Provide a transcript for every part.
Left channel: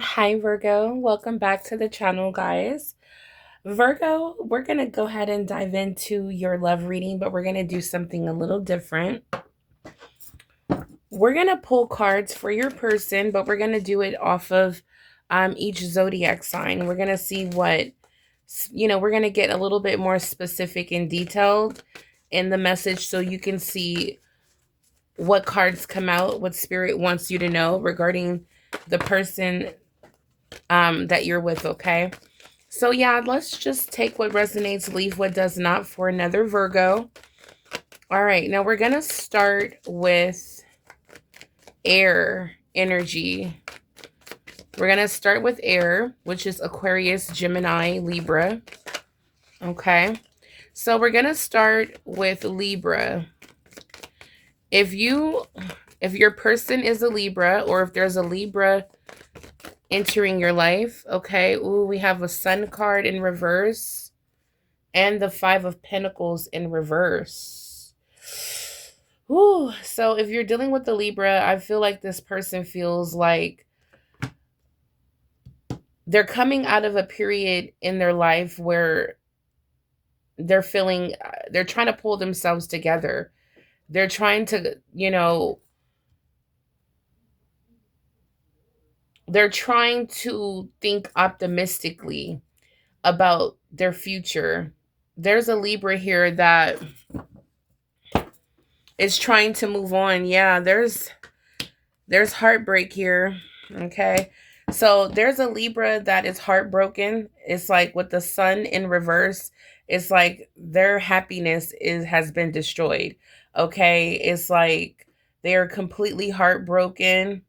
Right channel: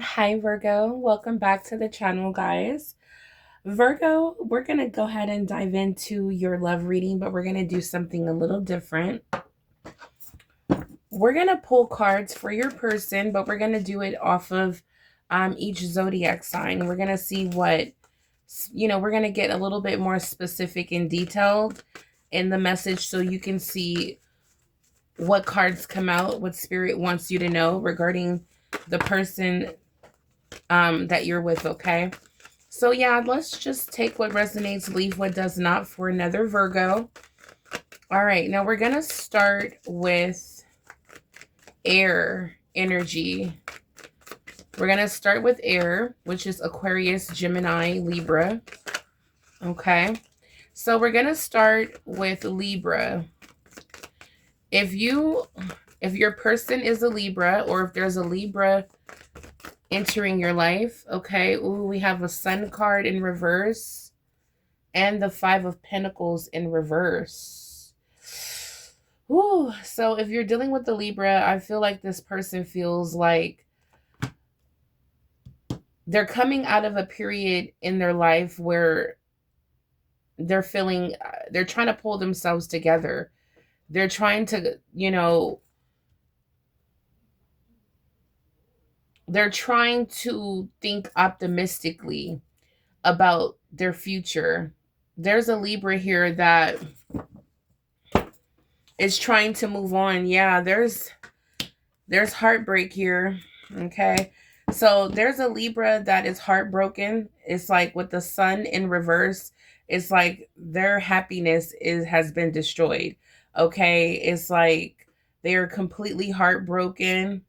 Hi, Virgo. Welcome back to the channel, guys. Virgo, we're going to go ahead and dive into your love reading, but we're going to do something a little different. We're going to pull cards for your person, but we're going to do it off of each zodiac sign. We're going to see what, we're going to get a little bit more specific and detailed in the message so you can see what cards come out, what spirit wants you to know regarding the person that you're with, okay? So yeah, let's just take what resonates, leave what does not for another Virgo. All right, now we're going to start with air energy. We're going to start with air, which is Aquarius, Gemini, Libra. Okay, so we're going to start with Libra. If your person is a Libra, or if there's a Libra entering your life, okay, ooh, we have a Sun card in reverse and the Five of Pentacles in reverse. Ooh, so if you're dealing with the Libra, I feel like this person feels like they're coming out of a period in their life where they're feeling, they're trying to pull themselves together. They're trying to, they're trying to think optimistically about their future. There's a Libra here that is trying to move on. Yeah, there's heartbreak here. Okay. So there's a Libra that is heartbroken. It's like with the sun in reverse, it's like their happiness has been destroyed. Okay. It's like they are completely heartbroken.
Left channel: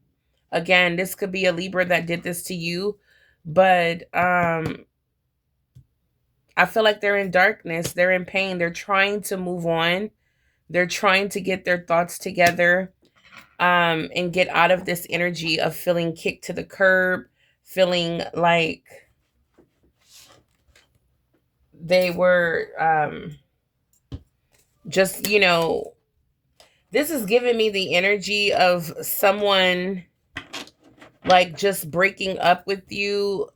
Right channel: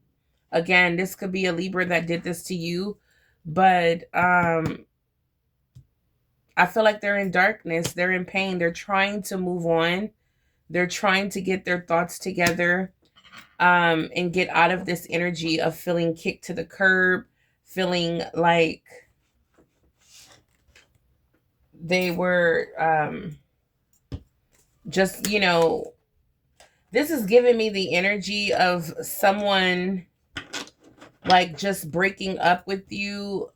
Again, this could be a Libra that did this to you, but I feel like they're in darkness, they're in pain, they're trying to move on. They're trying to get their thoughts together and get out of this energy of feeling kicked to the curb, feeling like they were just, this is giving me the energy of someone like just breaking up with you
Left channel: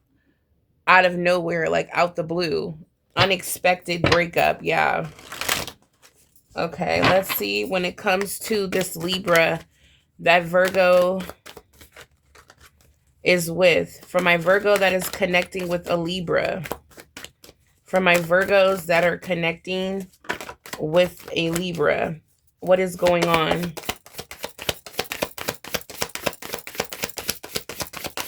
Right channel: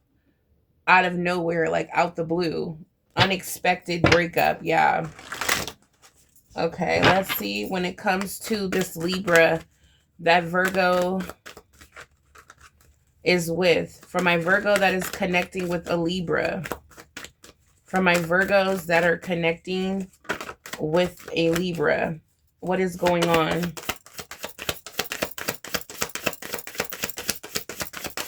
out of nowhere, like out the blue. Unexpected breakup. Yeah. Okay, let's see when it comes to this Libra that Virgo is with. For my Virgo that is connecting with a Libra. For my Virgos that are connecting with a Libra. What is going on?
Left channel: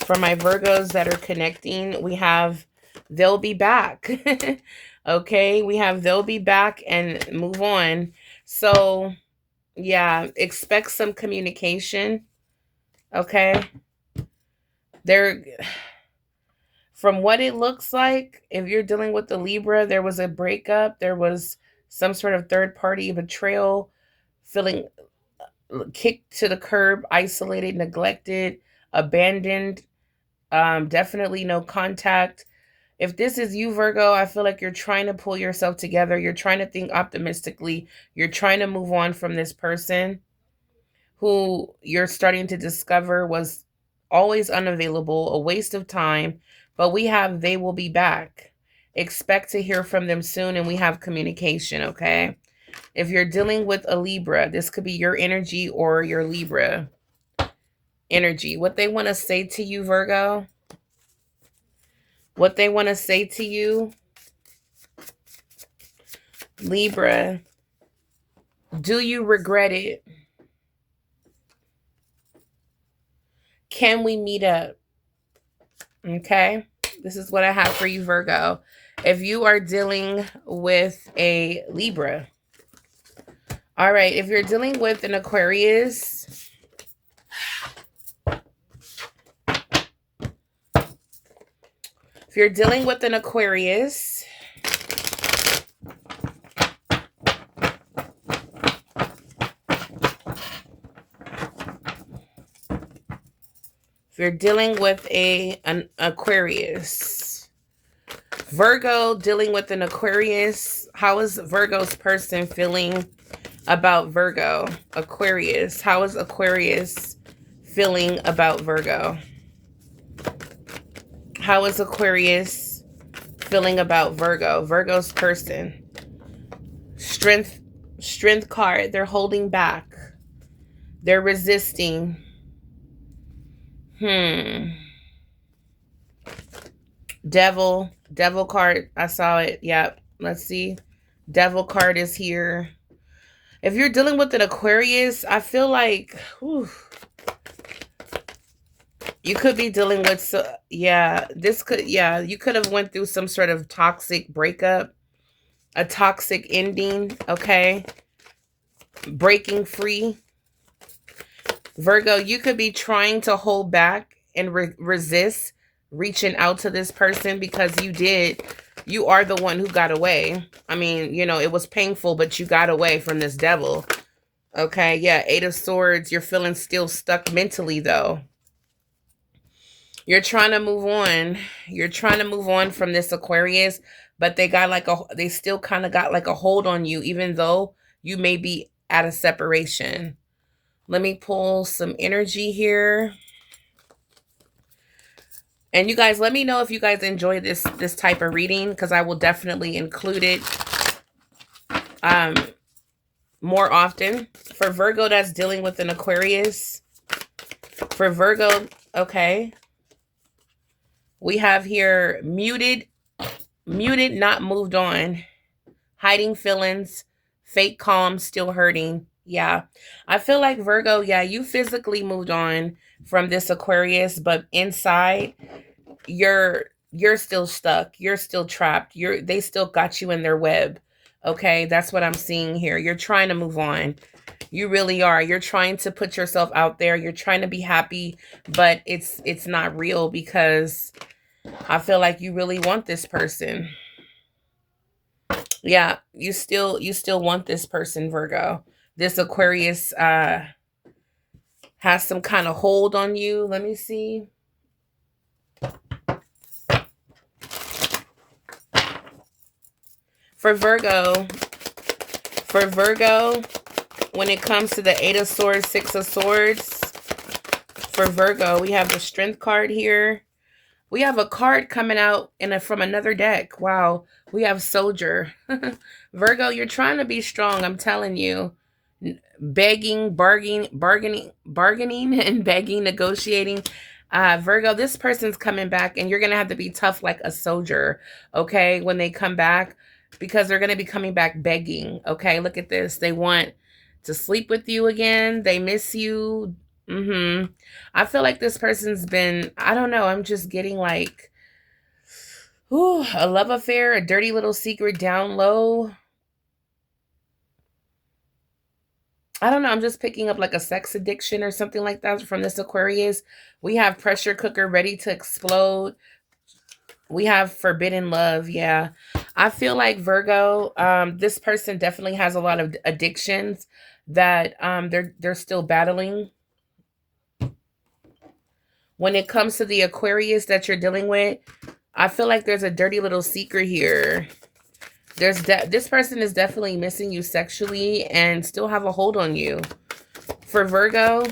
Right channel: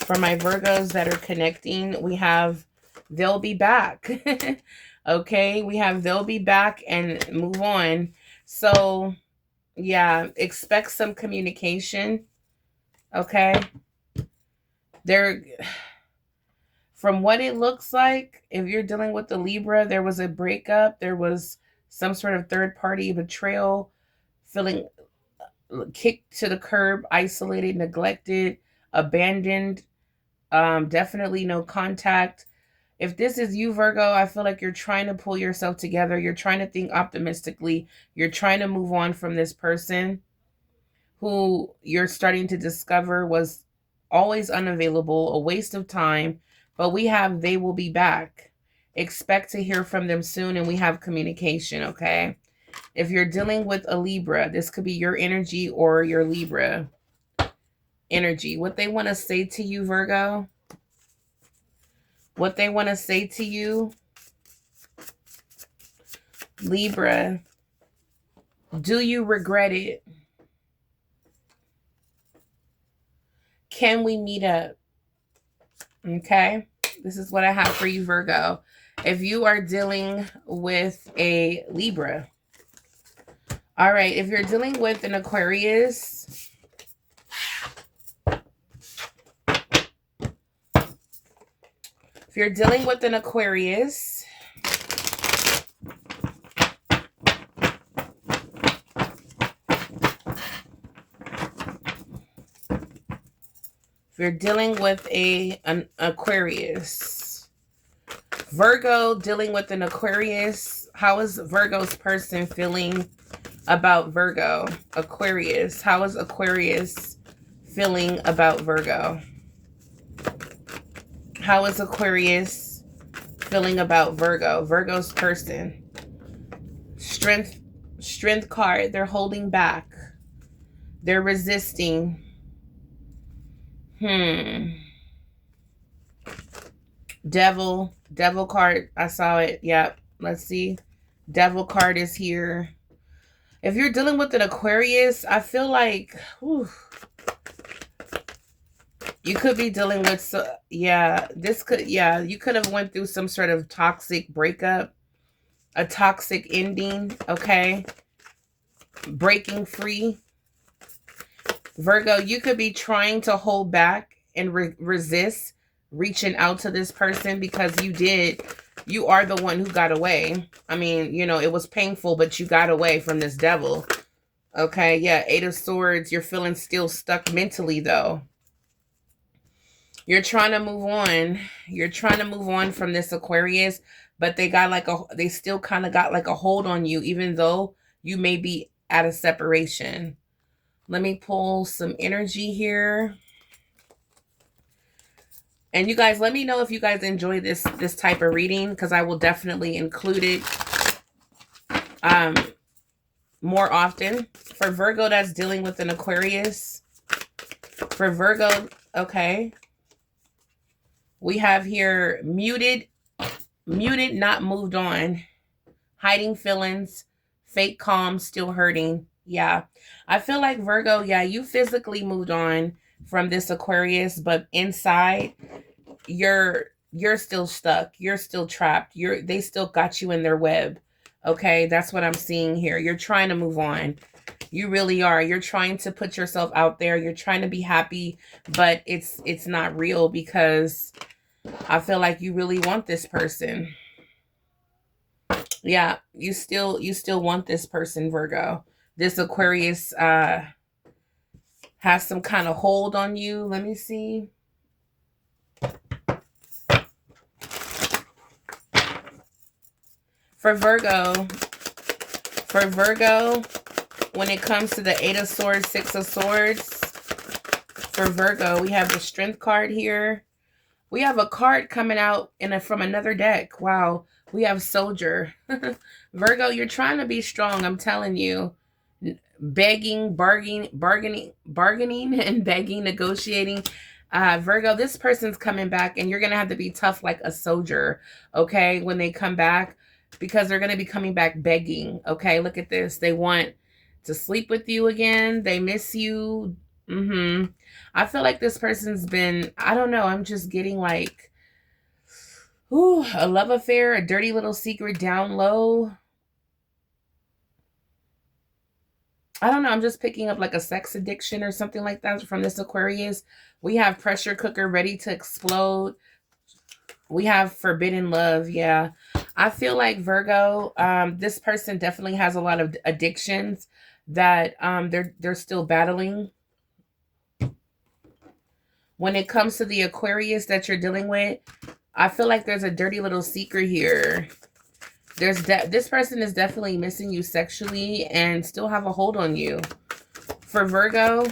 For my Virgos that are connecting, we have they'll be back. Okay, we have they'll be back and move on. So, yeah, expect some communication. Okay. There, from what it looks like, if you're dealing with the Libra, there was a breakup, there was some sort of third party betrayal, feeling kicked to the curb, isolated, neglected, abandoned, definitely no contact. If this is you, Virgo, I feel like you're trying to pull yourself together. You're trying to think optimistically. You're trying to move on from this person who you're starting to discover was always unavailable, a waste of time. But we have they will be back. Expect to hear from them soon, and we have communication, okay? If you're dealing with a Libra, this could be your energy or your Libra energy. What they want to say to you, Virgo, what they want to say to you, Libra, do you regret it? Can we meet up? Okay, this is what I have for you, Virgo. If you are dealing with a Libra, all right, if you're dealing with an Aquarius, if you're dealing with an Aquarius, if you're dealing with an Aquarius, Virgo dealing with an Aquarius, how is Virgo's person feeling about Virgo? Aquarius, how is Aquarius feeling about Virgo? How is Aquarius feeling about Virgo? Virgo's person. Strength card. They're holding back. They're resisting. Devil card. I saw it. Yep. Let's see. Devil card is here. If you're dealing with an Aquarius, I feel like, whew, you could be dealing with, you could have went through some sort of toxic breakup, a toxic ending, okay? Breaking free. Virgo, you could be trying to hold back and resist reaching out to this person because you are the one who got away. I mean, you know, it was painful, but you got away from this devil. Okay, yeah, 8 of Swords. You're feeling still stuck mentally, though. You're trying to move on. You're trying to move on from this Aquarius, but they still kind of got like a hold on you, even though you may be at a separation. Let me pull some energy here. And you guys, let me know if you guys enjoy this type of reading, because I will definitely include it more often. For Virgo that's dealing with an Aquarius. For Virgo, okay. We have here muted, not moved on. Hiding feelings, fake calm, still hurting. Yeah. I feel like Virgo, yeah, you physically moved on from this Aquarius, but inside you're still stuck. You're still trapped. They still got you in their web. Okay? That's what I'm seeing here. You're trying to move on. You really are. You're trying to put yourself out there. You're trying to be happy, but it's not real, because I feel like you really want this person. Yeah, you still want this person, Virgo. This Aquarius has some kind of hold on you. Let me see. For Virgo, when it comes to the 8 of Swords, 6 of Swords, for Virgo, we have the Strength card here. We have a card coming out from another deck. Wow. We have Soldier. Virgo, you're trying to be strong. I'm telling you. Begging, bargaining, and begging, negotiating. Virgo, this person's coming back, and you're going to have to be tough like a soldier, okay, when they come back, because they're going to be coming back begging, okay? Look at this. They want to sleep with you again. They miss you. I feel like this person's been, I don't know, I'm just getting like, a love affair, a dirty little secret down low. I don't know, I'm just picking up like a sex addiction or something like that from this Aquarius. We have pressure cooker ready to explode. We have forbidden love. Yeah. I feel like Virgo, this person definitely has a lot of addictions that they're still battling. When it comes to the Aquarius that you're dealing with, I feel like there's a dirty little secret here. This person is definitely missing you sexually and still have a hold on you. For Virgo,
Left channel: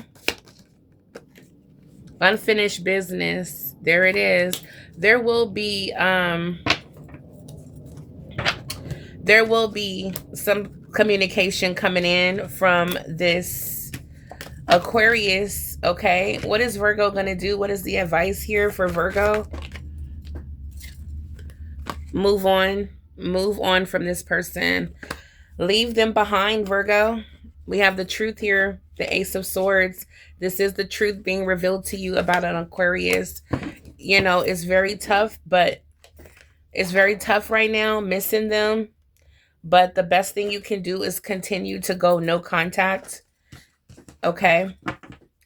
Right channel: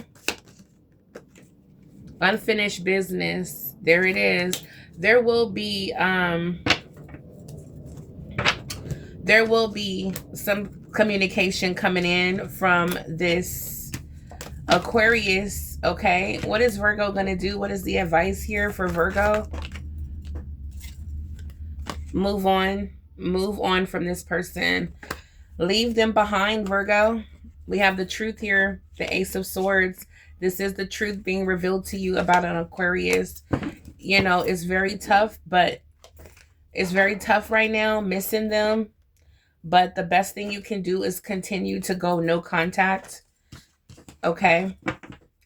unfinished business. There it is. There will be some communication coming in from this Aquarius, okay? What is Virgo going to do? What is the advice here for Virgo? Move on. Move on from this person. Leave them behind, Virgo. We have the truth here, the Ace of Swords. This is the truth being revealed to you about an Aquarius. You know, it's very tough, but it's very tough right now, missing them. But the best thing you can do is continue to go no contact. Okay?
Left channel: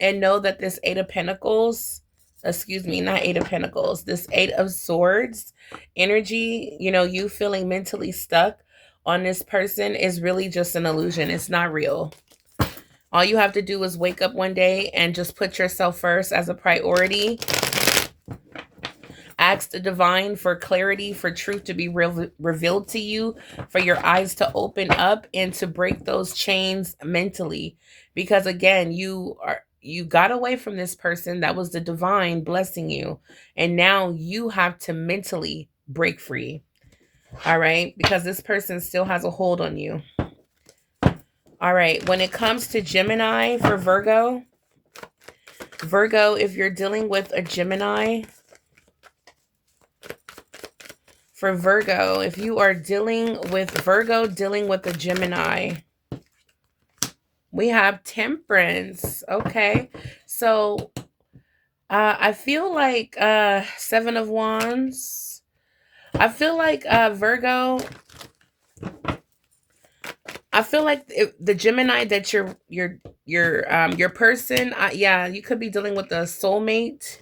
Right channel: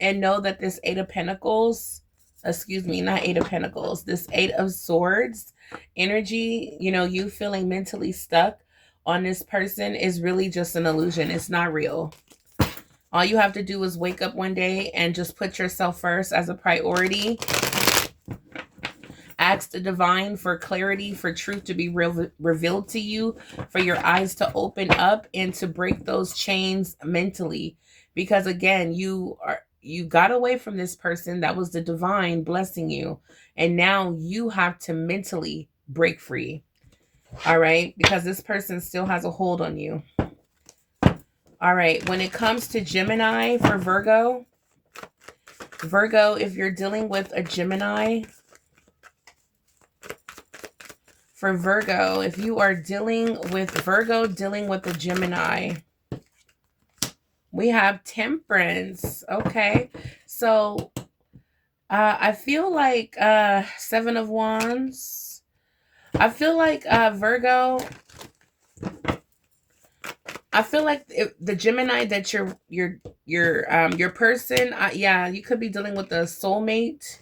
And know that this 8 of Pentacles, excuse me, not 8 of Pentacles, this 8 of Swords energy, you know, you feeling mentally stuck on this person is really just an illusion. It's not real. All you have to do is wake up one day and just put yourself first as a priority. Ask the divine for clarity, for truth to be revealed to you, for your eyes to open up and to break those chains mentally. Because again, you got away from this person that was the divine blessing you, and now you have to mentally break free. All right, because this person still has a hold on you. All right, when it comes to Gemini for Virgo, if you're dealing with a Gemini, for Virgo, if you are dealing with Virgo, dealing with a Gemini, we have Temperance. Okay, so I feel like Seven of Wands. I feel like Virgo. I feel like the Gemini that your person. Yeah, you could be dealing with a soulmate.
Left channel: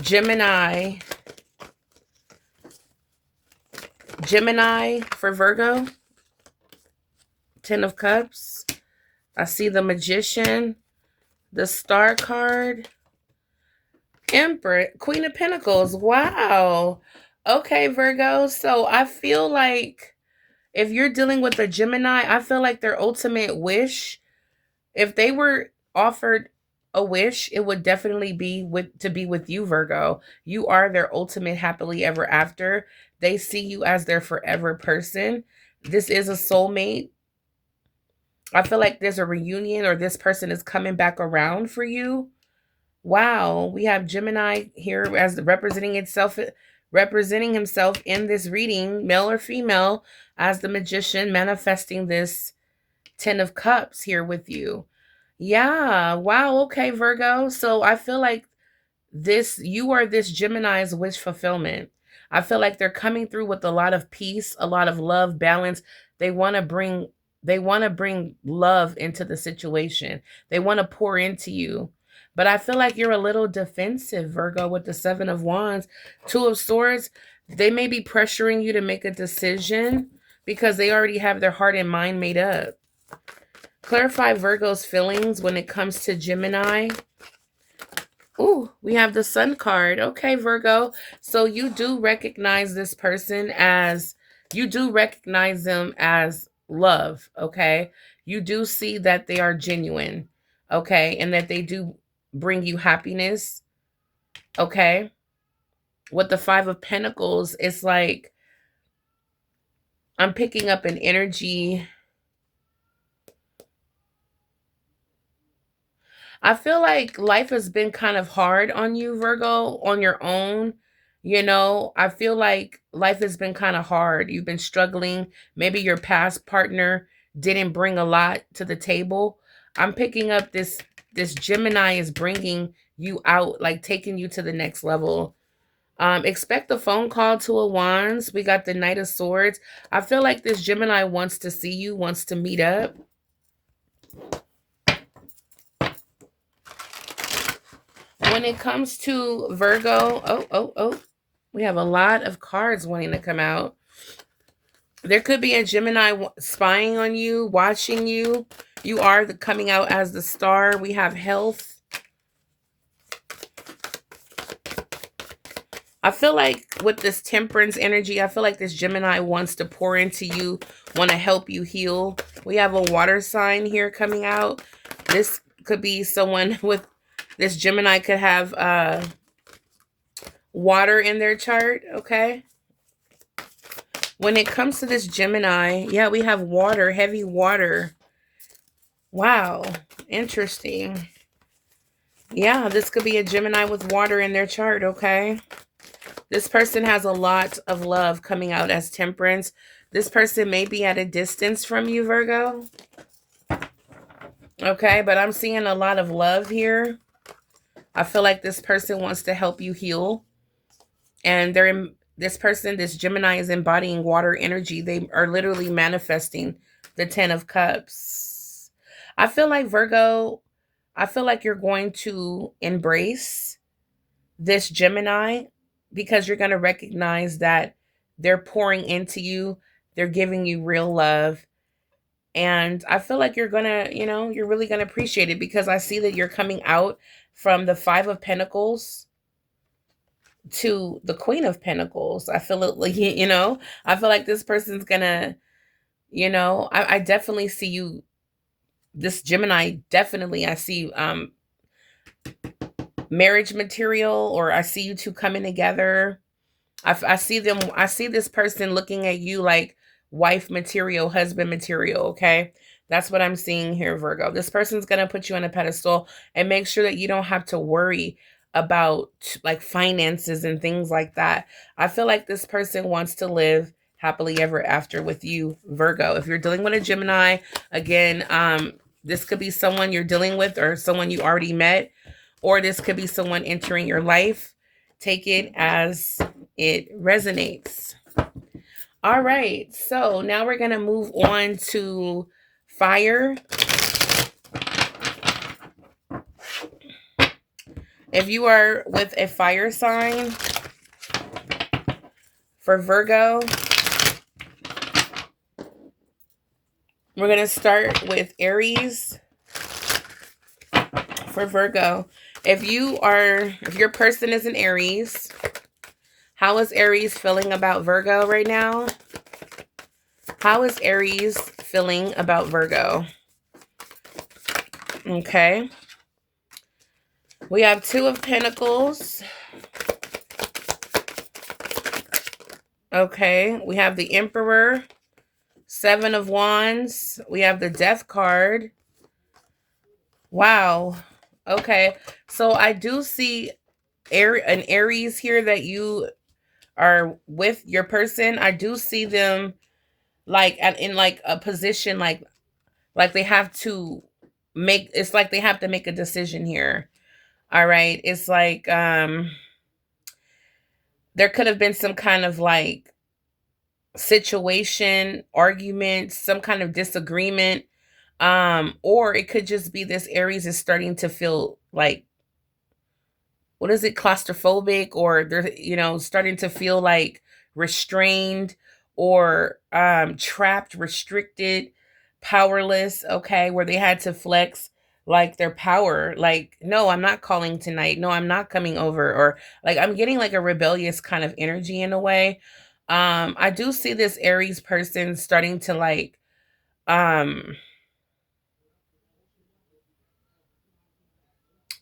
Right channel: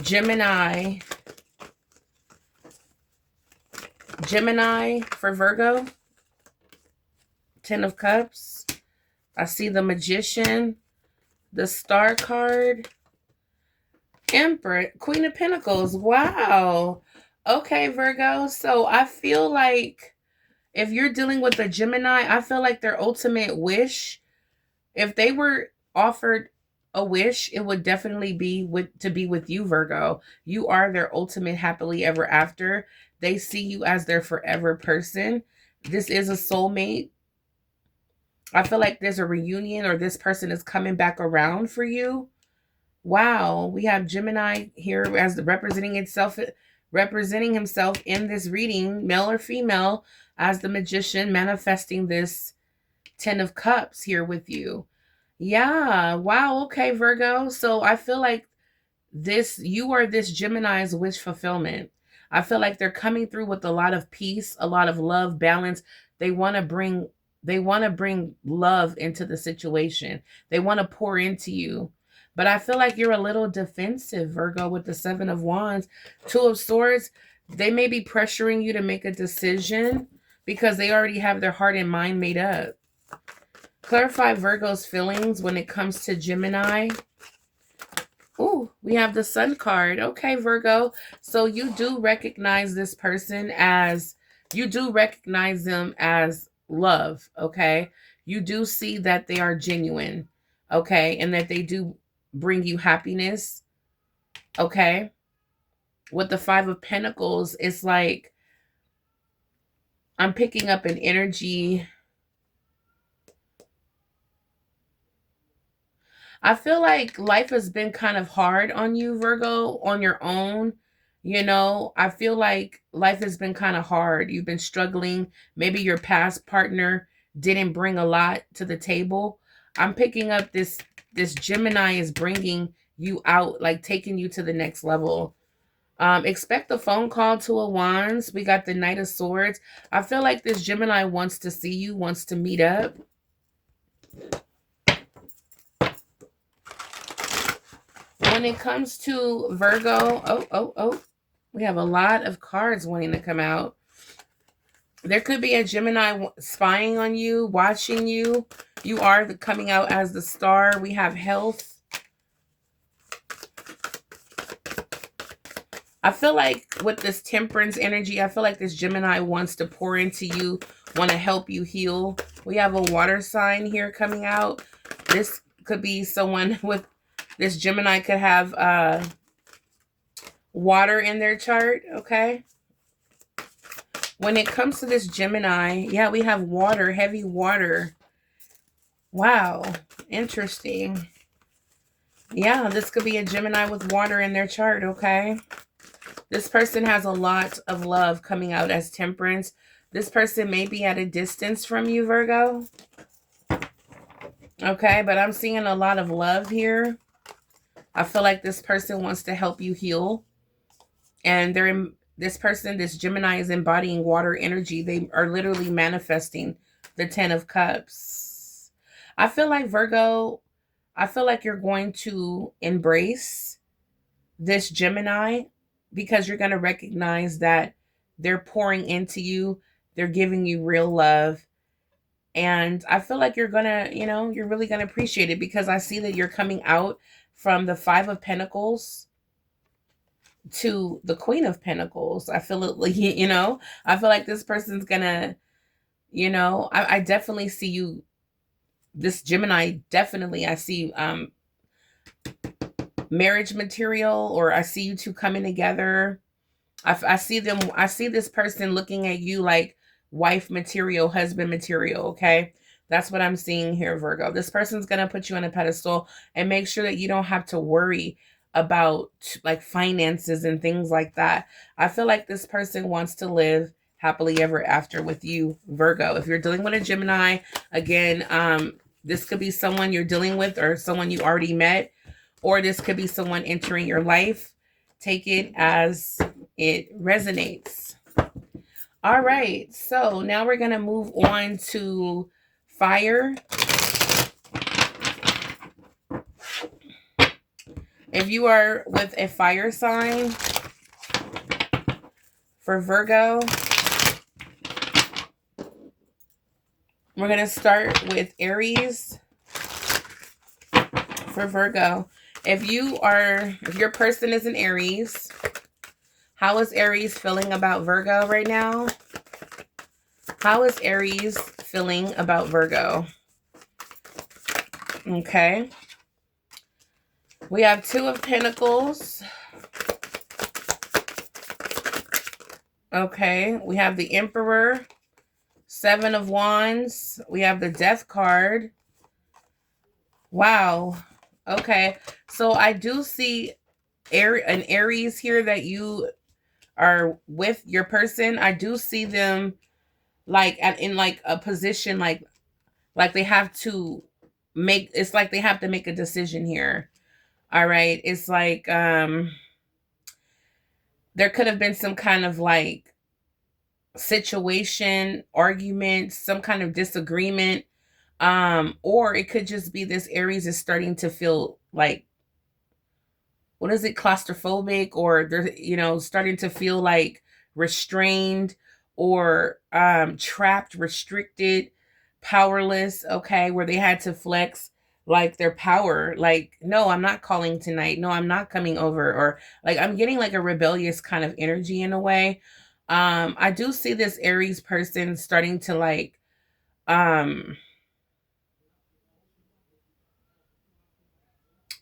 Gemini for Virgo. Ten of Cups. I see the Magician, the Star card, Emperor, Queen of Pentacles. Wow. Okay, Virgo. So I feel like if you're dealing with a Gemini, I feel like their ultimate wish, if they were offered a wish, it would definitely be to be with you, Virgo. You are their ultimate happily ever after. They see you as their forever person. This is a soulmate. I feel like there's a reunion, or this person is coming back around for you. Wow, we have Gemini here as representing himself in this reading, male or female, as the Magician, manifesting this Ten of Cups here with you. Yeah, wow, okay, Virgo. So I feel like you are this Gemini's wish fulfillment. I feel like they're coming through with a lot of peace, a lot of love, balance. They want to bring love into the situation. They want to pour into you. But I feel like you're a little defensive, Virgo, with the Seven of Wands. Two of Swords, they may be pressuring you to make a decision because they already have their heart and mind made up. Clarify Virgo's feelings when it comes to Gemini. Ooh, we have the Sun card. Okay, Virgo. So you do recognize this person as, you do recognize them as love, okay? You do see that they are genuine, okay? And that they do bring you happiness, okay? With the Five of Pentacles, it's like I'm picking up an energy. I feel like life has been kind of hard on you, Virgo, on your own. You know, I feel like life has been kind of hard. You've been struggling. Maybe your past partner didn't bring a lot to the table. I'm picking up this Gemini is bringing you out, like taking you to the next level. Expect a phone call to a Wands. We got the Knight of Swords. I feel like this Gemini wants to see you, wants to meet up. When it comes to Virgo, we have a lot of cards wanting to come out. There could be a Gemini spying on you, watching you. You are coming out as the Star. We have health. I feel like with this Temperance energy, I feel like this Gemini wants to pour into you, want to help you heal. We have a water sign here coming out. This could be someone with, this Gemini could have water in their chart, okay? When it comes to this Gemini, yeah, we have water, heavy water. Wow, interesting. Yeah, this could be a Gemini with water in their chart, okay? This person has a lot of love coming out as Temperance. This person may be at a distance from you, Virgo. Okay, but I'm seeing a lot of love here. I feel like this person wants to help you heal. And this person, this Gemini, is embodying water energy. They are literally manifesting the Ten of Cups. I feel like, Virgo, I feel like you're going to embrace this Gemini because you're going to recognize that they're pouring into you. They're giving you real love. And I feel like you're going to, you know, you're really going to appreciate it because I see that you're coming out from the Five of Pentacles to the Queen of Pentacles. I feel it, like, you know, I feel like this person's going to, you know, I definitely see you, this Gemini, definitely, I see marriage material, or I see you two coming together. I see them, I see this person looking at you like wife material, husband material, okay? That's what I'm seeing here, Virgo. This person's going to put you on a pedestal and make sure that you don't have to worry about like finances and things like that. I feel like this person wants to live happily ever after with you, Virgo. If you're dealing with a Gemini, again, this could be someone you're dealing with or someone you already met, or this could be someone entering your life. Take it as it resonates. All right, so now we're going to move on to fire. If you are with a fire sign, for Virgo, we're going to start with Aries. For Virgo, if your person is an Aries, how is Aries feeling about Virgo right now? How is Aries feeling about Virgo? Okay. We have Two of Pentacles. Okay. We have the Emperor. Seven of Wands. We have the Death card. Wow. Okay. So I do see an Aries here that you are with your person. I do see them like in like a position like they have to make, it's like they have to make a decision here. All right. It's like there could have been some kind of like situation, argument, some kind of disagreement. Or it could just be this Aries is starting to feel like, what is it, claustrophobic, or they're, starting to feel like restrained or trapped, restricted, powerless, okay, where they had to flex like their power, like, no, I'm not calling tonight, no, I'm not coming over, or like I'm getting like a rebellious kind of energy in a way. I do see this Aries person starting to like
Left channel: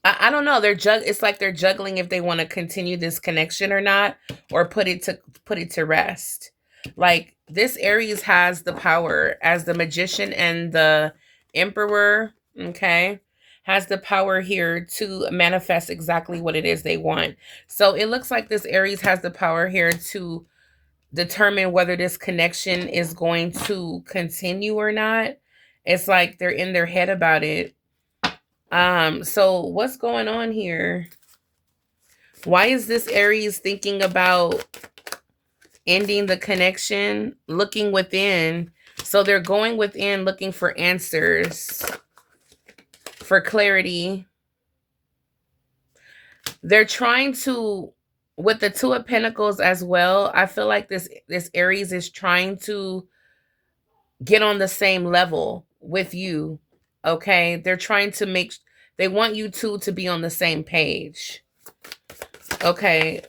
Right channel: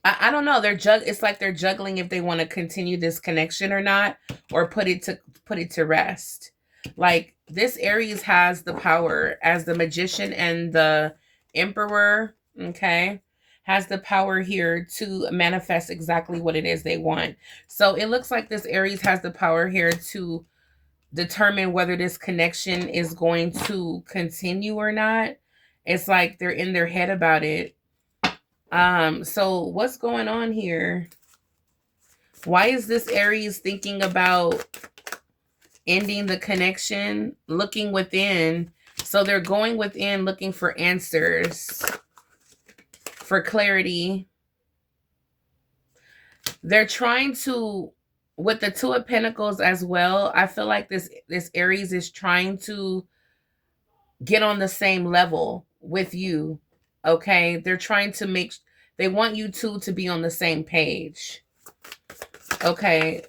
I don't know. It's like they're juggling if they want to continue this connection or not, or put it to rest. Like this Aries has the power as the Magician and the Emperor, okay? Has the power here to manifest exactly what it is they want. So it looks like this Aries has the power here to determine whether this connection is going to continue or not. It's like they're in their head about it. So what's going on here? Why is this Aries thinking about ending the connection, looking within? So they're going within, looking for answers, for clarity. They're trying to, with the Two of Pentacles as well, I feel like this Aries is trying to get on the same level with you. Okay? They're trying to they want you two to be on the same page. Okay.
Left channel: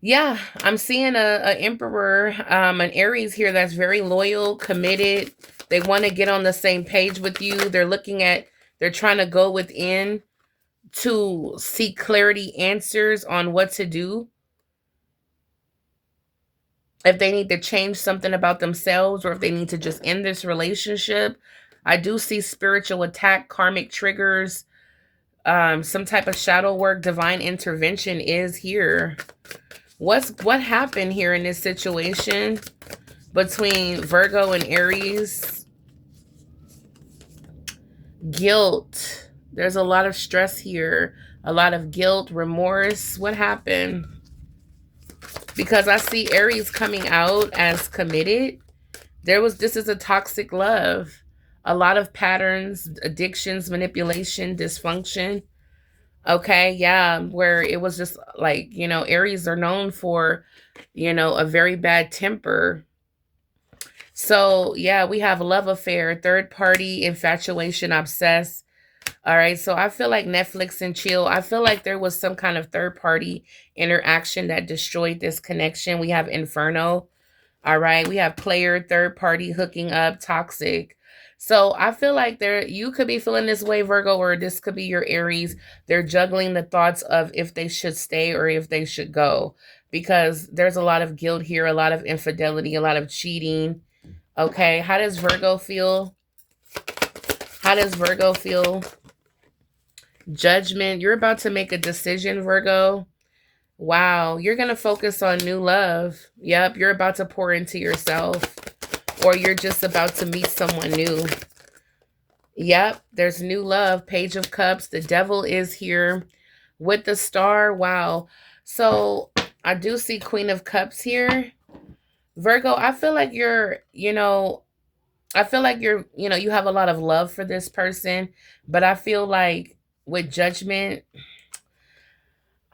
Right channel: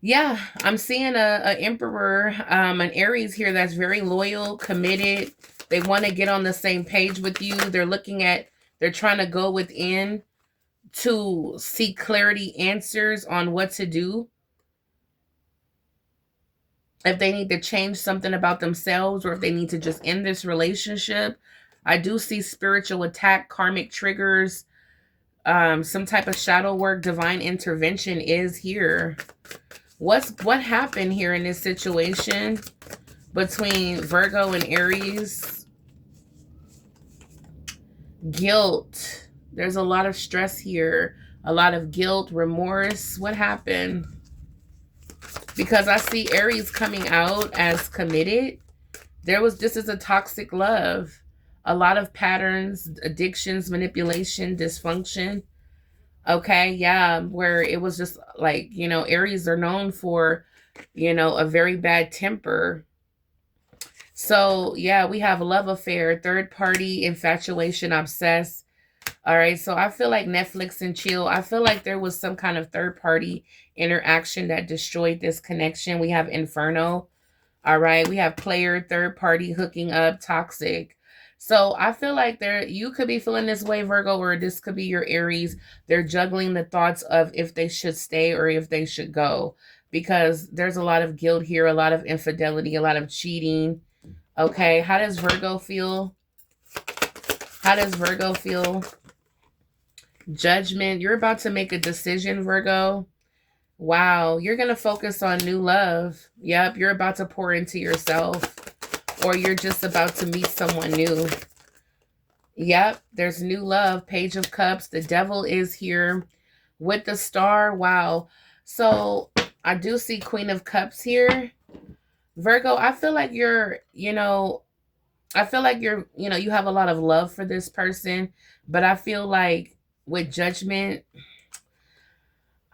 Yeah, I'm seeing a Emperor, an Aries here that's very loyal, committed. They want to get on the same page with you. They're trying to go within to seek clarity, answers on what to do. If they need to change something about themselves, or if they need to just end this relationship. I do see spiritual attack, karmic triggers, some type of shadow work, divine intervention is here. What happened here in this situation between Virgo and Aries? Guilt. There's a lot of stress here, a lot of guilt, remorse. What happened? Because I see Aries coming out as committed. This is a toxic love. A lot of patterns, addictions, manipulation, dysfunction. Okay, yeah, where it was just like, Aries are known for, a very bad temper. So, yeah, we have love affair, third party, infatuation, obsessed. All right, so I feel like Netflix and chill. I feel like there was some kind of third party interaction that destroyed this connection. We have Inferno. All right, we have player, third party, hooking up, toxic. So I feel like you could be feeling this way, Virgo, or this could be your Aries. They're juggling the thoughts of if they should stay or if they should go, because there's a lot of guilt here, a lot of infidelity, a lot of cheating. Okay, how does Virgo feel? How does Virgo feel? Judgment. You're about to make a decision, Virgo. Wow, you're going to focus on new love. Yep, you're about to pour into yourself, or you're just about to meet someone new. Yep, there's new love. Page of Cups. The devil is here with the star. Wow. So I do see Queen of Cups here. Virgo, I feel like you're, I feel like you have a lot of love for this person, but I feel like with Judgment,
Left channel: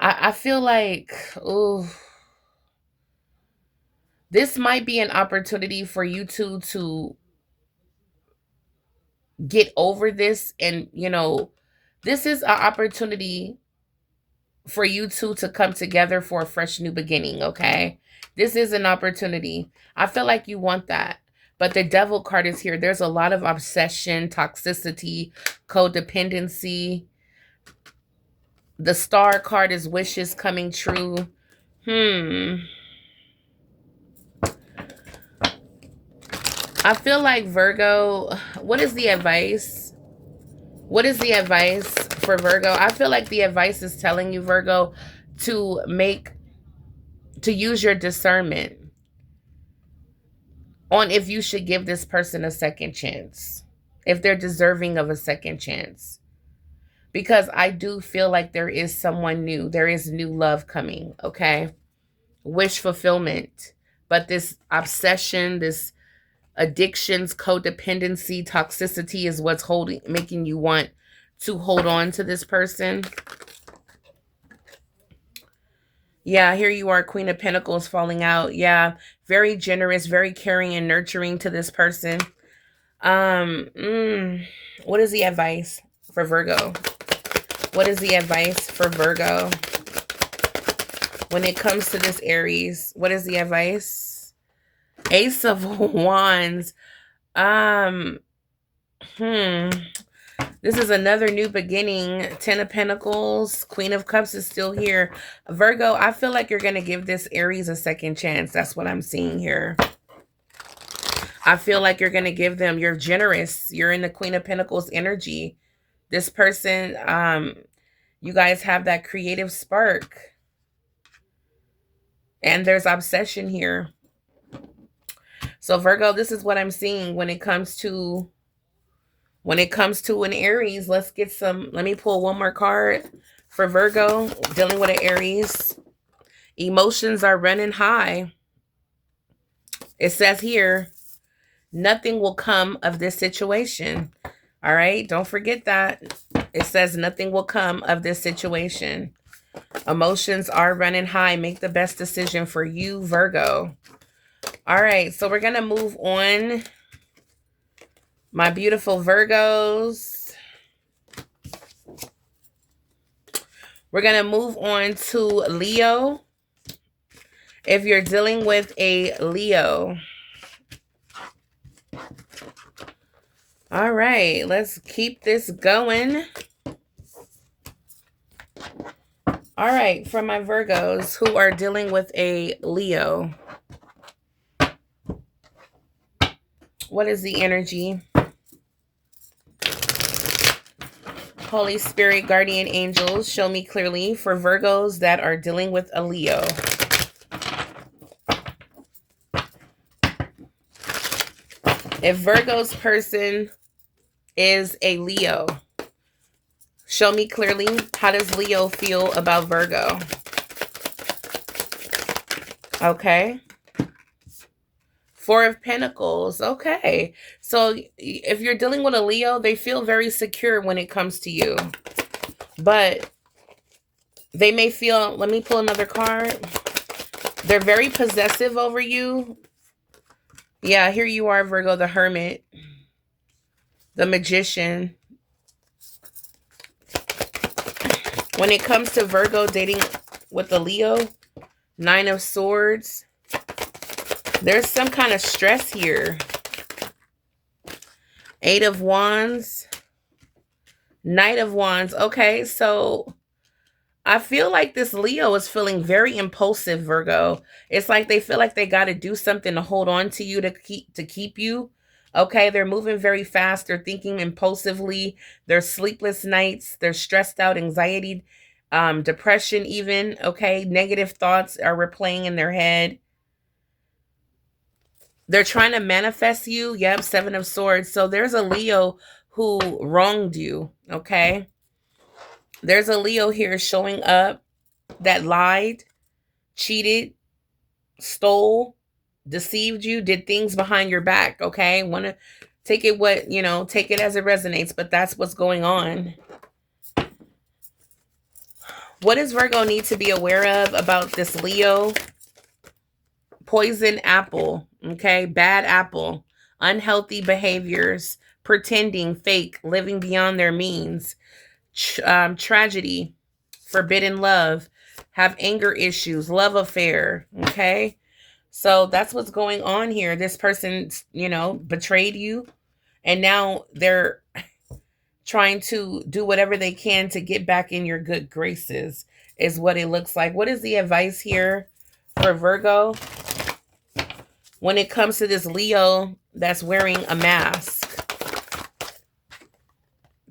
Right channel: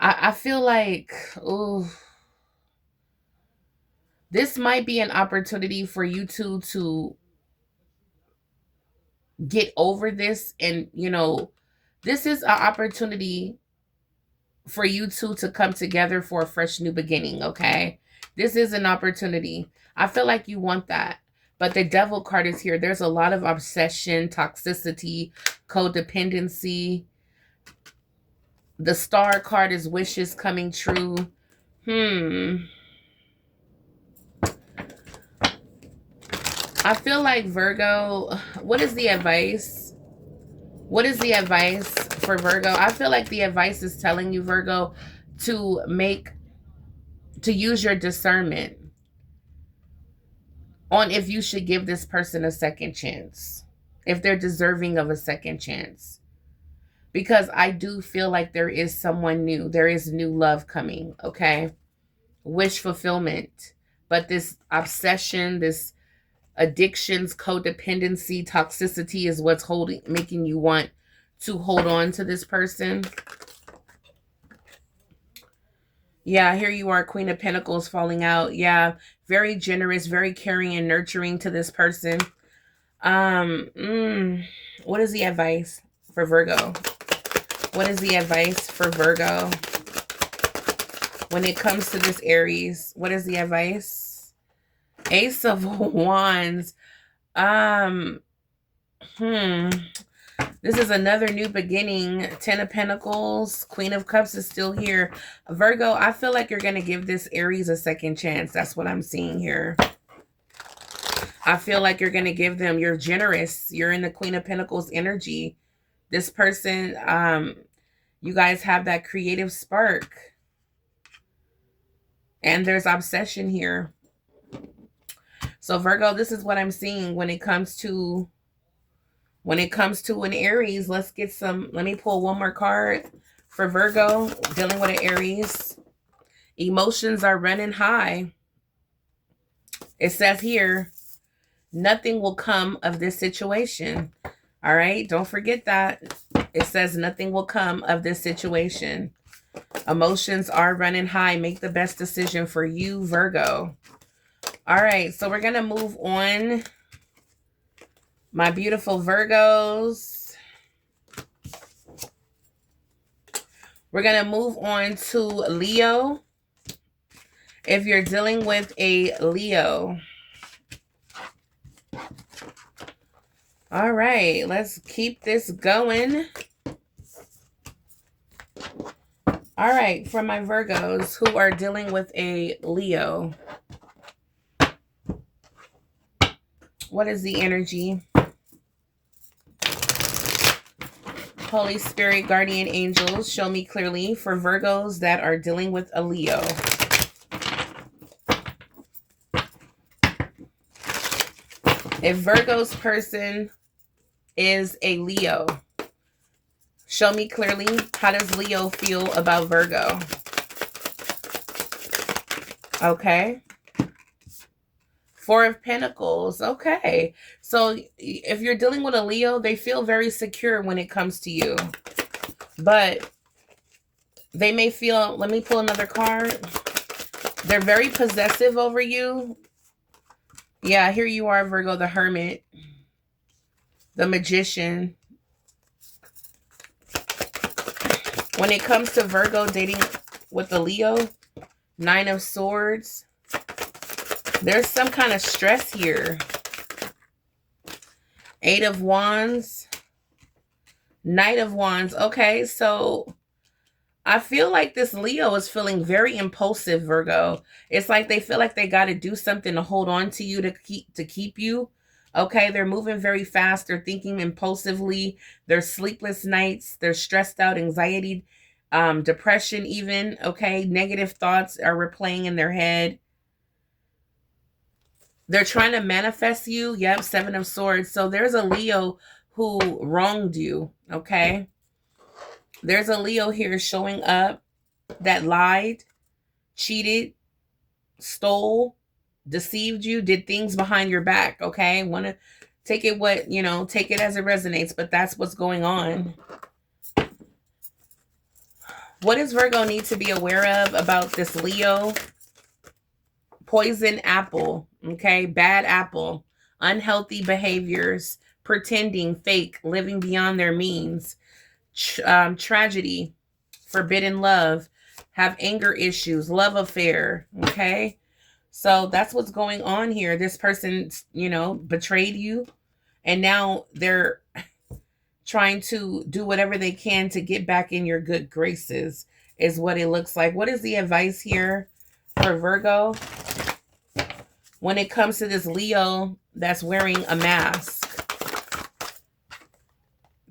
I feel like, oh, this might be an opportunity for you two to get over this. And, this is an opportunity for you two to come together for a fresh new beginning, okay? This is an opportunity. I feel like you want that. But the devil card is here. There's a lot of obsession, toxicity, codependency. The star card is wishes coming true. I feel like Virgo, what is the advice? What is the advice for Virgo? I feel like the advice is telling you, Virgo, to use your discernment on if you should give this person a second chance, if they're deserving of a second chance. Because I do feel like there is someone new. There is new love coming, okay? Wish fulfillment. But this obsession, this addictions, codependency, toxicity is what's making you want to hold on to this person. Yeah, here you are, Queen of Pentacles falling out. Yeah, very generous, very caring and nurturing to this person. What is the advice for Virgo? What is the advice for Virgo when it comes to this Aries? What is the advice? Ace of Wands. This is another new beginning. Ten of Pentacles. Queen of Cups is still here. Virgo, I feel like you're going to give this Aries a second chance. That's what I'm seeing here. I feel like you're going to give them, you're generous. You're in the Queen of Pentacles energy. This person, you guys have that creative spark. And there's obsession here. So Virgo, this is what I'm seeing when it comes to an Aries. Let me pull one more card for Virgo dealing with an Aries. Emotions are running high. It says here, nothing will come of this situation. All right, don't forget that. It says nothing will come of this situation. Emotions are running high. Make the best decision for you, Virgo. All right, so we're going to move on. My beautiful Virgos. We're going to move on to Leo. If you're dealing with a Leo. All right, let's keep this going. All right, for my Virgos who are dealing with a Leo. What is the energy? Holy Spirit, guardian angels, show me clearly for Virgos that are dealing with a Leo. If Virgo's person is a Leo, show me clearly, how does Leo feel about Virgo? Okay. Four of Pentacles. Okay. So if you're dealing with a Leo, they feel very secure when it comes to you. But they may feel, let me pull another card. They're very possessive over you. Yeah, here you are, Virgo, the Hermit. The Magician. When it comes to Virgo dating with a Leo, Nine of Swords. There's some kind of stress here. Eight of Wands, Knight of Wands. Okay, so I feel like this Leo is feeling very impulsive, Virgo. It's like they feel like they got to do something to hold on to you, to keep you. Okay, they're moving very fast. They're thinking impulsively. There's sleepless nights. They're stressed out, anxiety, depression even. Okay, negative thoughts are replaying in their head. They're trying to manifest you. Yep, Seven of Swords. So there's a Leo who wronged you, okay? There's a Leo here showing up that lied, cheated, stole, deceived you, did things behind your back, okay? Want to take it take it as it resonates, but that's what's going on. What does Virgo need to be aware of about this Leo? Poison apple, okay? Bad apple, unhealthy behaviors, pretending, fake, living beyond their means, tragedy, forbidden love, have anger issues, love affair, okay? So that's what's going on here. This person, betrayed you, and now they're trying to do whatever they can to get back in your good graces, is what it looks like. What is the advice here for Virgo when it comes to this Leo that's wearing a mask?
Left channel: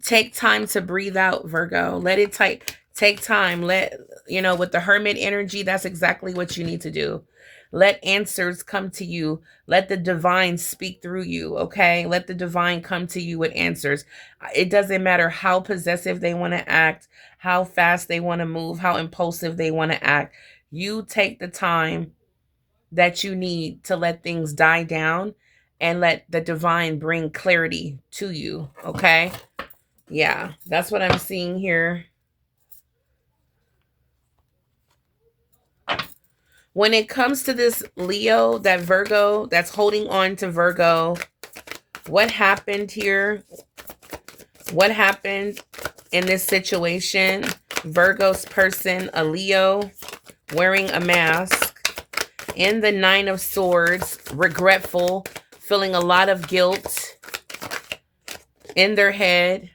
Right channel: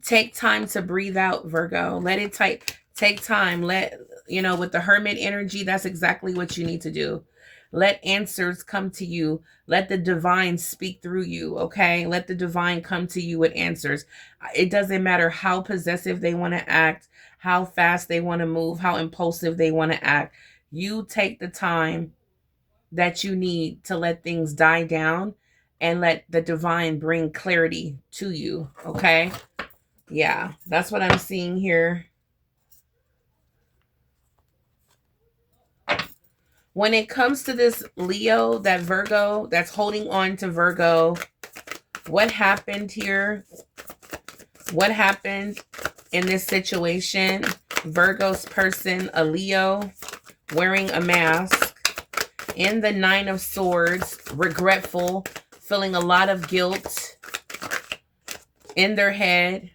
Take time to breathe out, Virgo. Let it take time. With the Hermit energy, that's exactly what you need to do. Let answers come to you. Let the divine speak through you, okay? Let the divine come to you with answers. It doesn't matter how possessive they want to act, how fast they want to move, how impulsive they want to act. You take the time that you need to let things die down and let the divine bring clarity to you, okay? Yeah, that's what I'm seeing here. When it comes to this Leo, that Virgo, that's holding on to Virgo, what happened here? What happened in this situation? Virgo's person, a Leo, wearing a mask, in the Nine of Swords, regretful, feeling a lot of guilt in their head.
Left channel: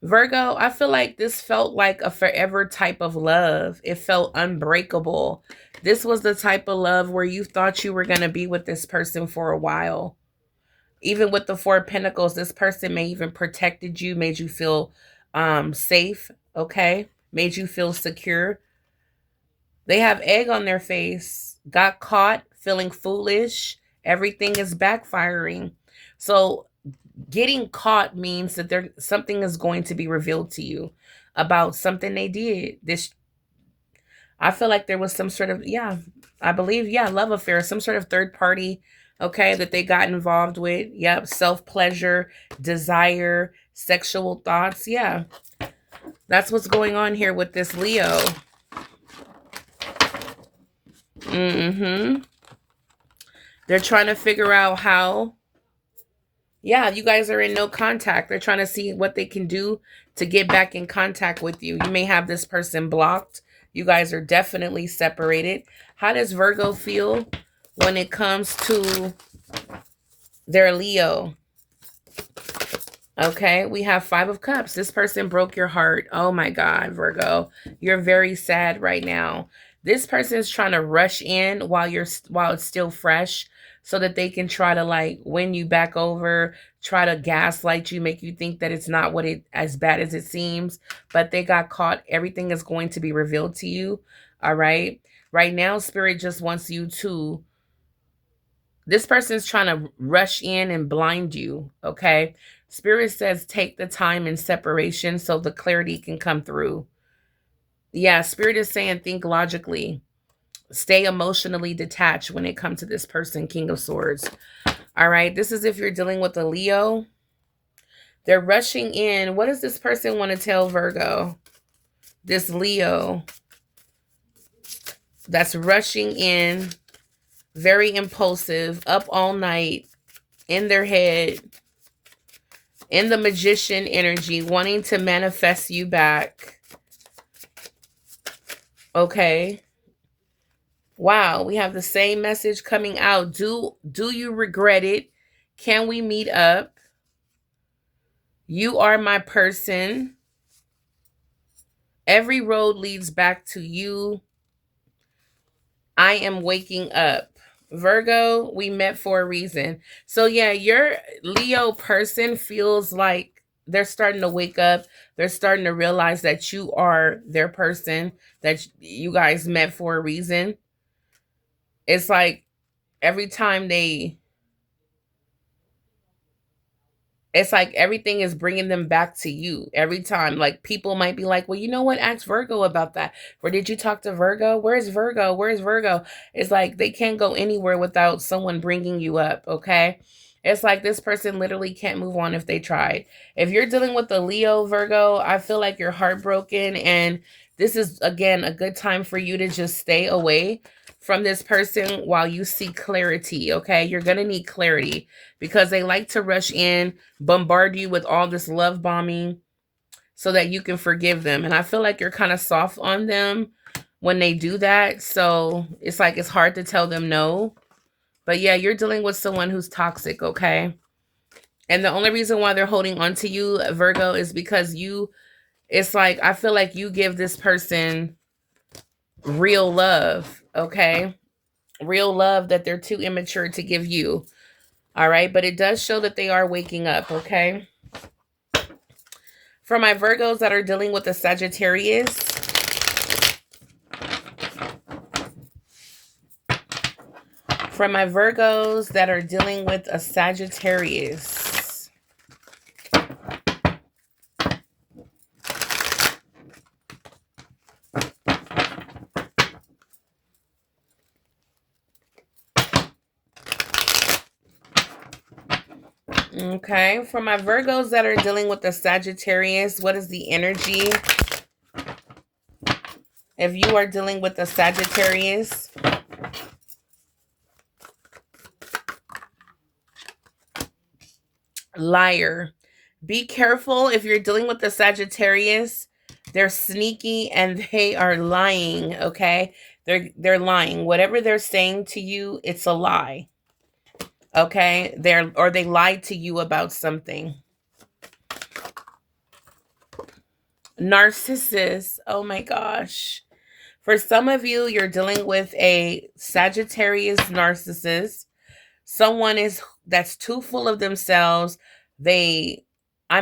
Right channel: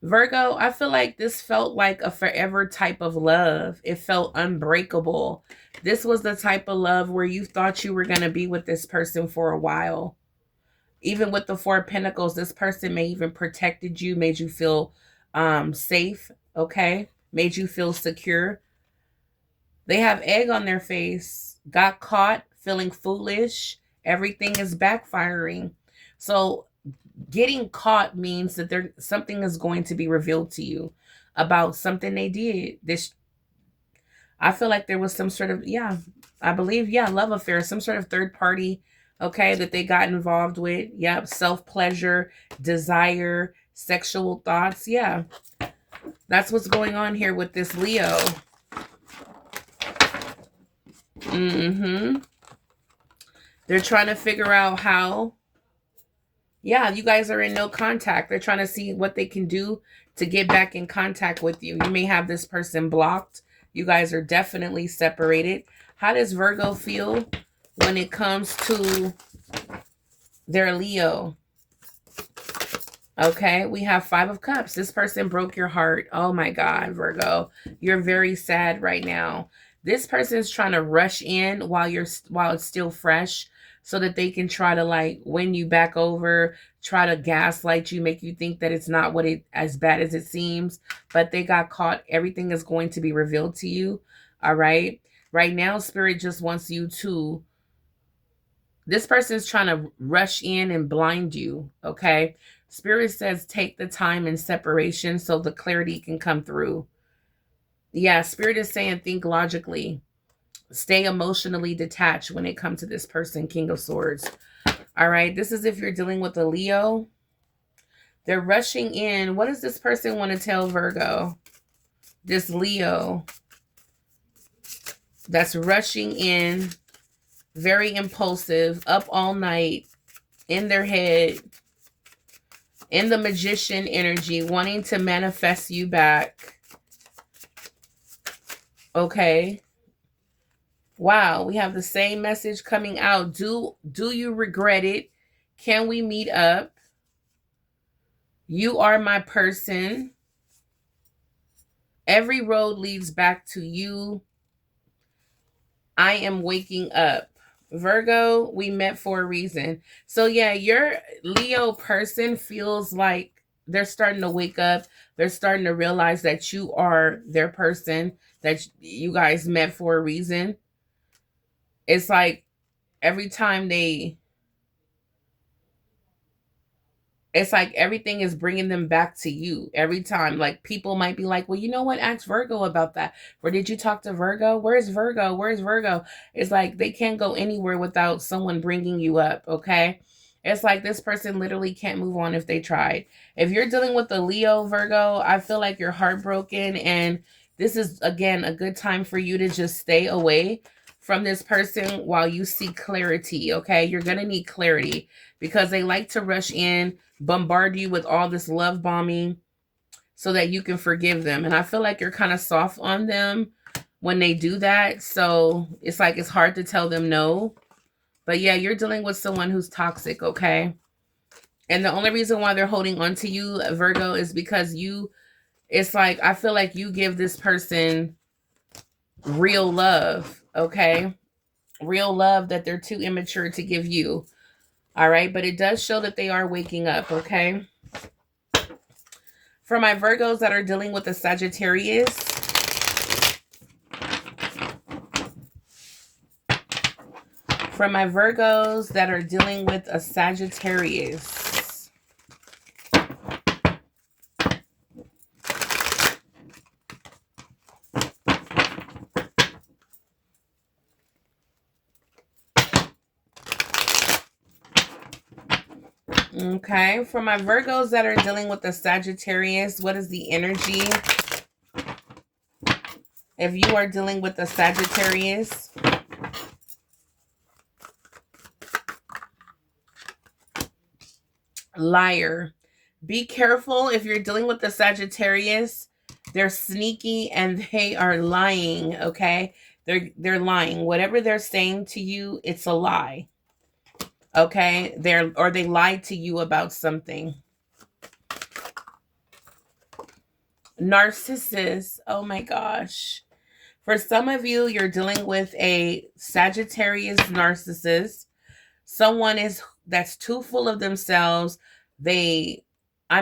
Virgo, I feel like this felt like a forever type of love. It felt unbreakable. This was the type of love where you thought you were going to be with this person for a while. Even with the Four of Pentacles, this person may even protected you, made you feel safe, okay? Made you feel secure. They have egg on their face, got caught, feeling foolish. Everything is backfiring. So getting caught means that something is going to be revealed to you about something they did. I feel like there was some sort of, love affair, some sort of third party, okay, that they got involved with. Yep, self-pleasure, desire, sexual thoughts. Yeah, that's what's going on here with this Leo. They're trying to figure out how. Yeah, you guys are in no contact. They're trying to see what they can do to get back in contact with you. You may have this person blocked. You guys are definitely separated. How does Virgo feel when it comes to their Leo? Okay, we have Five of Cups. This person broke your heart. Oh my God, Virgo. You're very sad right now. This person is trying to rush in while it's still fresh, so that they can try to win you back over, try to gaslight you, make you think that it's not as bad as it seems, but they got caught. Everything is going to be revealed to you. All right. Right now, Spirit just wants you to, this person's trying to rush in and blind you. Okay. Spirit says, take the time in separation so the clarity can come through. Yeah. Spirit is saying, think logically. Stay emotionally detached when it comes to this person, King of Swords. All right. This is if you're dealing with a Leo. They're rushing in. What does this person want to tell Virgo? This Leo that's rushing in, very impulsive, up all night, in their head, in the Magician energy, wanting to manifest you back. Okay. Wow, we have the same message coming out. Do you regret it? Can we meet up? You are my person. Every road leads back to you. I am waking up. Virgo, we met for a reason. So yeah, your Leo person feels like they're starting to wake up. They're starting to realize that you are their person, that you guys met for a reason. It's like every time it's like everything is bringing them back to you every time. Like people might be like, well, you know what? Ask Virgo about that. Or did you talk to Virgo? Where's Virgo? Where's Virgo? It's like they can't go anywhere without someone bringing you up. Okay. It's like this person literally can't move on if they tried. If you're dealing with a Leo Virgo, I feel like you're heartbroken. And this is, again, a good time for you to just stay away from this person while you seek clarity. Okay. You're going to need clarity because they like to rush in, bombard you with all this love bombing so that you can forgive them. And I feel like you're kind of soft on them when they do that. So it's like it's hard to tell them no. But yeah, you're dealing with someone who's toxic, okay? And the only reason why they're holding on to you, Virgo, is because it's like I feel like you give this person real love, okay? Real love that they're too immature to give you. All right, but it does show that they are waking up, okay? For my Virgos that are dealing with a Sagittarius, for my Virgos that are dealing with a Sagittarius, okay, for my Virgos that are dealing with the Sagittarius, what is the energy? If you are dealing with the Sagittarius, liar. Be careful if you're dealing with the Sagittarius. They're sneaky and they are lying, okay? They're lying. Whatever they're saying to you, it's a lie. Okay? They lied to you about something. Narcissist. Oh my gosh. For some of you, you're dealing with a Sagittarius narcissist. Someone that's too full of themselves. I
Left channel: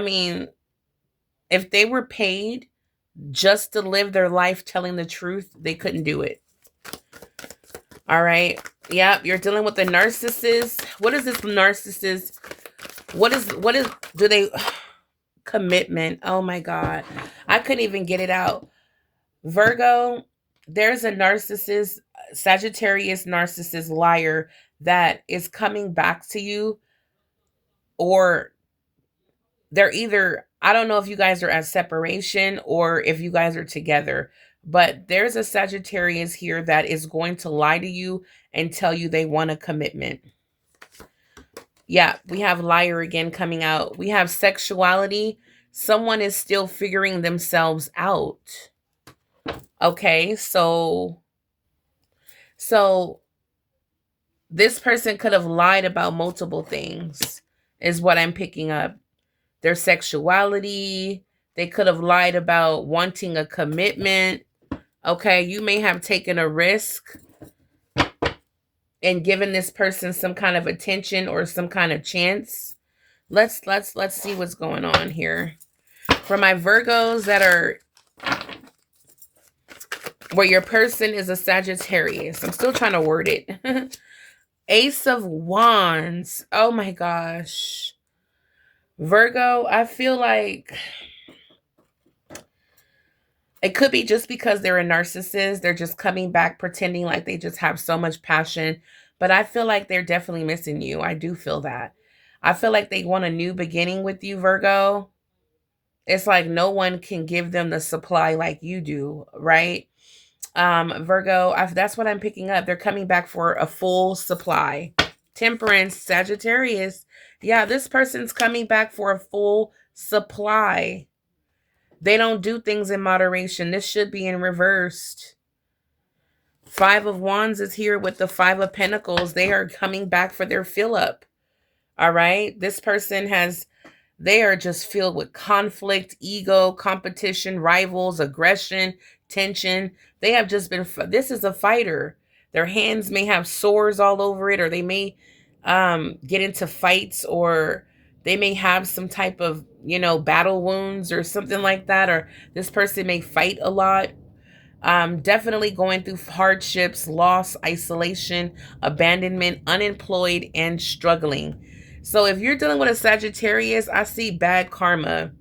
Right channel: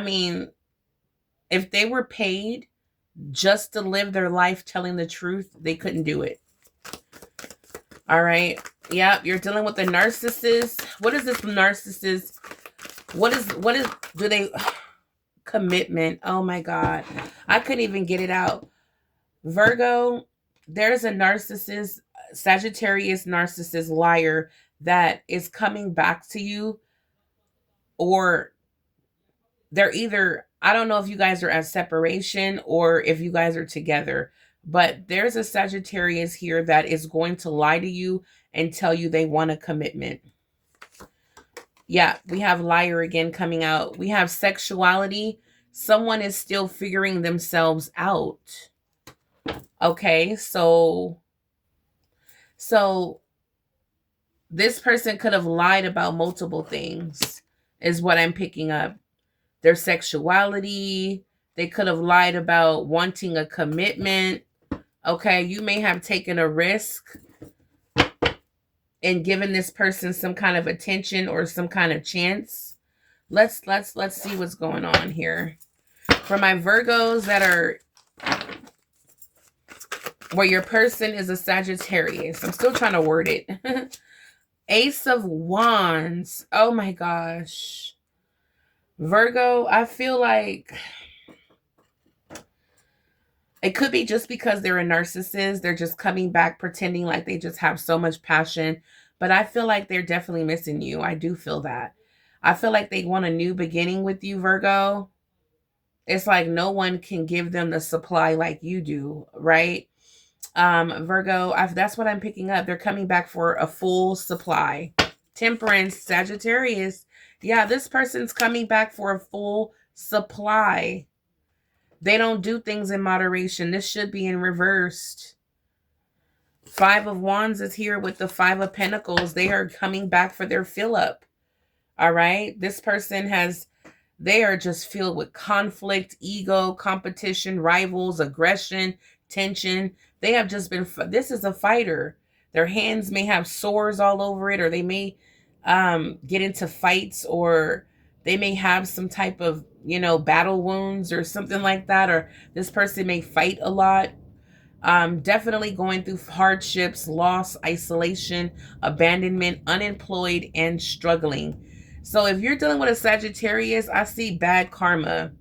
mean, if they were paid just to live their life telling the truth, they couldn't do it. All right. Yeah, you're dealing with a narcissist. What is this narcissist? Do they commitment? Oh my God. I couldn't even get it out. Virgo, there's a narcissist, Sagittarius narcissist liar that is coming back to you, or they're either, I don't know if you guys are at separation or if you guys are together, but there's a Sagittarius here that is going to lie to you and tell you they want a commitment. Yeah, we have liar again coming out. We have sexuality. Someone is still figuring themselves out. Okay, so this person could have lied about multiple things, is what I'm picking up. Their sexuality. They could have lied about wanting a commitment. Okay, you may have taken a risk and given this person some kind of attention or some kind of chance. Let's see what's going on here. For my Virgos that are where your person is a Sagittarius. I'm still trying to word it. Ace of Wands. Oh my gosh. Virgo, I feel like it could be just because they're a narcissist. They're just coming back pretending like they just have so much passion. But I feel like they're definitely missing you. I do feel that. I feel like they want a new beginning with you, Virgo. It's like no one can give them the supply like you do, right? Virgo, that's what I'm picking up. They're coming back for a full supply. Temperance, Sagittarius. Yeah, this person's coming back for a full supply. They don't do things in moderation. This should be in reversed. Five of Wands is here with the Five of Pentacles. They are coming back for their fill up. All right. This person has They are just filled with conflict, ego, competition, rivals, aggression, tension. They have just been, this is a fighter. Their hands may have sores all over it, or they may get into fights, or they may have some type of, battle wounds or something like that, or this person may fight a lot. Definitely going through hardships, loss, isolation, abandonment, unemployed, and struggling. So if you're dealing with a Sagittarius, I see bad karma.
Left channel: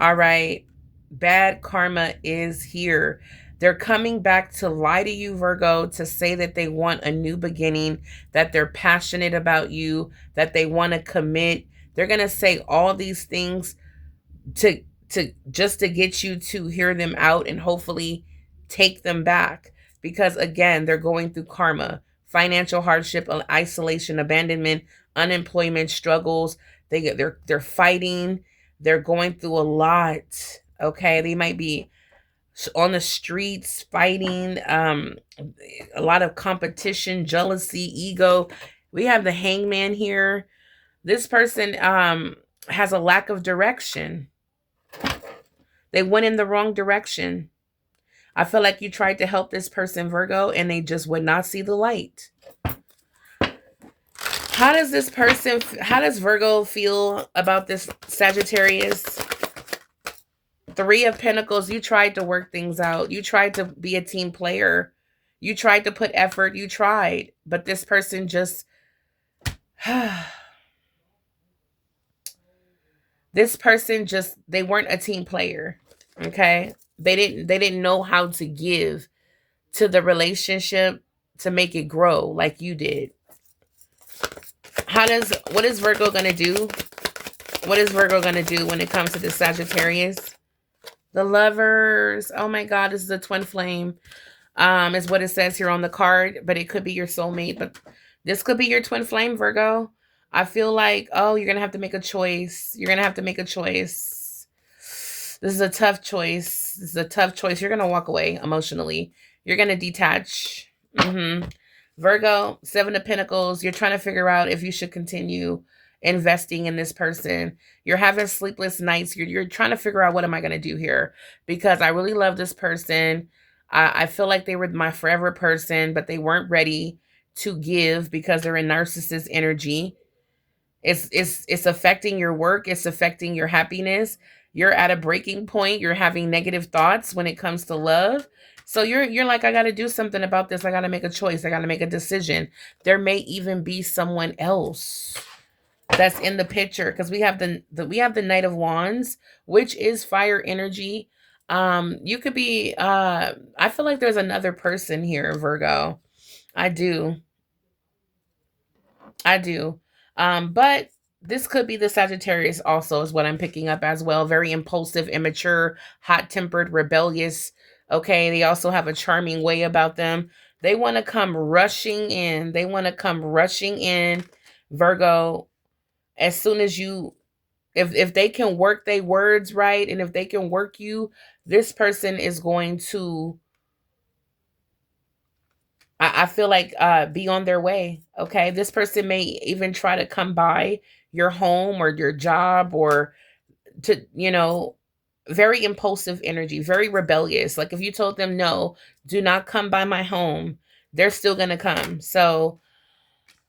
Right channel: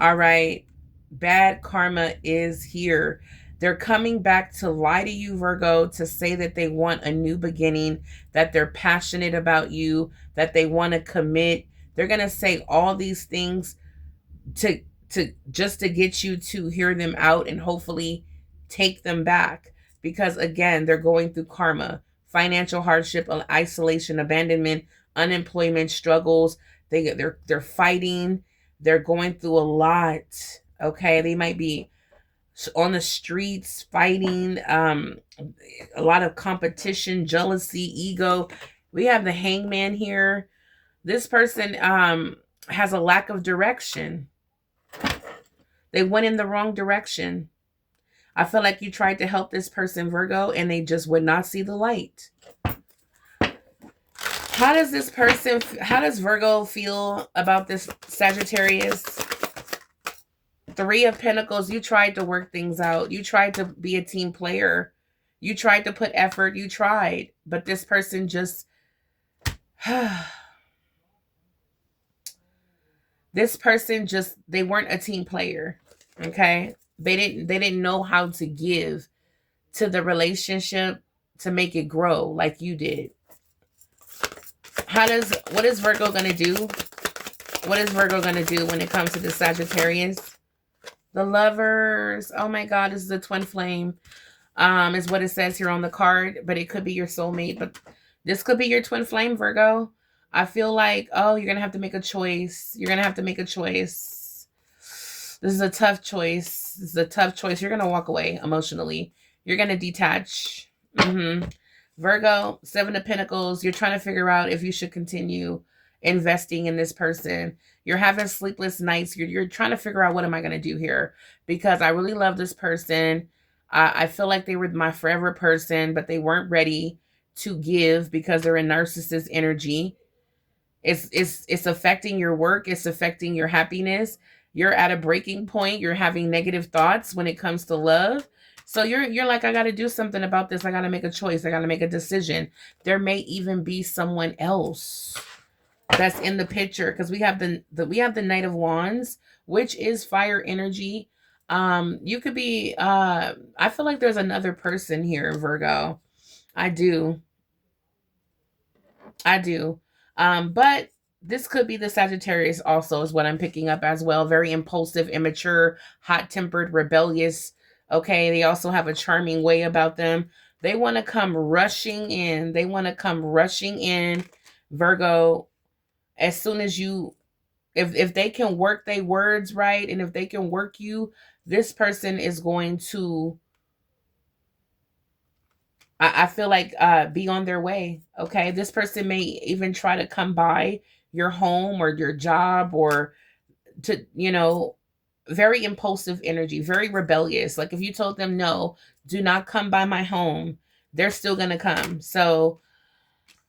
All right. Bad karma is here. They're coming back to lie to you, Virgo, to say that they want a new beginning, that they're passionate about you, that they want to commit. They're going to say all these things to just to get you to hear them out and hopefully take them back, because again, they're going through karma, financial hardship, isolation, abandonment, unemployment, struggles. They're fighting, they're going through a lot. Okay, they might be on the streets fighting, a lot of competition, jealousy, ego. We have the Hangman here. This person has a lack of direction. They went in the wrong direction. I feel like you tried to help this person, Virgo, and they just would not see the light. How does Virgo feel about this Sagittarius? Three of Pentacles, you tried to work things out. You tried to be a team player. You tried to put effort. You tried. But this person just... this person just, they weren't a team player. Okay? They didn't know how to give to the relationship to make it grow like you did. What is Virgo going to do? What is Virgo going to do when it comes to the Sagittarius? The Lovers. Oh my God, this is a twin flame. Is what it says here on the card, but it could be your soulmate. But this could be your twin flame, Virgo. I feel like, oh, you're going to have to make a choice. You're going to have to make a choice. This is a tough choice. This is a tough choice. You're going to walk away emotionally. You're going to detach. Virgo, Seven of Pentacles. You're trying to figure out if you should continue investing in this person. You're having sleepless nights. You're trying to figure out, what am I going to do here? Because I really love this person. I feel like they were my forever person, but they weren't ready to give because they're in narcissist energy. It's affecting your work. It's affecting your happiness. You're at a breaking point. You're having negative thoughts when it comes to love. So you're like, I got to do something about this. I got to make a choice. I got to make a decision. There may even be someone else that's in the picture, because we have the Knight of Wands, which is fire energy. You could be, I feel like there's another person here, Virgo. I do. But this could be the Sagittarius also, is what I'm picking up as well. Very impulsive, immature, hot-tempered, rebellious. Okay, they also have a charming way about them. They want to come rushing in. They want to come rushing in, Virgo, as soon as you, if they can work their words right, and if they can work you, this person is going to, I feel like, be on their way. Okay, this person may even try to come by your home or your job, or to, very impulsive energy, very rebellious. Like if you told them, no, do not come by my home, they're still going to come. So,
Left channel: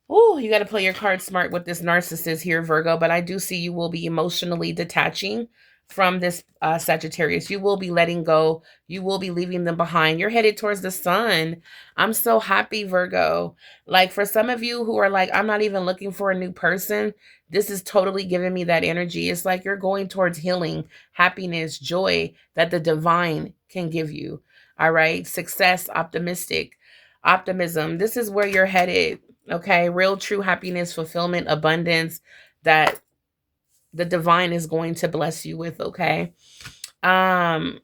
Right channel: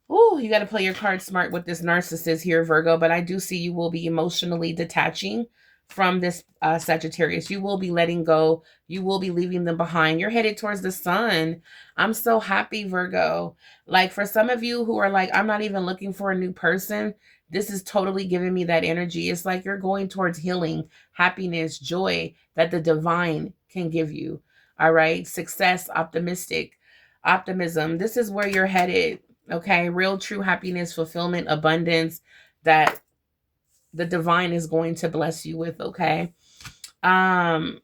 you got to play your cards smart with this narcissist here, Virgo. But I do see you will be emotionally detaching from this Sagittarius. You will be letting go. You will be leaving them behind. You're headed towards the sun. I'm so happy, Virgo. Like for some of you who are like, I'm not even looking for a new person, this is totally giving me that energy. It's like you're going towards healing, happiness, joy that the divine can give you. All right. Success, optimism. This is where you're headed. Okay. Real, true happiness, fulfillment, abundance that the divine is going to bless you with. Okay. Again,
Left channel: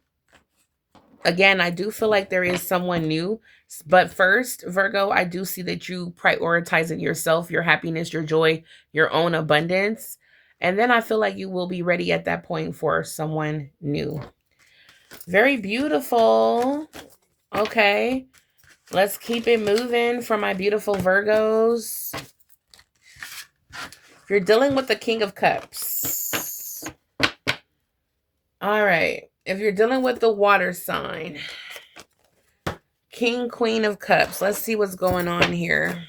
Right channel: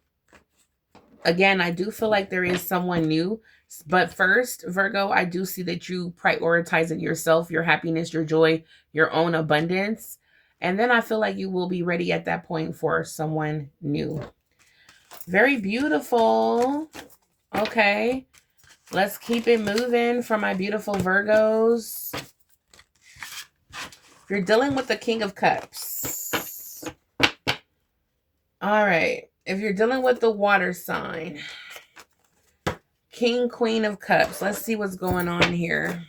I do feel like there is someone new, but first, Virgo, I do see that you prioritizing yourself, your happiness, your joy, your own abundance. And then I feel like you will be ready at that point for someone new. Very beautiful. Okay. Let's keep it moving for my beautiful Virgos. If you're dealing with the King of Cups, All right. If you're dealing with the water sign, King, Queen of Cups. Let's see what's going on here.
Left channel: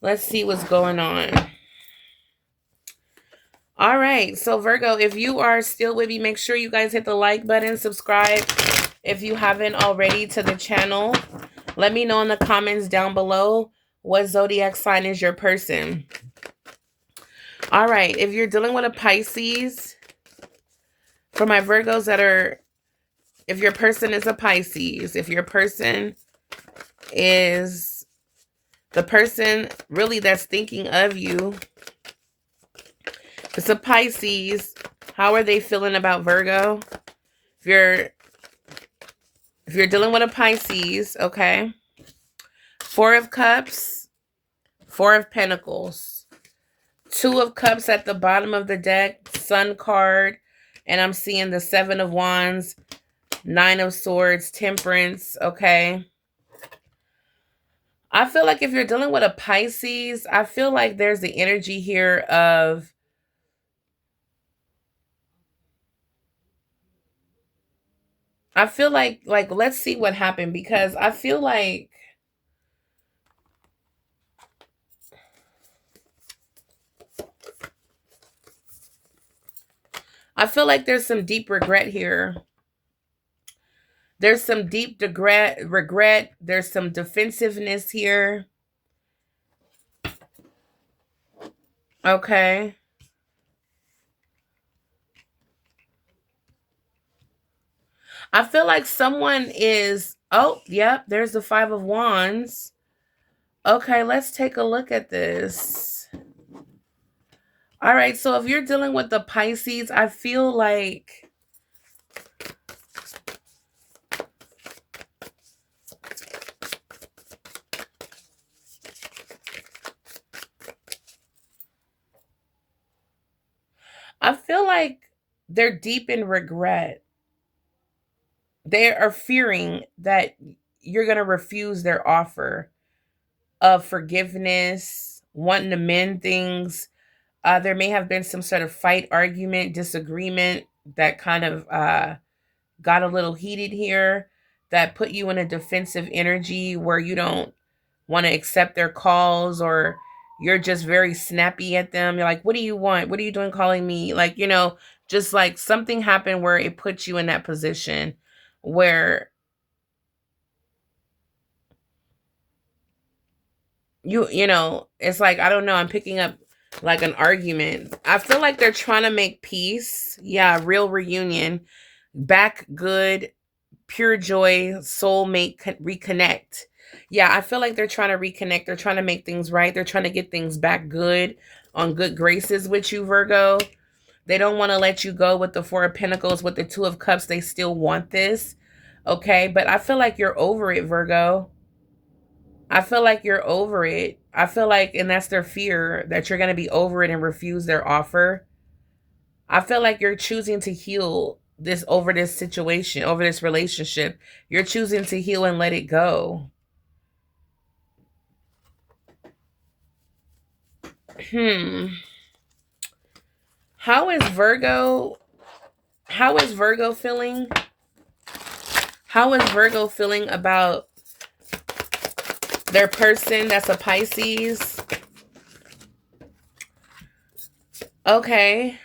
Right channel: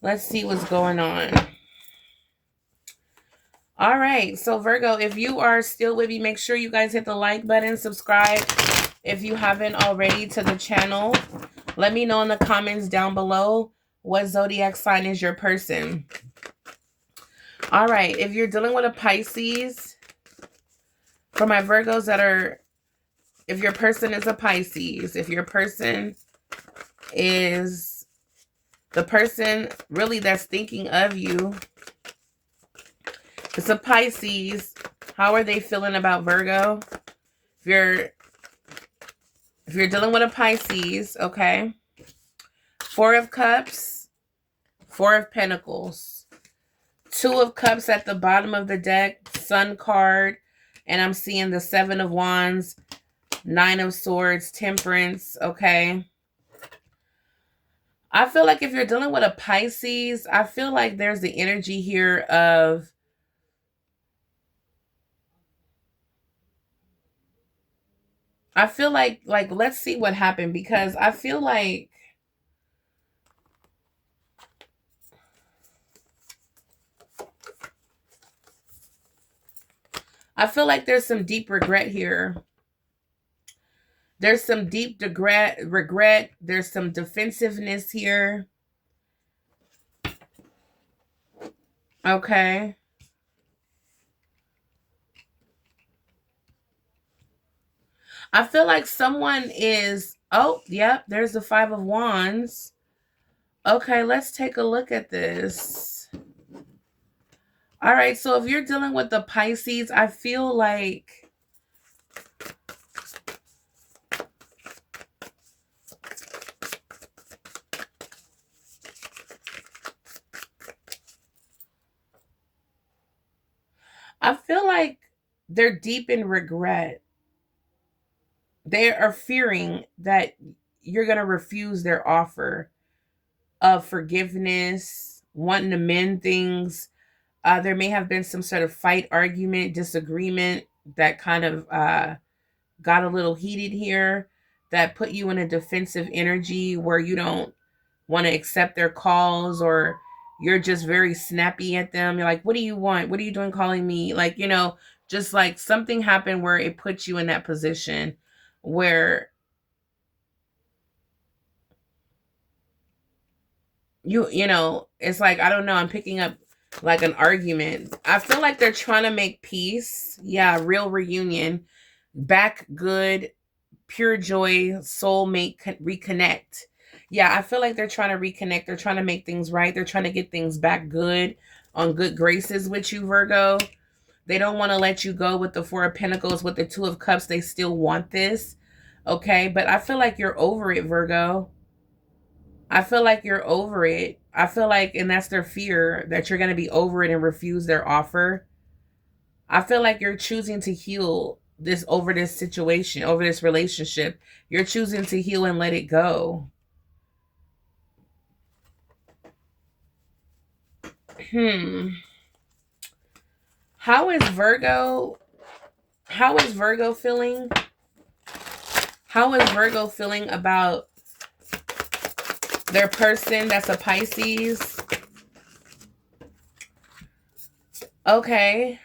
Let's see what's going on. All right. So Virgo, if you are still with me, make sure you guys hit the like button, subscribe if you haven't already to the channel. Let me know in the comments down below what zodiac sign is your person. All right. If you're dealing with a Pisces, for my Virgos that are, if your person is a Pisces, if your person is the person really that's thinking of you, it's a Pisces, how are they feeling about Virgo? If you're dealing with a Pisces, okay. 4 of Cups, 4 of Pentacles, 2 of Cups at the bottom of the deck, Sun card, and I'm seeing the 7 of Wands, 9 of Swords, Temperance, okay. I feel like if you're dealing with a Pisces, I feel like there's the energy here of let's see what happened, because I feel like there's some deep regret here. There's some deep regret. There's some defensiveness here. Okay. I feel like someone is, oh, yep, there's the 5 of Wands. Okay, let's take a look at this. All right, so if you're dealing with the Pisces, I feel like they're deep in regret. They are fearing that you're going to refuse their offer of forgiveness, wanting to mend things. There may have been some sort of fight, argument, disagreement that kind of got a little heated here, that put you in a defensive energy where you don't want to accept their calls, or you're just very snappy at them. You're like, what do you want? What are you doing calling me? Like, just like something happened where it puts you in that position where it's like, I don't know, I'm picking up like an argument. I feel like they're trying to make peace. Yeah, real reunion. Back good, pure joy, soulmate, reconnect. Yeah, I feel like they're trying to reconnect. They're trying to make things right. They're trying to get things back good, on good graces with you, Virgo. They don't want to let you go with the 4 of Pentacles, with the 2 of Cups. They still want this. Okay, but I feel like you're over it, Virgo. I feel like you're over it. I feel like, and that's their fear, that you're going to be over it and refuse their offer. I feel like you're choosing to heal over this situation, over this relationship. You're choosing to heal and let it go. How is Virgo feeling? How is Virgo feeling about their person that's a Pisces? Okay.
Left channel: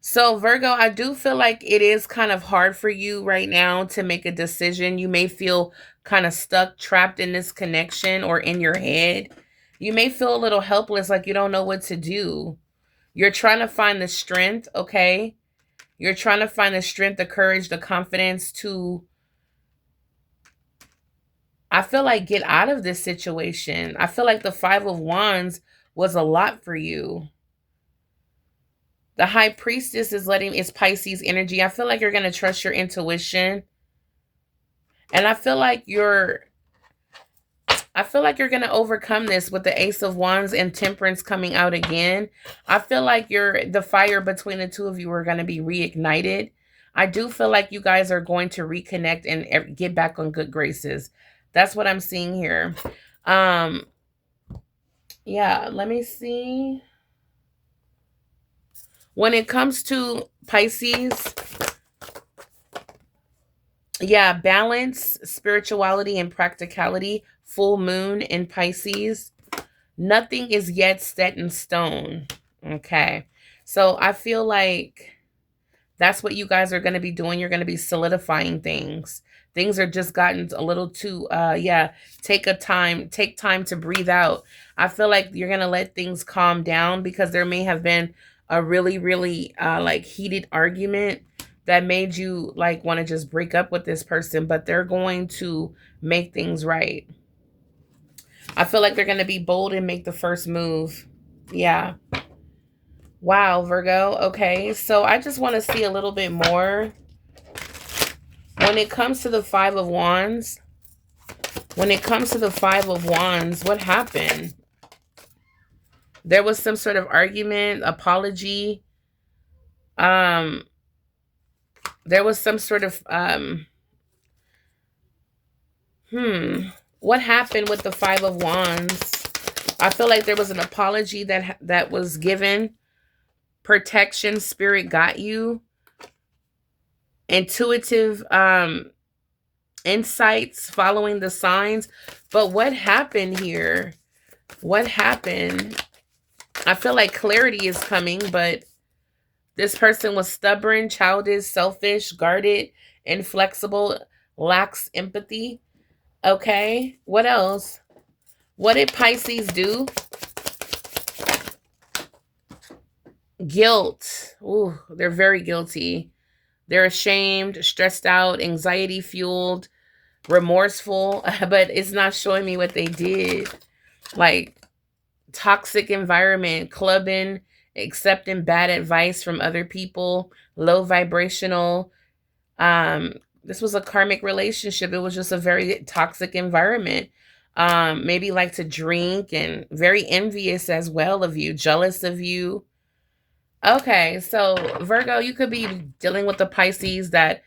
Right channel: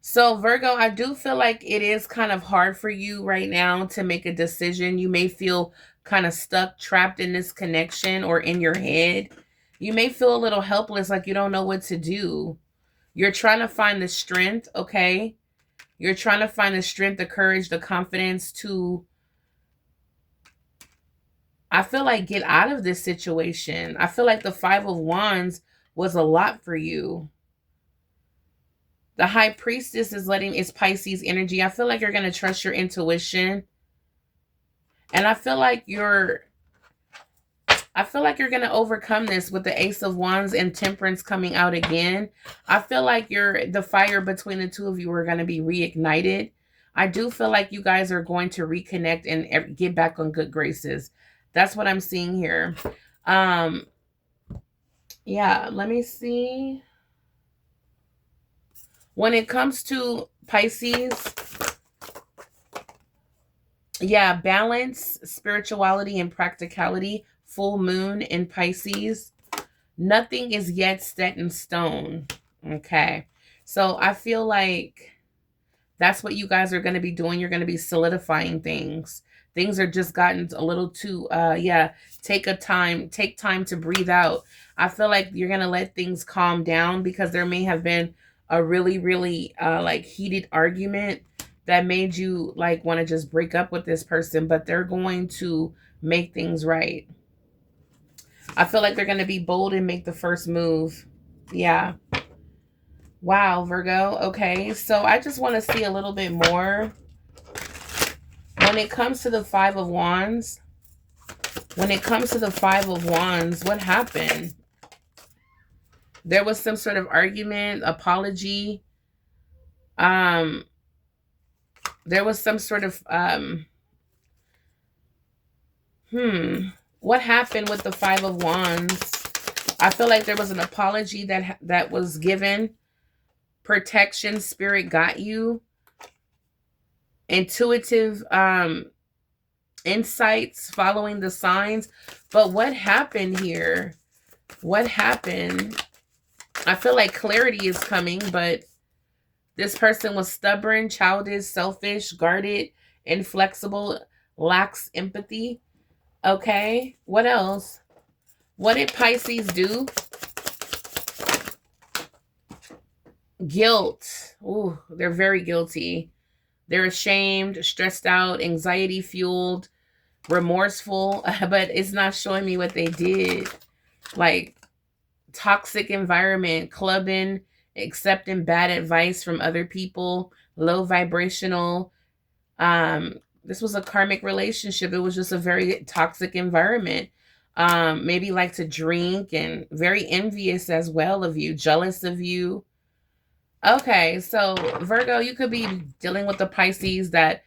So Virgo, I do feel like it is kind of hard for you right now to make a decision. You may feel kind of stuck, trapped in this connection, or in your head. You may feel a little helpless, like you don't know what to do. You're trying to find the strength, okay? You're trying to find the strength, the courage, the confidence to, I feel like, get out of this situation. I feel like the 5 of Wands was a lot for you. The High Priestess is letting its Pisces energy. I feel like you're going to trust your intuition. And I feel like you're going to overcome this with the Ace of Wands and Temperance coming out again. I feel like the fire between the two of you are going to be reignited. I do feel like you guys are going to reconnect and get back on good graces. That's what I'm seeing here. Yeah, let me see. When it comes to Pisces, yeah, balance, spirituality, and practicality. Full moon in Pisces. Nothing is yet set in stone. Okay. So I feel like that's what you guys are going to be doing. You're going to be solidifying things. Things are just gotten a little too, yeah, take time to breathe out. I feel like you're going to let things calm down because there may have been a really, really, like heated argument that made you like want to just break up with this person, but they're going to make things right. I feel like they're going to be bold and make the first move. Yeah. Wow, Virgo. Okay. So I just want to see a little bit more. When it comes to the Five of Wands, what happened? There was some sort of argument, apology. Um, there was some sort of what happened with the Five of Wands? I feel like there was an apology that was given. Protection, spirit got you. Intuitive insights, following the signs. But what happened here? What happened? I feel like clarity is coming, but this person was stubborn, childish, selfish, guarded, inflexible, lacks empathy. Okay, what else? What did Pisces do? Guilt. Ooh, they're very guilty. They're ashamed, stressed out, anxiety fueled, remorseful, but it's not showing me what they did. Like toxic environment, clubbing, accepting bad advice from other people, low vibrational. This was a karmic relationship. It was just a very toxic environment. Maybe like to drink and very envious as well of you, jealous of you. Okay, so Virgo, you could be dealing with the Pisces that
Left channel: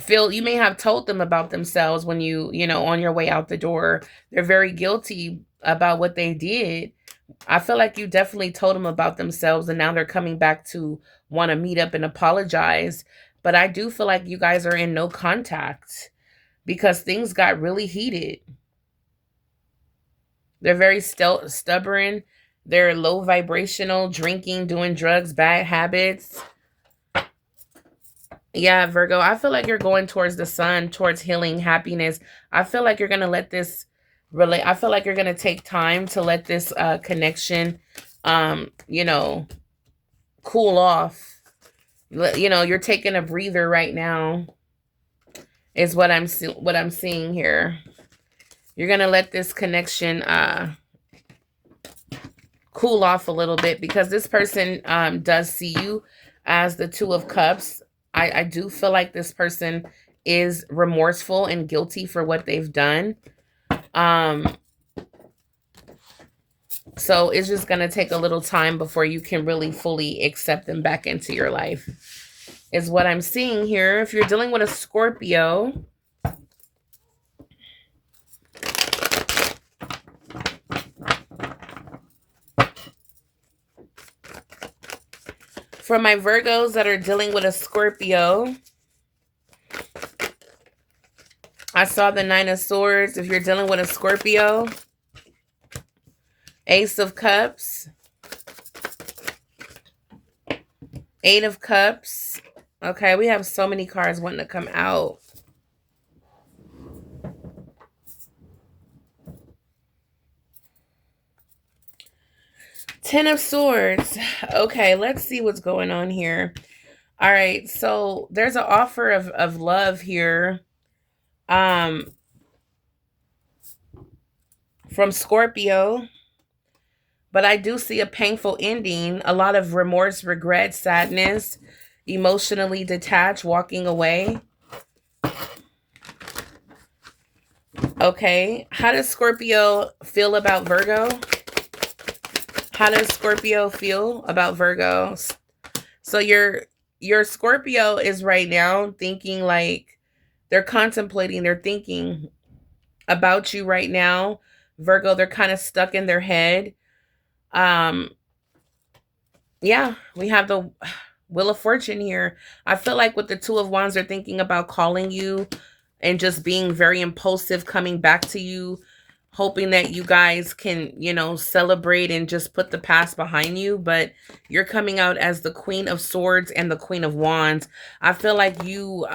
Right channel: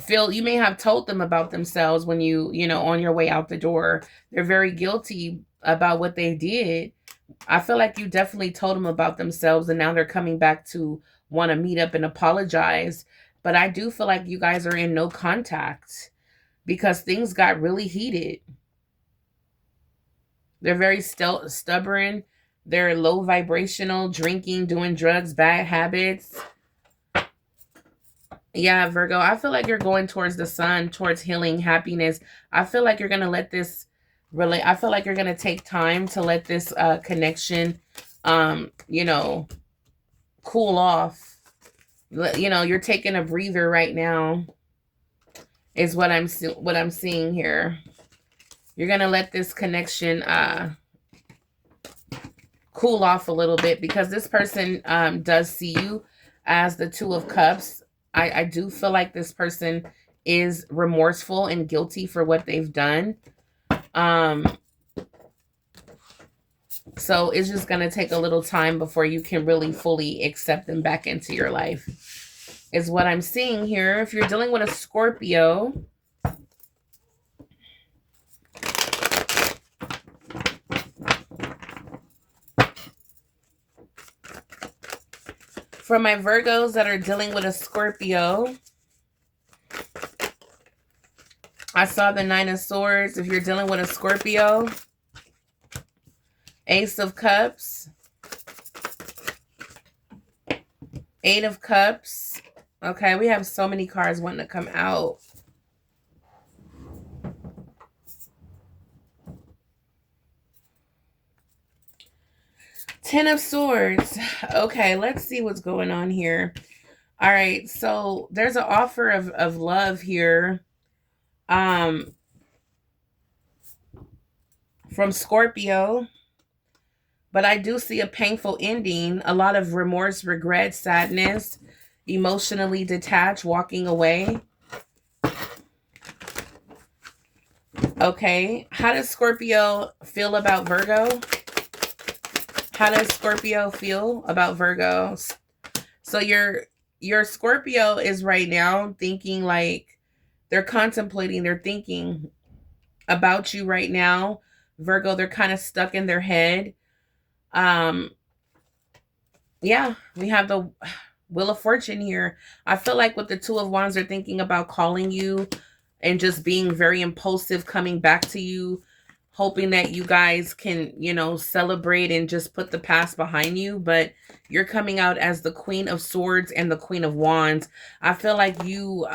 feel you may have told them about themselves when you know, on your way out the door. They're very guilty about what they did. I feel like you definitely told them about themselves and now they're coming back to want to meet up and apologize. But I do feel like you guys are in no contact because things got really heated. They're very stubborn. They're low vibrational, drinking, doing drugs, bad habits. Yeah, Virgo, I feel like you're going towards the sun, towards healing, happiness. I feel like you're going to let this relate. I feel like you're going to take time to let this connection, you know, cool off. You know, you're taking a breather right now is what I'm seeing here. You're going to let this connection cool off a little bit because this person does see you as the Two of Cups. I do feel like this person is remorseful and guilty for what they've done. So it's just going to take a little time before you can really fully accept them back into your life, is what I'm seeing here. If you're dealing with a Scorpio, for my Virgos that are dealing with a Scorpio, I saw the Nine of Swords. If you're dealing with a Scorpio, Ace of Cups, Eight of Cups. Okay, we have so many cards wanting to come out. Ten of Swords. Okay, let's see what's going on here. All right, so there's an offer of love here. From Scorpio. But I do see a painful ending, a lot of remorse, regret, sadness, emotionally detached, walking away. Okay, how does Scorpio feel about Virgo? How does Scorpio feel about Virgo? So your Scorpio is right now thinking like they're contemplating, they're thinking about you right now. Virgo, they're kind of stuck in their head. Yeah, we have the Wheel of Fortune here. I feel like with the Two of Wands, they're thinking about calling you and just being very impulsive, coming back to you, hoping that you guys can, you know, celebrate and just put the past behind you. But you're coming out as the Queen of Swords and the Queen of Wands. I feel like you,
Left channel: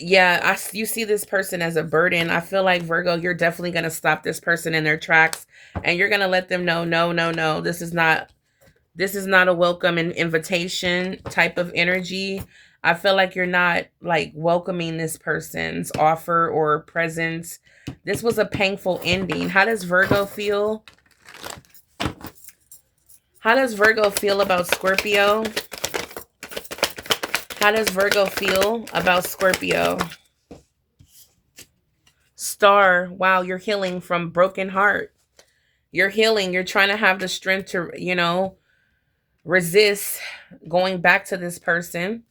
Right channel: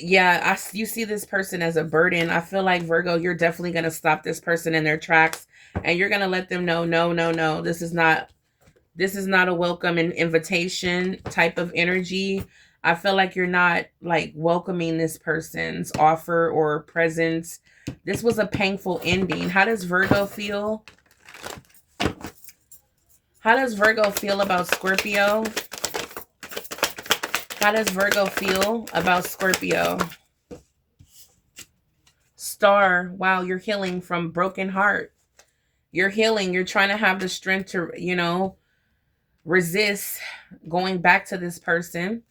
yeah, you see this person as a burden. I feel like, Virgo, you're definitely going to stop this person in their tracks, and you're going to let them know, no, no, no, this is not a welcome and invitation type of energy. I feel like you're not like welcoming this person's offer or presence. This was a painful ending. How does Virgo feel? How does Virgo feel about Scorpio? How does Virgo feel about Scorpio? Star. Wow, you're healing from broken heart. You're healing. You're trying to have the strength to, you know, resist going back to this person.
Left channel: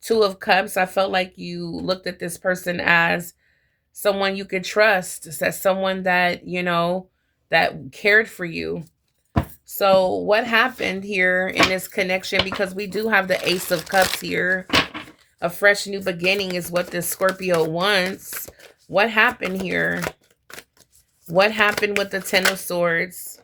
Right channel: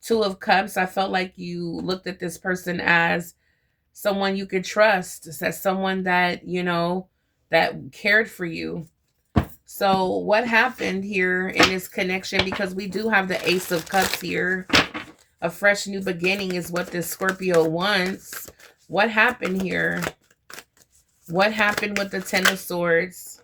Two of Cups. I felt like you looked at this person as someone you could trust, as someone that, you know, that cared for you. So what happened here in this connection, because we do have the Ace of Cups here, a fresh new beginning is what this Scorpio wants. What happened here? What happened with the Ten of Swords?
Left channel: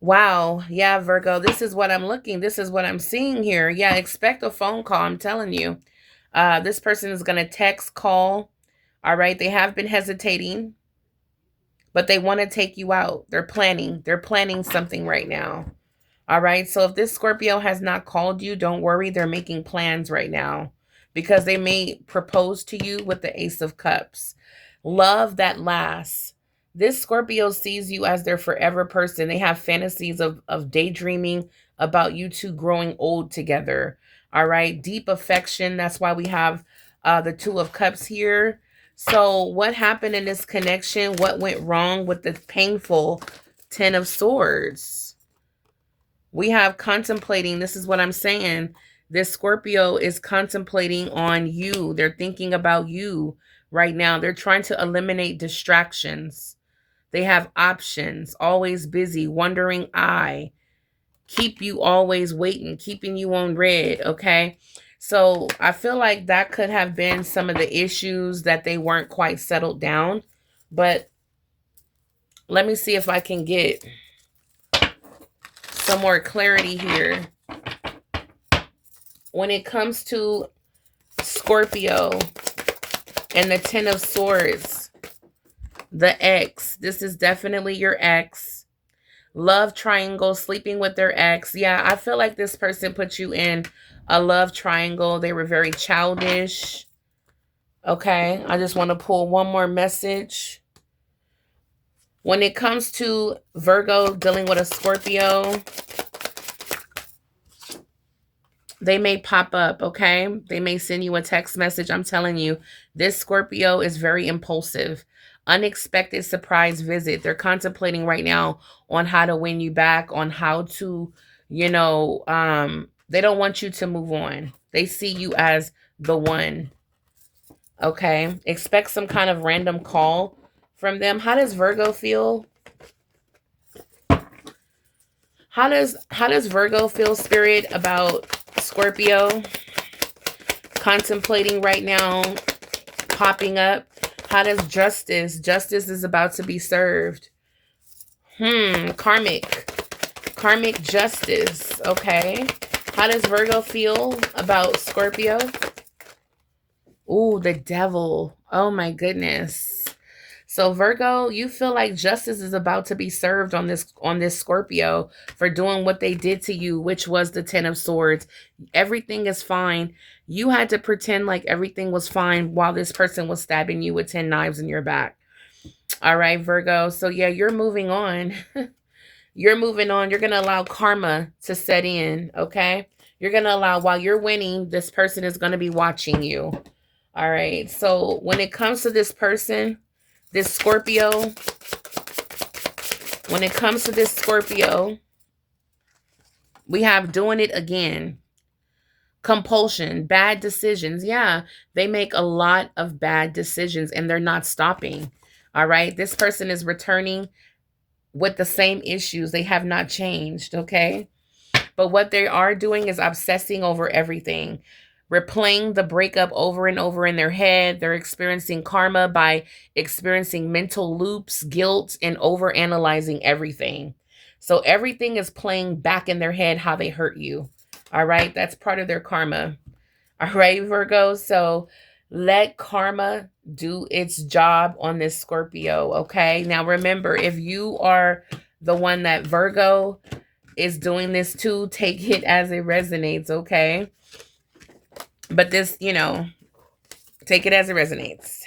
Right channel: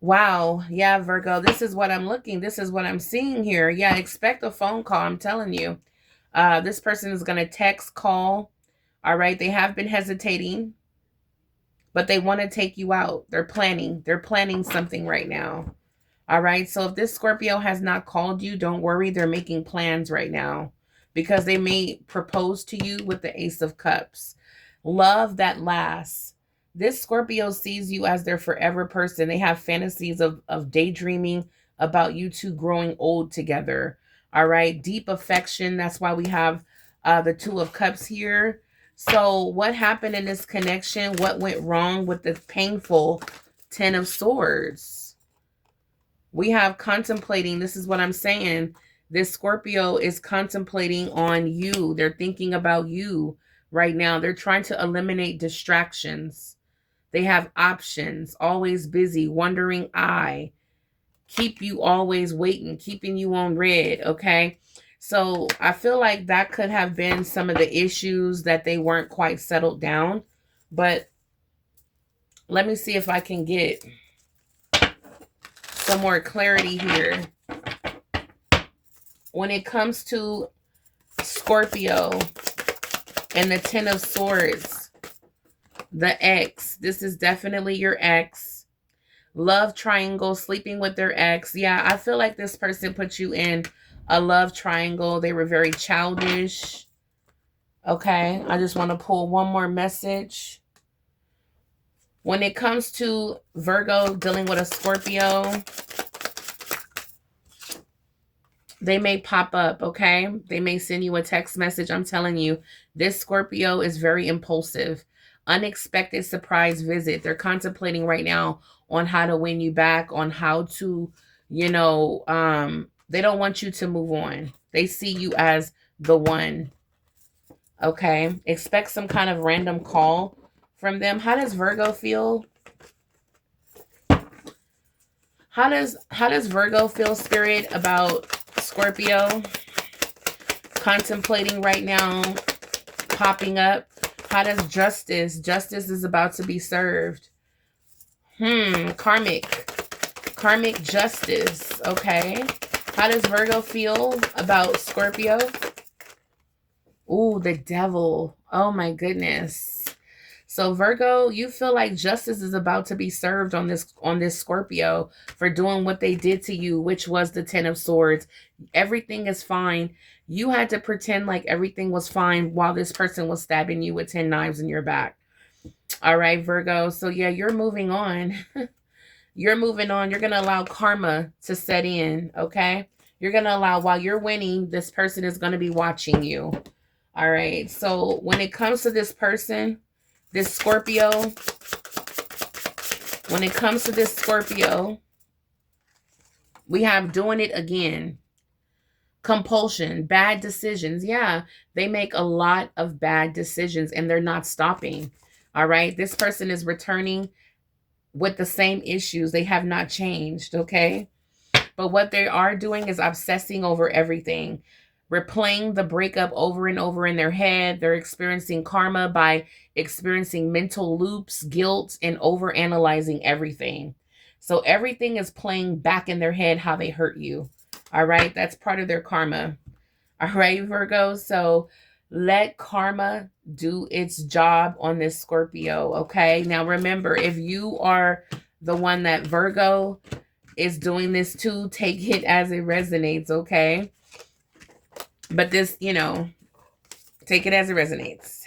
Wow. Yeah, Virgo, this is what I'm looking. This is what I'm seeing here. Yeah, expect a phone call. I'm telling you. This person is going to text, call. All right. They have been hesitating, but they want to take you out. They're planning. They're planning something right now. All right. So if this Scorpio has not called you, don't worry. They're making plans right now because they may propose to you with the Ace of Cups. Love that lasts. This Scorpio sees you as their forever person. They have fantasies of daydreaming about you two growing old together. All right. Deep affection. That's why we have the Two of Cups here. So what happened in this connection? What went wrong with the painful Ten of Swords? We have contemplating. This is what I'm saying. This Scorpio is contemplating on you. They're thinking about you right now. They're trying to eliminate distractions. They have options, always busy, wandering eye, keep you always waiting, keeping you on red, okay? So I feel like that could have been some of the issues that they weren't quite settled down. But let me see if I can get some more clarity here. When it comes to Scorpio and the Ten of Swords, the ex, this is definitely your ex. Love triangle, sleeping with their ex. Yeah, I feel like this person put you in a love triangle. They were very childish. Okay, I just want to pull one more message. When it comes to Virgo dealing with a Scorpio, they may pop up, okay? They may send you a text message. I'm telling you, this Scorpio is very impulsive. Unexpected surprise visit. They're contemplating right now on how to win you back, on how to, you know, they don't want you to move on. They see you as the one, okay? Expect some kind of random call from them. How does Virgo feel? How does Virgo feel, Spirit, about Scorpio contemplating right now, popping up? How does Justice? Justice is about to be served. Karmic justice. Okay. How does Virgo feel about Scorpio? Ooh, the Devil. Oh my goodness. So Virgo, you feel like justice is about to be served on this Scorpio for doing what they did to you, which was the Ten of Swords. Everything is fine. You had to pretend like everything was fine while this person was stabbing you with 10 knives in your back. All right, Virgo. So yeah, you're moving on. You're moving on. You're going to allow karma to set in, okay? You're going to allow, while you're winning, this person is going to be watching you. All right. So when it comes to this person, this Scorpio, when it comes to this Scorpio, we have doing it again. Compulsion, bad decisions. Yeah, they make a lot of bad decisions and they're not stopping. All right. This person is returning with the same issues. They have not changed. Okay. But what they are doing is obsessing over everything, replaying the breakup over and over in their head. They're experiencing karma by experiencing mental loops, guilt, and over analyzing everything. So everything is playing back in their head how they hurt you. All right. That's part of their karma. All right, Virgo. So let karma do its job on this Scorpio. Okay. Now remember, if you are the one that Virgo is doing this to, take it as it resonates, okay? But this, take it as it resonates.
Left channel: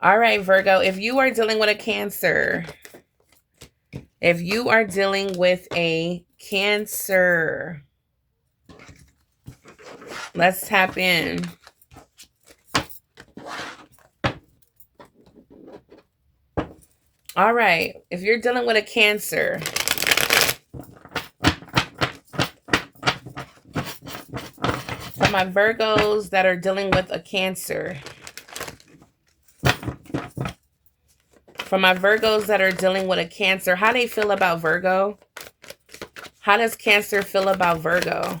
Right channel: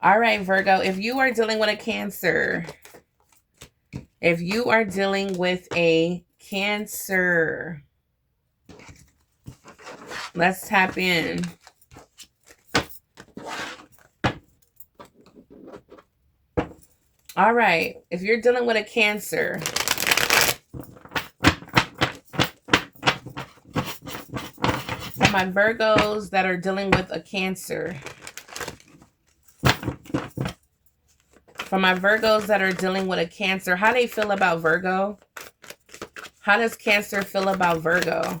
All right, Virgo, if you are dealing with a Cancer, let's tap in. All right, if you're dealing with a Cancer, for my Virgos that are dealing with a Cancer. For my Virgos that are dealing with a Cancer, how they feel about Virgo? How does Cancer feel about Virgo?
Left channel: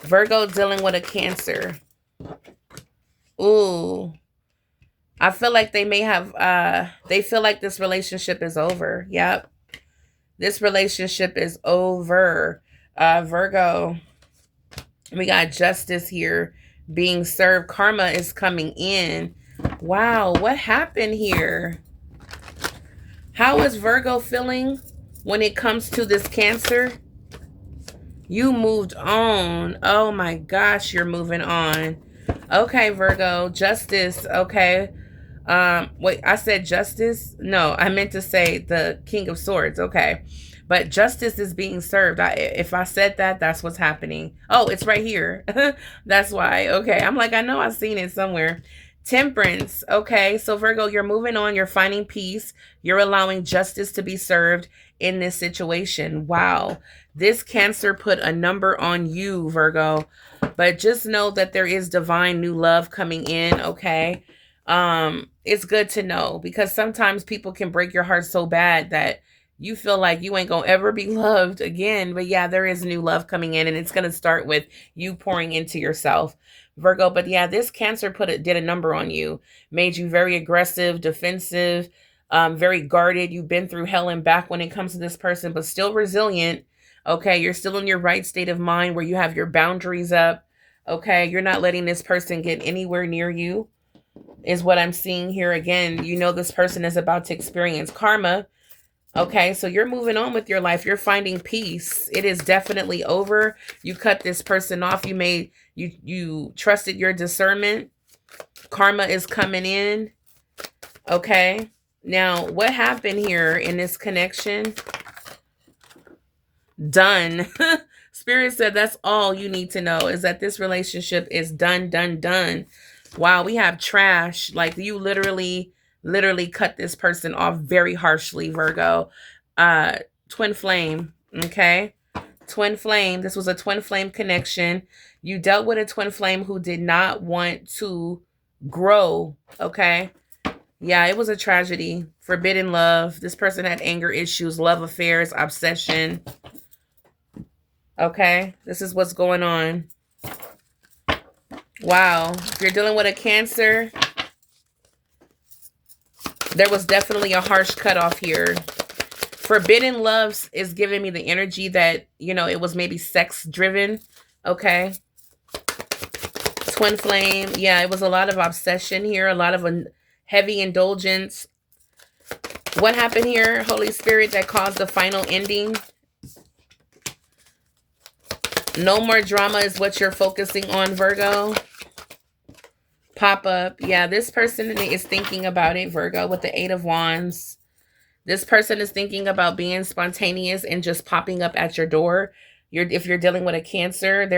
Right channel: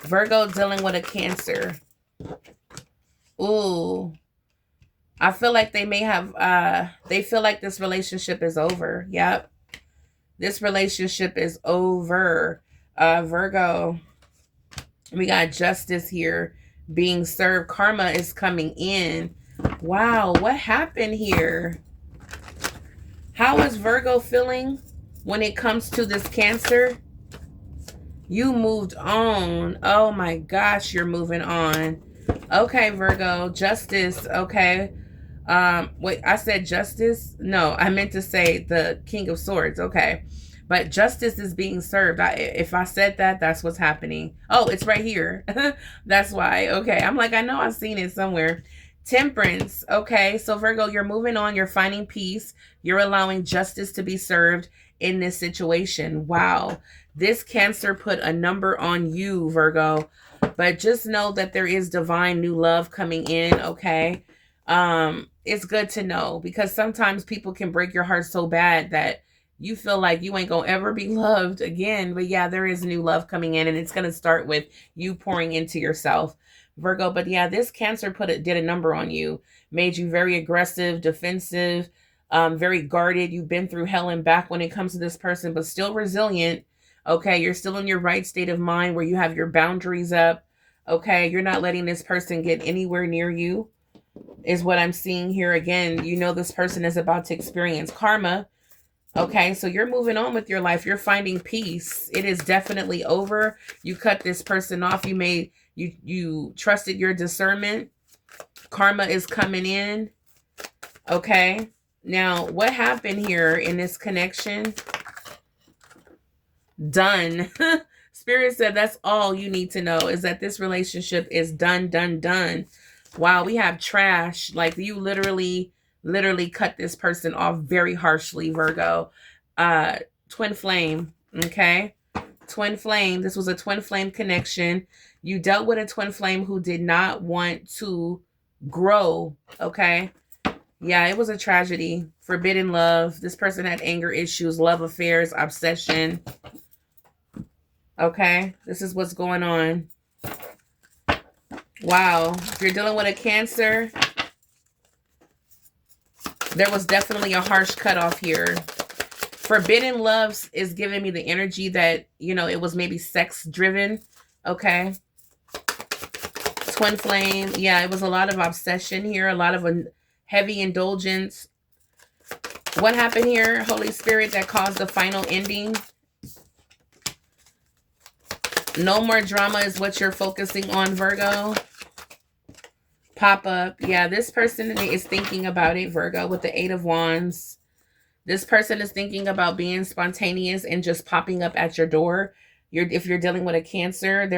Virgo dealing with a Cancer. Ooh. I feel like they may have, they feel like this relationship is over. Yep. This relationship is over. Virgo, we got justice here being served. Karma is coming in. Wow, what happened here? How is Virgo feeling when it comes to this Cancer? You moved on. Oh my gosh, you're moving on. Okay, Virgo, justice. Okay. Wait, I said justice? No, I meant to say the King of Swords. Okay. But justice is being served. If I said that, that's what's happening. Oh, it's right here. That's why. Okay. I'm like, I know I've seen it somewhere. Temperance. Okay. So Virgo, you're moving on. You're finding peace. You're allowing justice to be served in this situation. Wow. This Cancer put a number on you, Virgo. But just know that there is divine new love coming in. Okay. It's good to know, because sometimes people can break your heart so bad that you feel like you ain't gonna ever be loved again. But yeah, there is new love coming in, and it's gonna start with you pouring into yourself, Virgo. But yeah, this Cancer did a number on you, made you very aggressive, defensive, very guarded. You've been through hell and back when it comes to this person, but still resilient. Okay, you're still in your right state of mind where you have your boundaries up. Okay, you're not letting this person get anywhere near you, is what I'm seeing here. Again, you know this person is about to experience karma. Okay, so you're moving on with your life. You're finding peace. It is definitely over. You cut this person off. You trusted your discernment. Karma is coming in. Okay, now what happened here in this connection? Done. Spirit said that's all you need to know, is that this relationship is done, done, done. Wow, we have trash. Like, you literally cut this person off very harshly, Virgo. Twin flame, okay? Twin flame. This was a twin flame connection. You dealt with a twin flame who did not want to grow, okay? Yeah, it was a tragedy. Forbidden love. This person had anger issues, love affairs, obsession. Okay, this is what's going on. Wow, if you're dealing with a Cancer, there was definitely a harsh cutoff here. Forbidden loves is giving me the energy that, it was maybe sex driven. Okay. Twin flame. Yeah, it was a lot of obsession here, a lot of a heavy indulgence. What happened here, Holy Spirit, that caused the final ending? No more drama is what you're focusing on, Virgo. Pop up. Yeah, this person is thinking about it, Virgo, with the 8 of Wands. This person is thinking about being spontaneous and just popping up at your door. If you're dealing with a Cancer,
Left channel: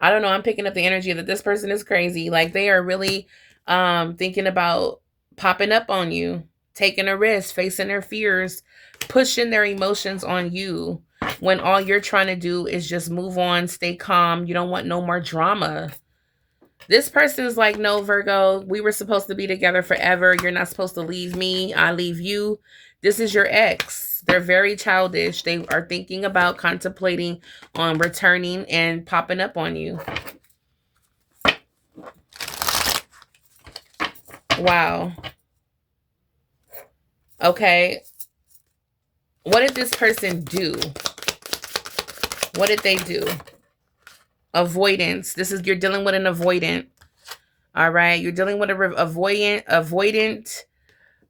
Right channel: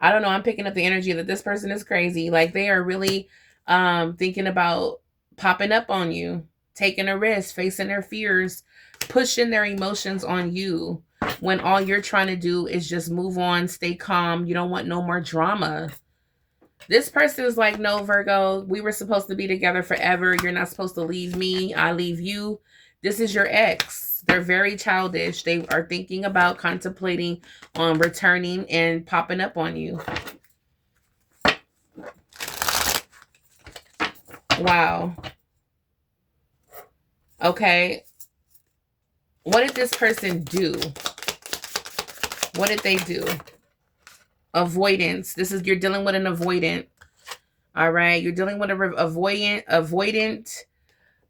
I don't know, I'm picking up the energy that this person is crazy. Like, they are really thinking about popping up on you, taking a risk, facing their fears, pushing their emotions on you. when all you're trying to do is just move on, stay calm. You don't want no more drama. This person is like, no, Virgo, we were supposed to be together forever. You're not supposed to leave me. I leave you. This is your ex. They're very childish. They are thinking about contemplating on returning and popping up on you. Wow. Okay. What did this person do? What did they do? Avoidance. You're dealing with an avoidant. All right. You're dealing with an avoidant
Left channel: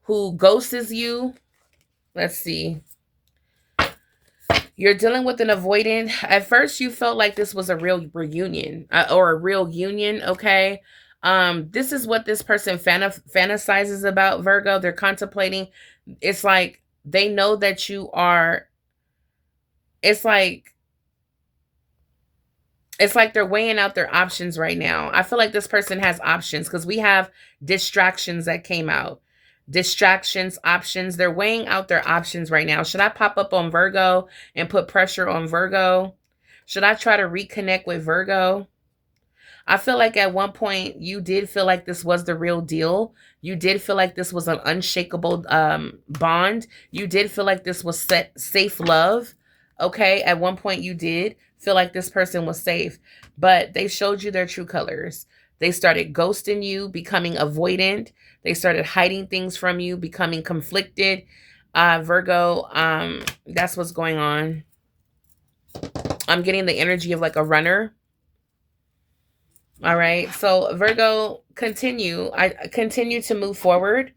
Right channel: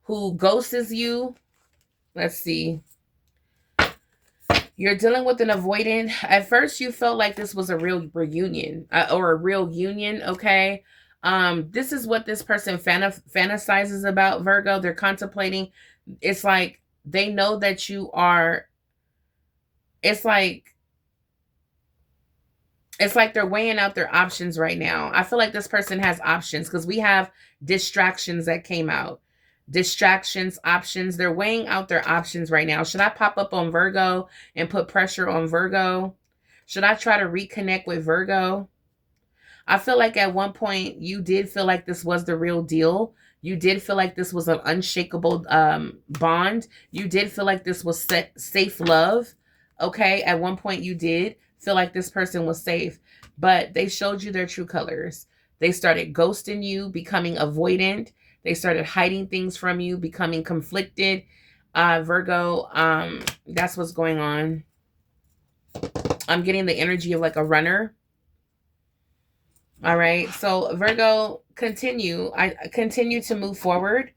who ghosts you. Let's see. You're dealing with an avoidant. At first, you felt like this was a real reunion or a real union. Okay. This is what this person fantasizes about, Virgo. They're contemplating. It's like they know that you are. It's like they're weighing out their options right now. I feel like this person has options because we have distractions that came out. Distractions, options. They're weighing out their options right now. Should I pop up on Virgo and put pressure on Virgo? Should I try to reconnect with Virgo? I feel like at one point you did feel like this was the real deal. You did feel like this was an unshakable bond. You did feel like this was safe love. Okay, at one point you did feel like this person was safe, but they showed you their true colors. They started ghosting you, becoming avoidant. They started hiding things from you, becoming conflicted. Virgo, that's what's going on. I'm getting the energy of like a runner. All right. So Virgo, continue. I continue to move forward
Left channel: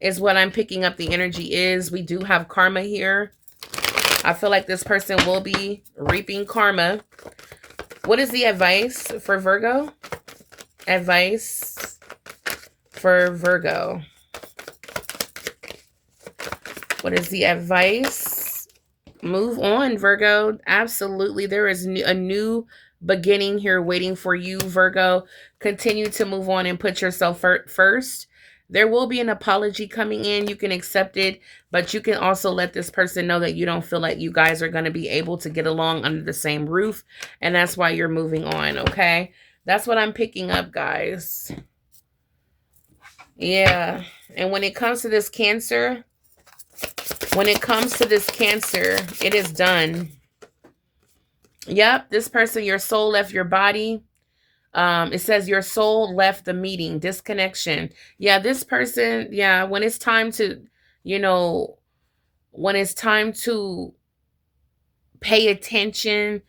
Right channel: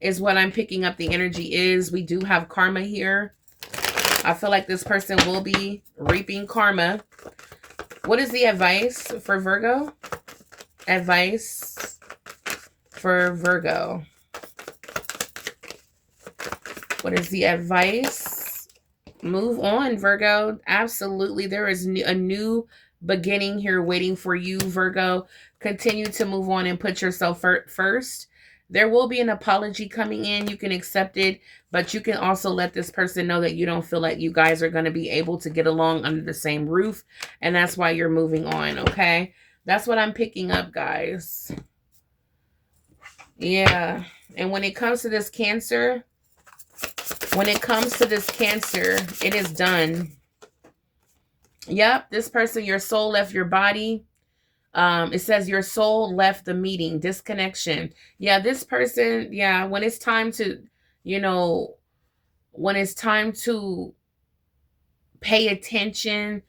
is what I'm picking up the energy is. We do have karma here. I feel like this person will be reaping karma. What is the advice for Virgo? Advice for Virgo. What is the advice? Move on, Virgo. Absolutely. There is a new beginning here waiting for you, Virgo. Continue to move on and put yourself first. There will be an apology coming in. You can accept it, but you can also let this person know that you don't feel like you guys are going to be able to get along under the same roof, and that's why you're moving on, okay? That's what I'm picking up, guys. Yeah, and when it comes to this Cancer, it is done. Yep, this person, your soul left your body. It says your soul left the meeting, disconnection. Yeah, this person, yeah, when it's time to, when it's time to pay attention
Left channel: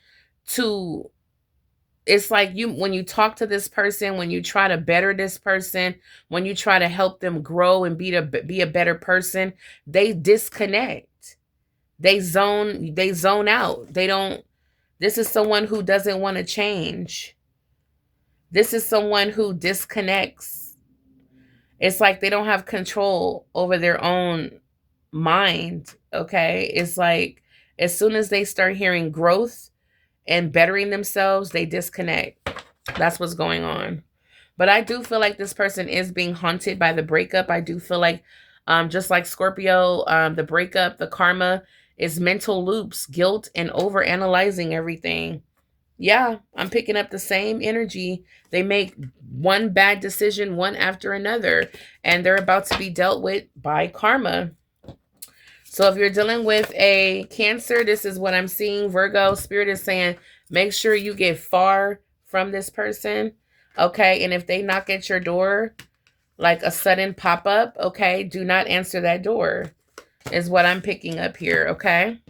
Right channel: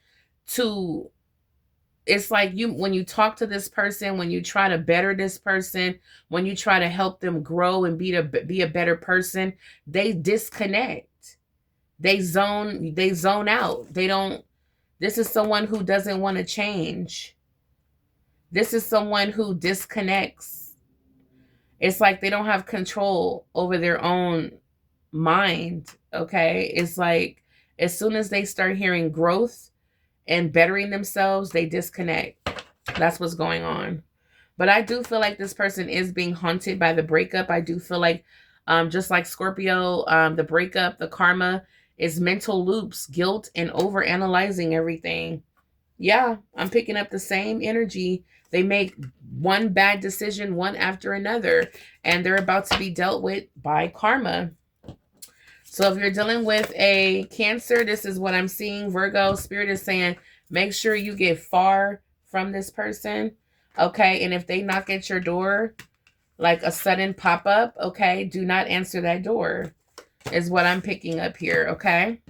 to, it's like when you talk to this person, when you try to better this person, when you try to help them grow and be a better person, they disconnect. They zone out. This is someone who doesn't want to change. This is someone who disconnects. It's like they don't have control over their own mind, okay? It's like as soon as they start hearing growth and bettering themselves, they disconnect. That's what's going on. But I do feel like this person is being haunted by the breakup. I do feel like, just like Scorpio, the breakup, the karma is mental loops, guilt, and overanalyzing everything. Yeah, I'm picking up the same energy. They make one bad decision, one after another, and they're about to be dealt with by karma. So if you're dealing with a Cancer, this is what I'm seeing. Virgo, Spirit is saying, make sure you get far from this person, okay? And if they knock at your door, like a sudden pop-up, okay, do not answer that door, is what I'm picking up here, okay?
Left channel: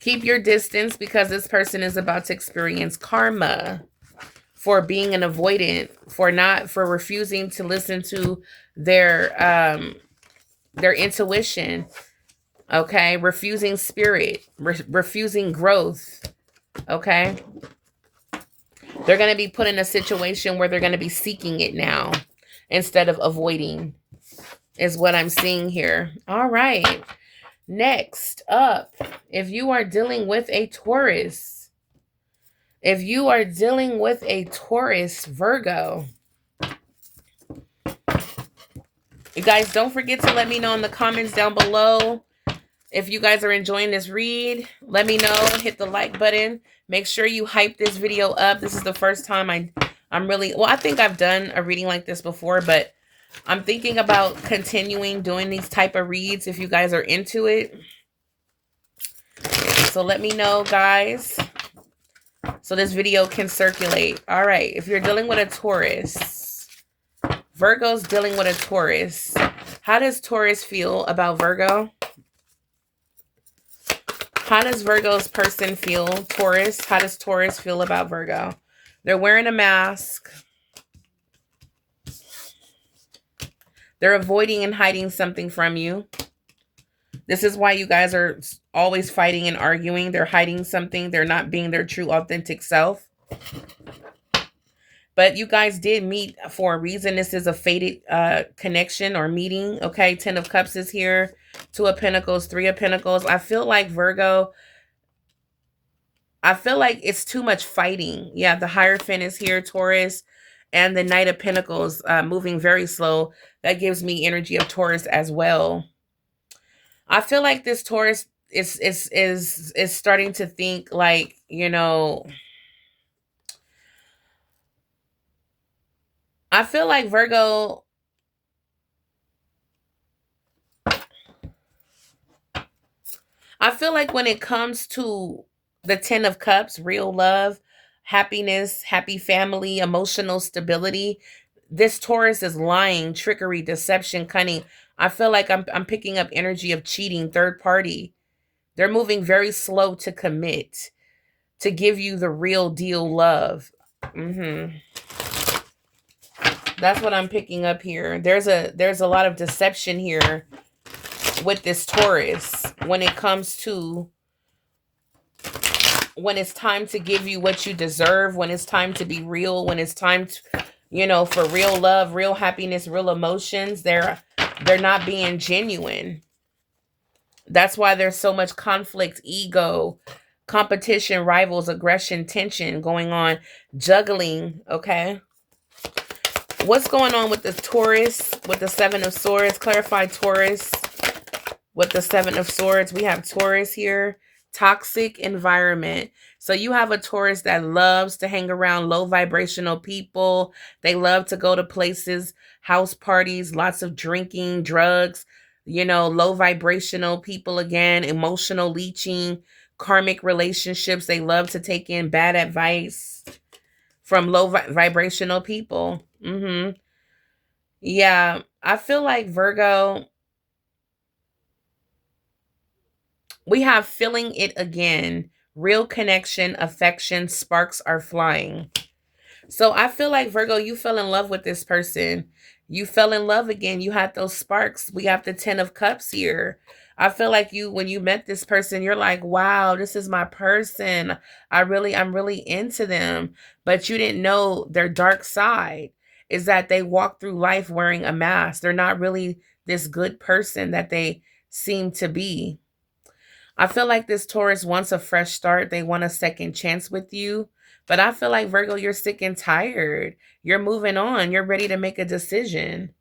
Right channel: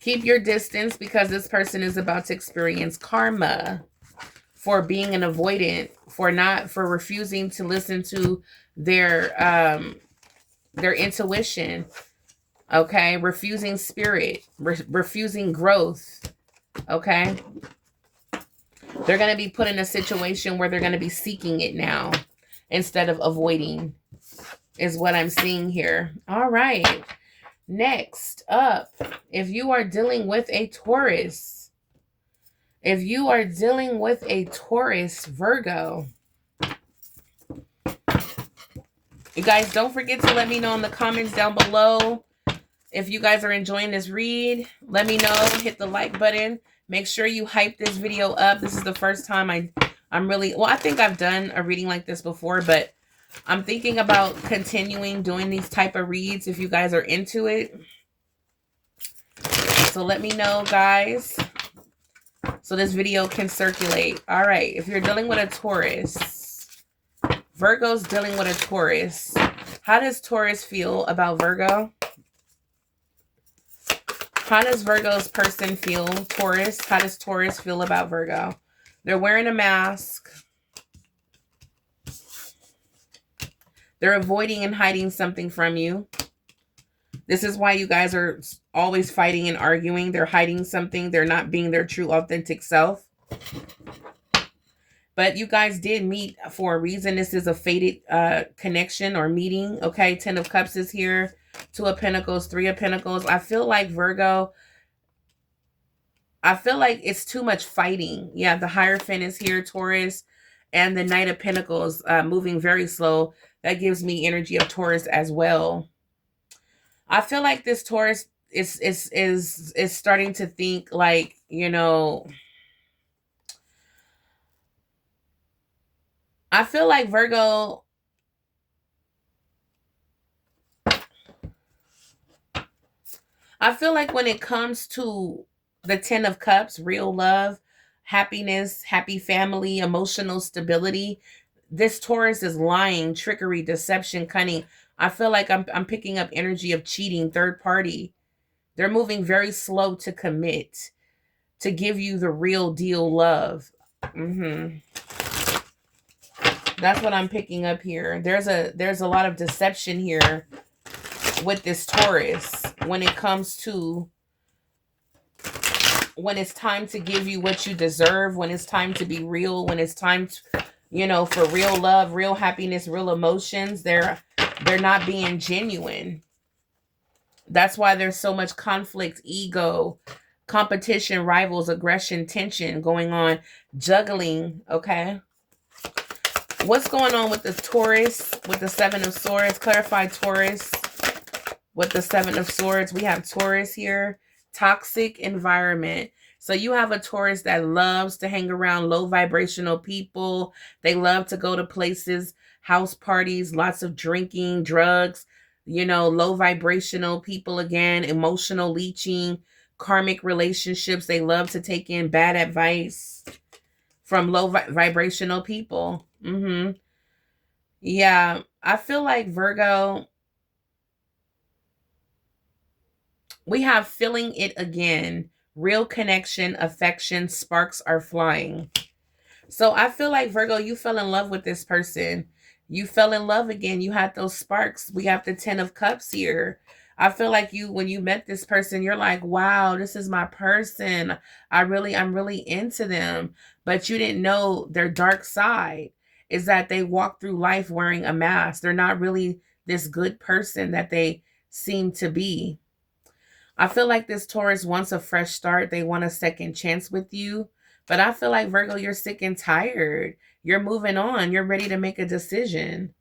Keep your distance because this person is about to experience karma for being an avoidant, for refusing to listen to their intuition, okay? Refusing spirit, refusing growth, okay? They're going to be put in a situation where they're going to be seeking it now instead of avoiding, is what I'm seeing here. All right. Next up, if you are dealing with a Taurus, Virgo, you guys don't forget to let me know in the comments down below If you guys are enjoying this read, let me know. Hit the like button. Make sure you hype this video up. This is the first time I'm really, well, I think I've done a reading like this before, but I'm thinking about continuing doing these type of reads if you guys are into it. So let me know, guys, so this video can circulate. All right, if you're dealing with a Taurus, Virgo's dealing with a Taurus. How does Taurus feel about Virgo? How does Virgo's person feel? Taurus, how does Taurus feel about Virgo? They're wearing a mask. They're avoiding and hiding something from you. This is why you guys are always fighting and arguing. They're hiding something. They're not being their true, authentic self. But you guys did meet for a reason. This is a fated connection or meeting. Okay, 10 of Cups is here. 2 of Pentacles, 3 of Pentacles. I feel like Virgo, I feel like it's too much fighting. Yeah, the Hierophant is here, Taurus. And the Knight of Pentacles moving very slow. That gives me energy of Taurus as well. I feel like this Taurus is starting to think like, you know, I feel like Virgo, I feel like when it comes to the 10 of Cups, real love, happiness, happy family, emotional stability, this Taurus is lying, trickery, deception, cunning. I feel like I'm picking up energy of cheating, third party. They're moving very slow to commit, to give you the real deal love. That's what I'm picking up here. There's a lot of deception here with this Taurus when it comes to when it's time to give you what you deserve, when it's time to be real, when it's time to, you know, for real love, real happiness, real emotions. They're not being genuine. That's why there's so much conflict, ego, competition, rivals, aggression, tension going on, juggling, okay? What's going on with the Taurus, with the 7 of Swords? Clarify Taurus with the 7 of Swords. We have Taurus here, toxic environment. So you have a Taurus that loves to hang around low vibrational people. They love to go to places, house parties, lots of drinking, drugs, you know, low vibrational people again, emotional leeching, karmic relationships. They love to take in bad advice from low vibrational people. Yeah, I feel like Virgo, we have feeling it again. Real connection, affection, sparks are flying. So I feel like Virgo, you fell in love with this person. You fell in love again. You had those sparks. We have the 10 of Cups here. I feel like when you met this person, you're like, wow, this is my person. I'm really into them. But you didn't know their dark side is that they walk through life wearing a mask. They're not really this good person that they seem to be. I feel like this Taurus wants a fresh start. They want a second chance with you. But I feel like, Virgo, you're sick and tired. You're moving on. You're ready to make a decision.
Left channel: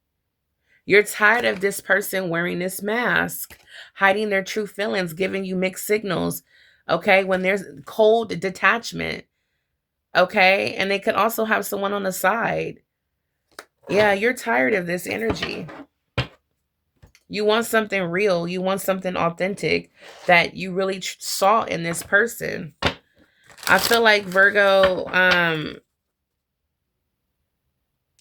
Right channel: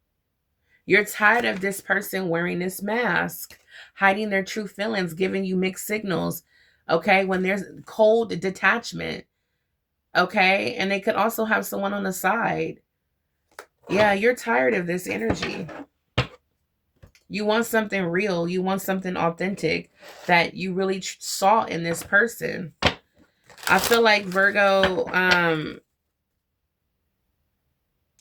You're tired of this person wearing this mask, hiding their true feelings, giving you mixed signals, okay? When there's cold detachment, okay? And they could also have someone on the side. Yeah, you're tired of this energy. You want something real. You want something authentic that you really saw in this person. I feel like, Virgo,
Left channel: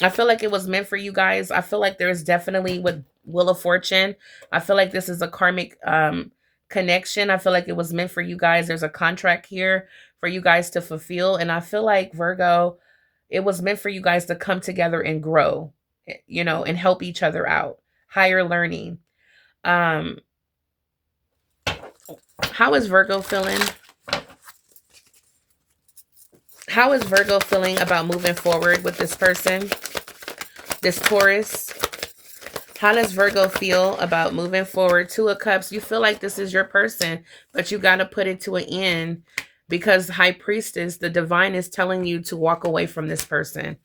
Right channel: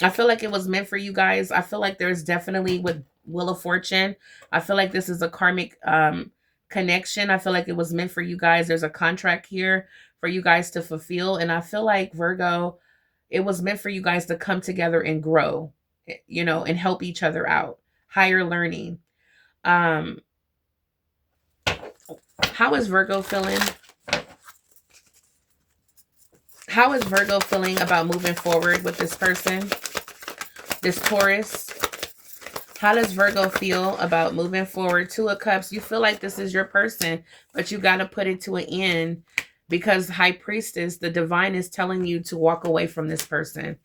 I feel like it was meant for you guys. I feel like there's definitely with Wheel of Fortune. I feel like this is a karmic connection. I feel like it was meant for you guys. There's a contract here for you guys to fulfill. And I feel like, Virgo, it was meant for you guys to come together and grow, you know, and help each other out. Higher learning. How is Virgo feeling? How is Virgo feeling about moving forward with this person? This Taurus. How does Virgo feel about moving forward? 2 of Cups. You feel like this is your person, but you got to put it to an end because High Priestess, the divine, is telling you to walk away from this person.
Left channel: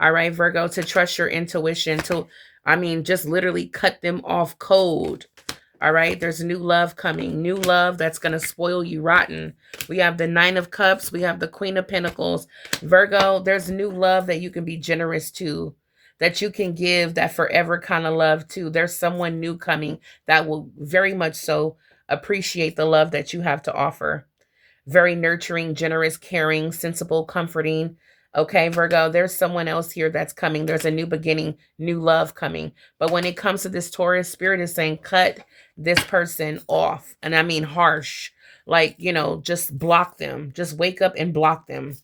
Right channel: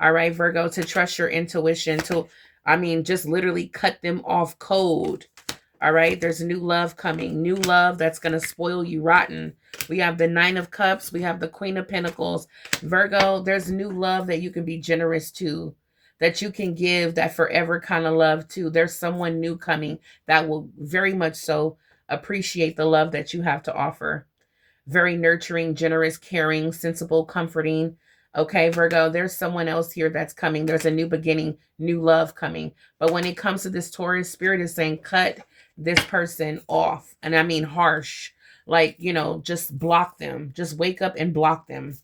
All right, Virgo, to trust your intuition, to, I mean, just literally cut them off cold. All right, there's new love coming, new love that's going to spoil you rotten. We have the Nine of Cups. We have the Queen of Pentacles. Virgo, there's new love that you can be generous to, that you can give that forever kind of love to. There's someone new coming that will very much so appreciate the love that you have to offer. Very nurturing, generous, caring, sensible, comforting. Okay, Virgo, there's someone else here that's coming. There's a new beginning, new love coming. But when it comes to this Taurus, Spirit is saying cut this person off. And I mean harsh. Like, you know, just block them. Just wake up and block them.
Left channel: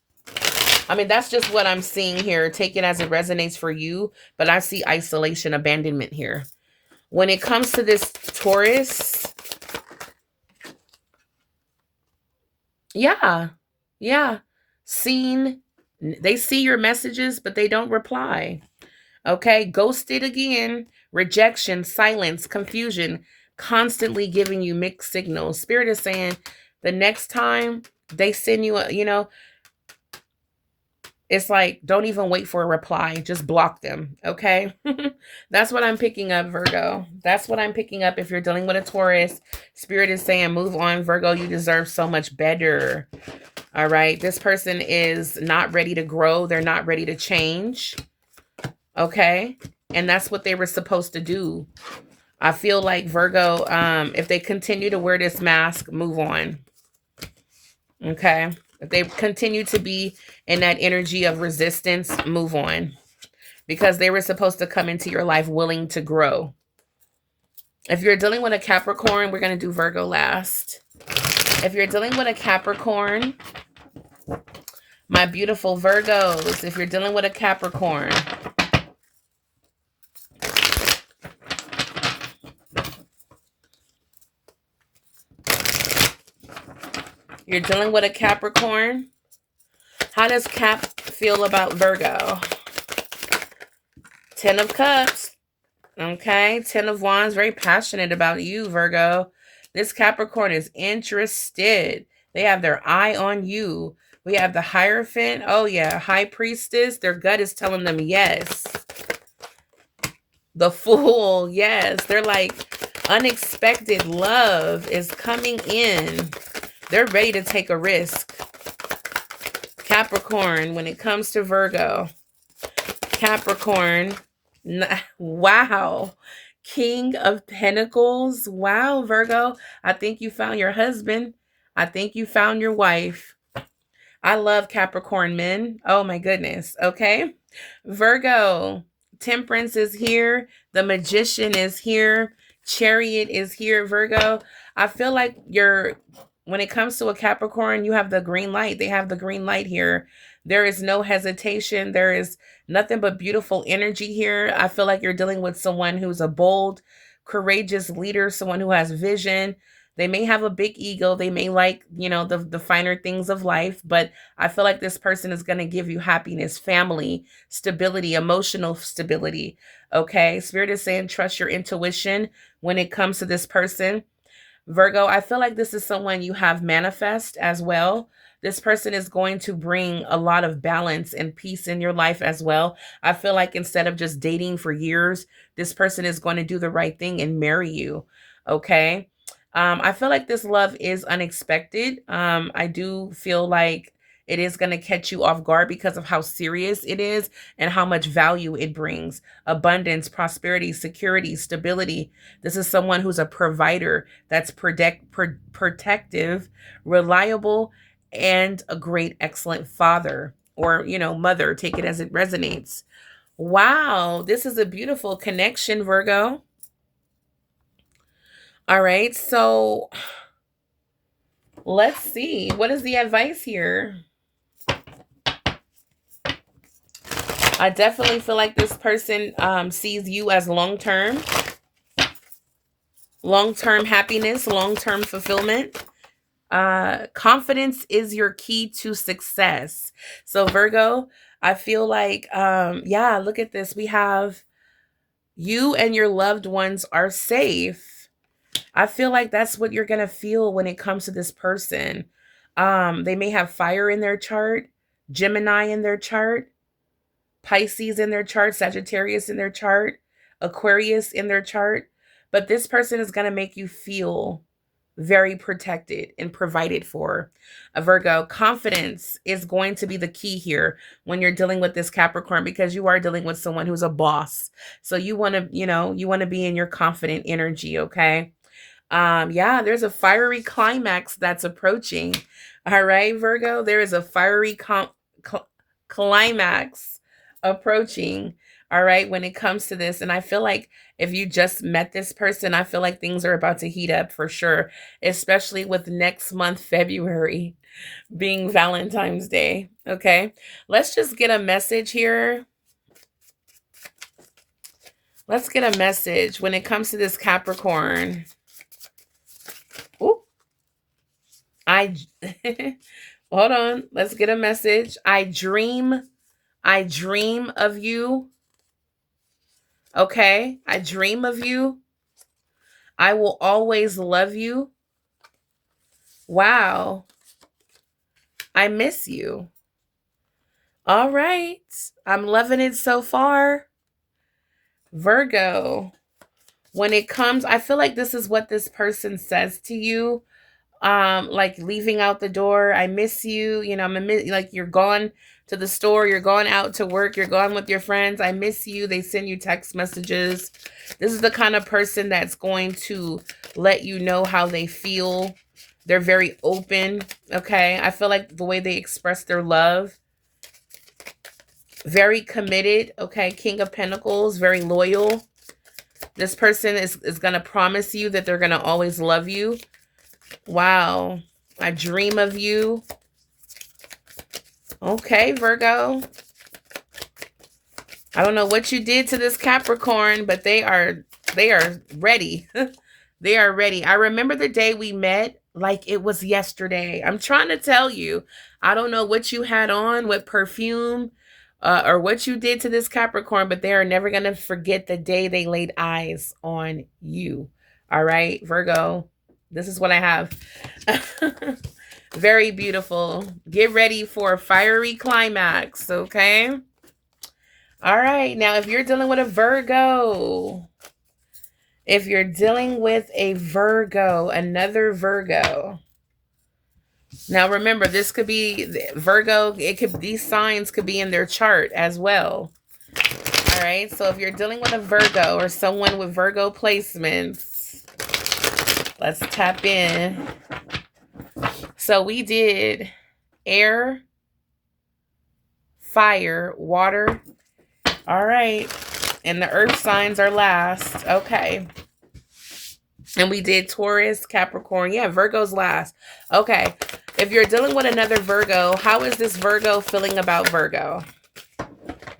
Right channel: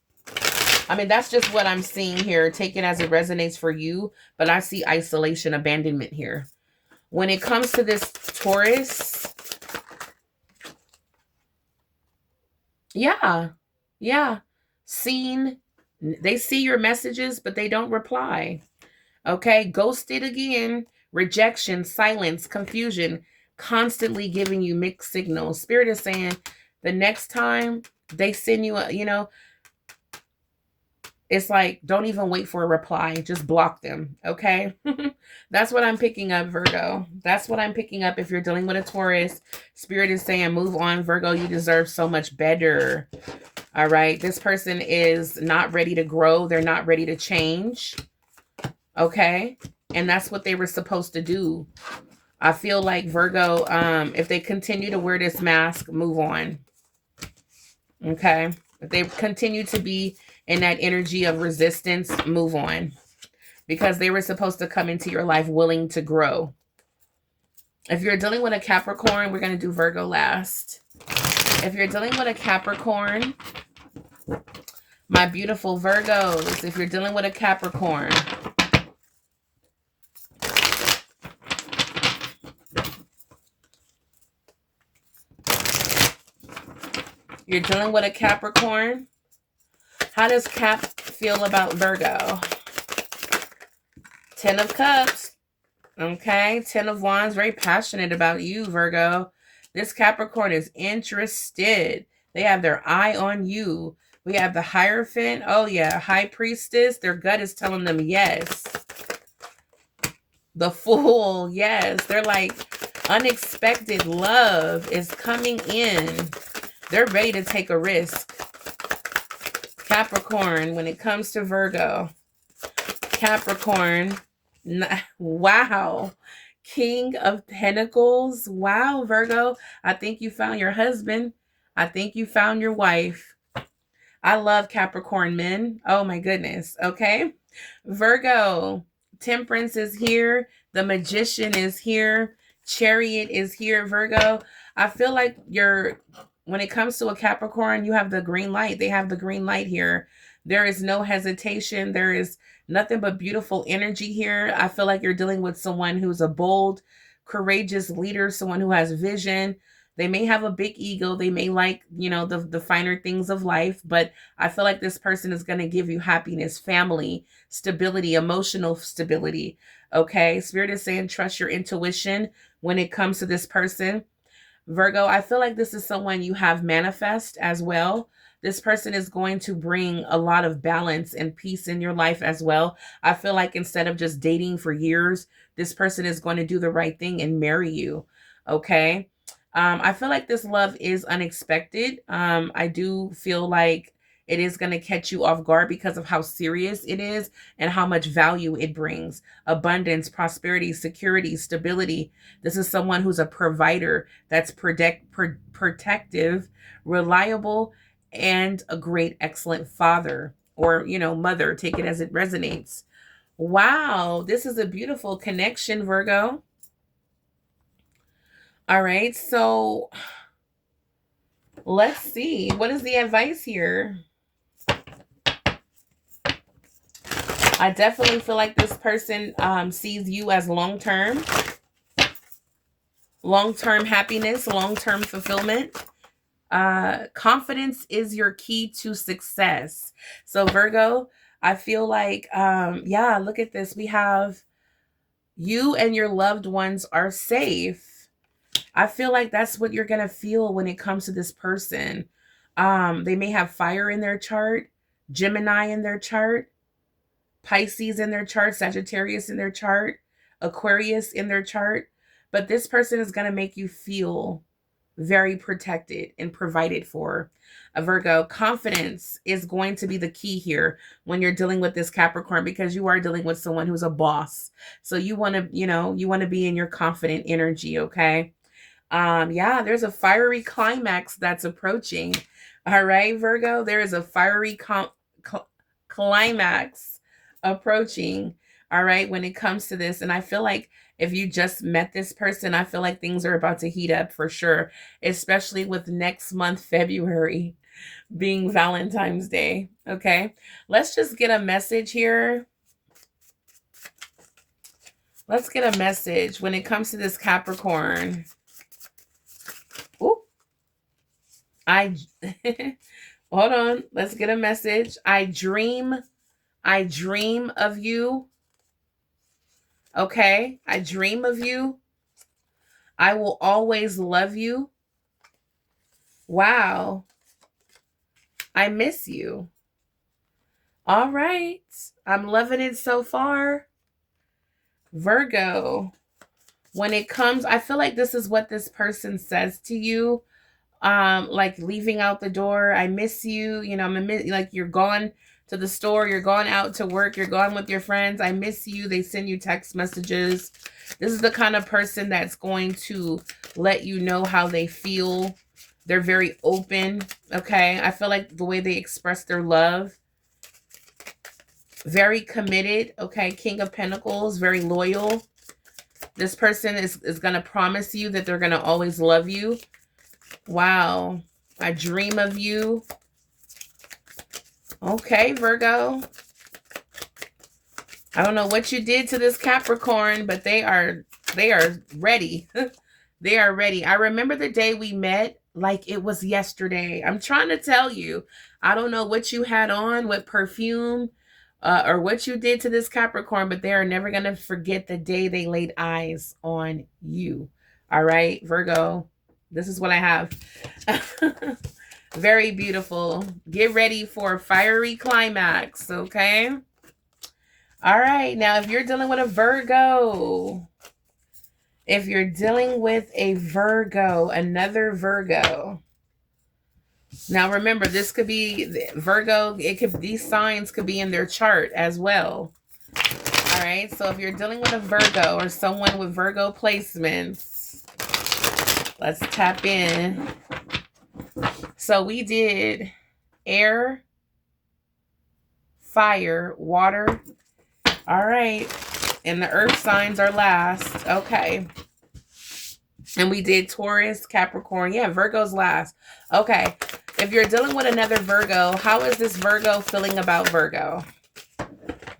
I mean, that's just what I'm seeing here. Take it as it resonates for you. But I see isolation, abandonment here. When it comes to this Taurus, yeah, seen. They see your messages, but they don't reply. Okay, ghosted again, rejection, silence, confusion, constantly giving you mixed signals. Spirit is saying the next time they send you a, you know, it's like, don't even wait for a reply. Just block them, okay? That's what I'm picking up, Virgo. That's what I'm picking up. If you're dealing with a Taurus, Spirit is saying, move on, Virgo. You deserve so much better. All right? This person is not ready to grow. They're not ready to change, okay? And that's what they were supposed to do. I feel like, Virgo, if they continue to wear this mask, move on, okay? If they continue to be in that energy of resistance, move on. Because they were supposed to come into your life willing to grow. If you're dealing with a Capricorn, we're going to do Virgo last. If you're dealing with a Capricorn, my beautiful Virgos, if you're dealing with a Capricorn, you're dealing with a Capricorn, how does Cap feel about Virgo? 10 of Cups. Okay. 10 of Wands. Very passionate about you, Virgo. This Capricorn is interested. They have their eye on you. We have the Hierophant. Oh, yeah. High Priestess. Their gut is telling them yes. The Fool. Yes. They're like, unexpected love is coming in. They're ready to take a risk. Capricorn, when it comes to Virgo, Capricorn, wow, King of Pentacles, wow, Virgo, I think you found your husband. I think you found your wife. I love Capricorn men. Oh my goodness, okay. Virgo, Temperance is here. The Magician is here. Chariot is here, Virgo. I feel like when it comes to a Capricorn, you have the green light. They have the green light here. There is no hesitation. There is nothing but beautiful energy here. I feel like you're dealing with someone who's a bold, courageous leader, someone who has vision. They may have a big ego. They may like, you know, the finer things of life, but I feel like this person is going to give you happiness, family, stability, emotional stability. Okay. Spirit is saying, trust your intuition when it comes to this person. Virgo, I feel like this is someone you have manifest as well. This person is going to bring a lot of balance and peace in your life as well. I feel like instead of just dating for years, this person is going to do the right thing and marry you. Okay. I feel like this love is unexpected. I do feel like it is going to catch you off guard because of how serious it is and how much value it brings. Abundance, prosperity, security, stability. This is someone who's a provider that's protective, reliable, and a great, excellent father or, you know, mother. Take it as it resonates. Wow, this is a beautiful connection, Virgo. All right, so let's see. What is the advice here? I definitely feel like this person sees you as long-term happiness, long-term fulfillment. Confidence is your key to success. So Virgo, I feel like, yeah, look at this. We have you and your loved ones are safe. I feel like that's what you're going to feel when it comes to this person. They may have fire in their chart, Gemini in their chart, Pisces in their chart, Sagittarius in their chart, Aquarius in their chart. but this person is going to make you feel very protected and provided for. A Virgo, confidence is going to be the key here when you're dealing with this Capricorn, because you are dealing with someone who's a boss. So you want to, you want to be in your confident energy, okay? Yeah, there's a fiery climax that's approaching. All right, Virgo, there is a fiery climax approaching. All right, when it comes to this. And I feel like if you just met this person, I feel like things are about to heat up for sure, especially with next month, February, being Valentine's Day. Okay, let's just get a message here. Let's get a message when it comes to this Capricorn. Ooh. Hold on. Let's get a message. I dream of you. Okay? I dream of you. I will always love you. Wow. I miss you. All right. I'm loving it so far. Virgo. When it comes, I feel like this is what this person says to you. Like leaving out the door. I miss you. Like you're gone to the store, you're going out to work, you're gone with your friends. I miss you. They send you text messages. This is the kind of person that's going to let you know how they feel. They're very open. Okay. I feel like the way they express their love, very committed. Okay. King of Pentacles, very loyal. This person is going to promise you that they're going to always love you. Wow. I dream of you. Okay, Virgo. I don't know what you did to this Capricorn, but they are ready. They are ready. I remember the day we met like it was yesterday. I'm trying to tell you. I don't know what you had on, what perfume, or what you did to this Capricorn, but they are never going to forget the day they laid eyes on you. All right, Virgo. This is what I have. Very beautiful. Get ready for a fiery climax, okay? All right. Now, if you're dealing with a Virgo, another Virgo. Now, remember, this could be Virgo. These signs could be in their chart as well. All right. So if you're dealing with a Virgo or someone with Virgo placements, let's tap in. So we did air, fire, water. All right. And the earth signs are last. Okay. And we did Taurus, Capricorn. Yeah, Virgo's last. Okay. If you're dealing with another Virgo, how is this Virgo feeling about Virgo?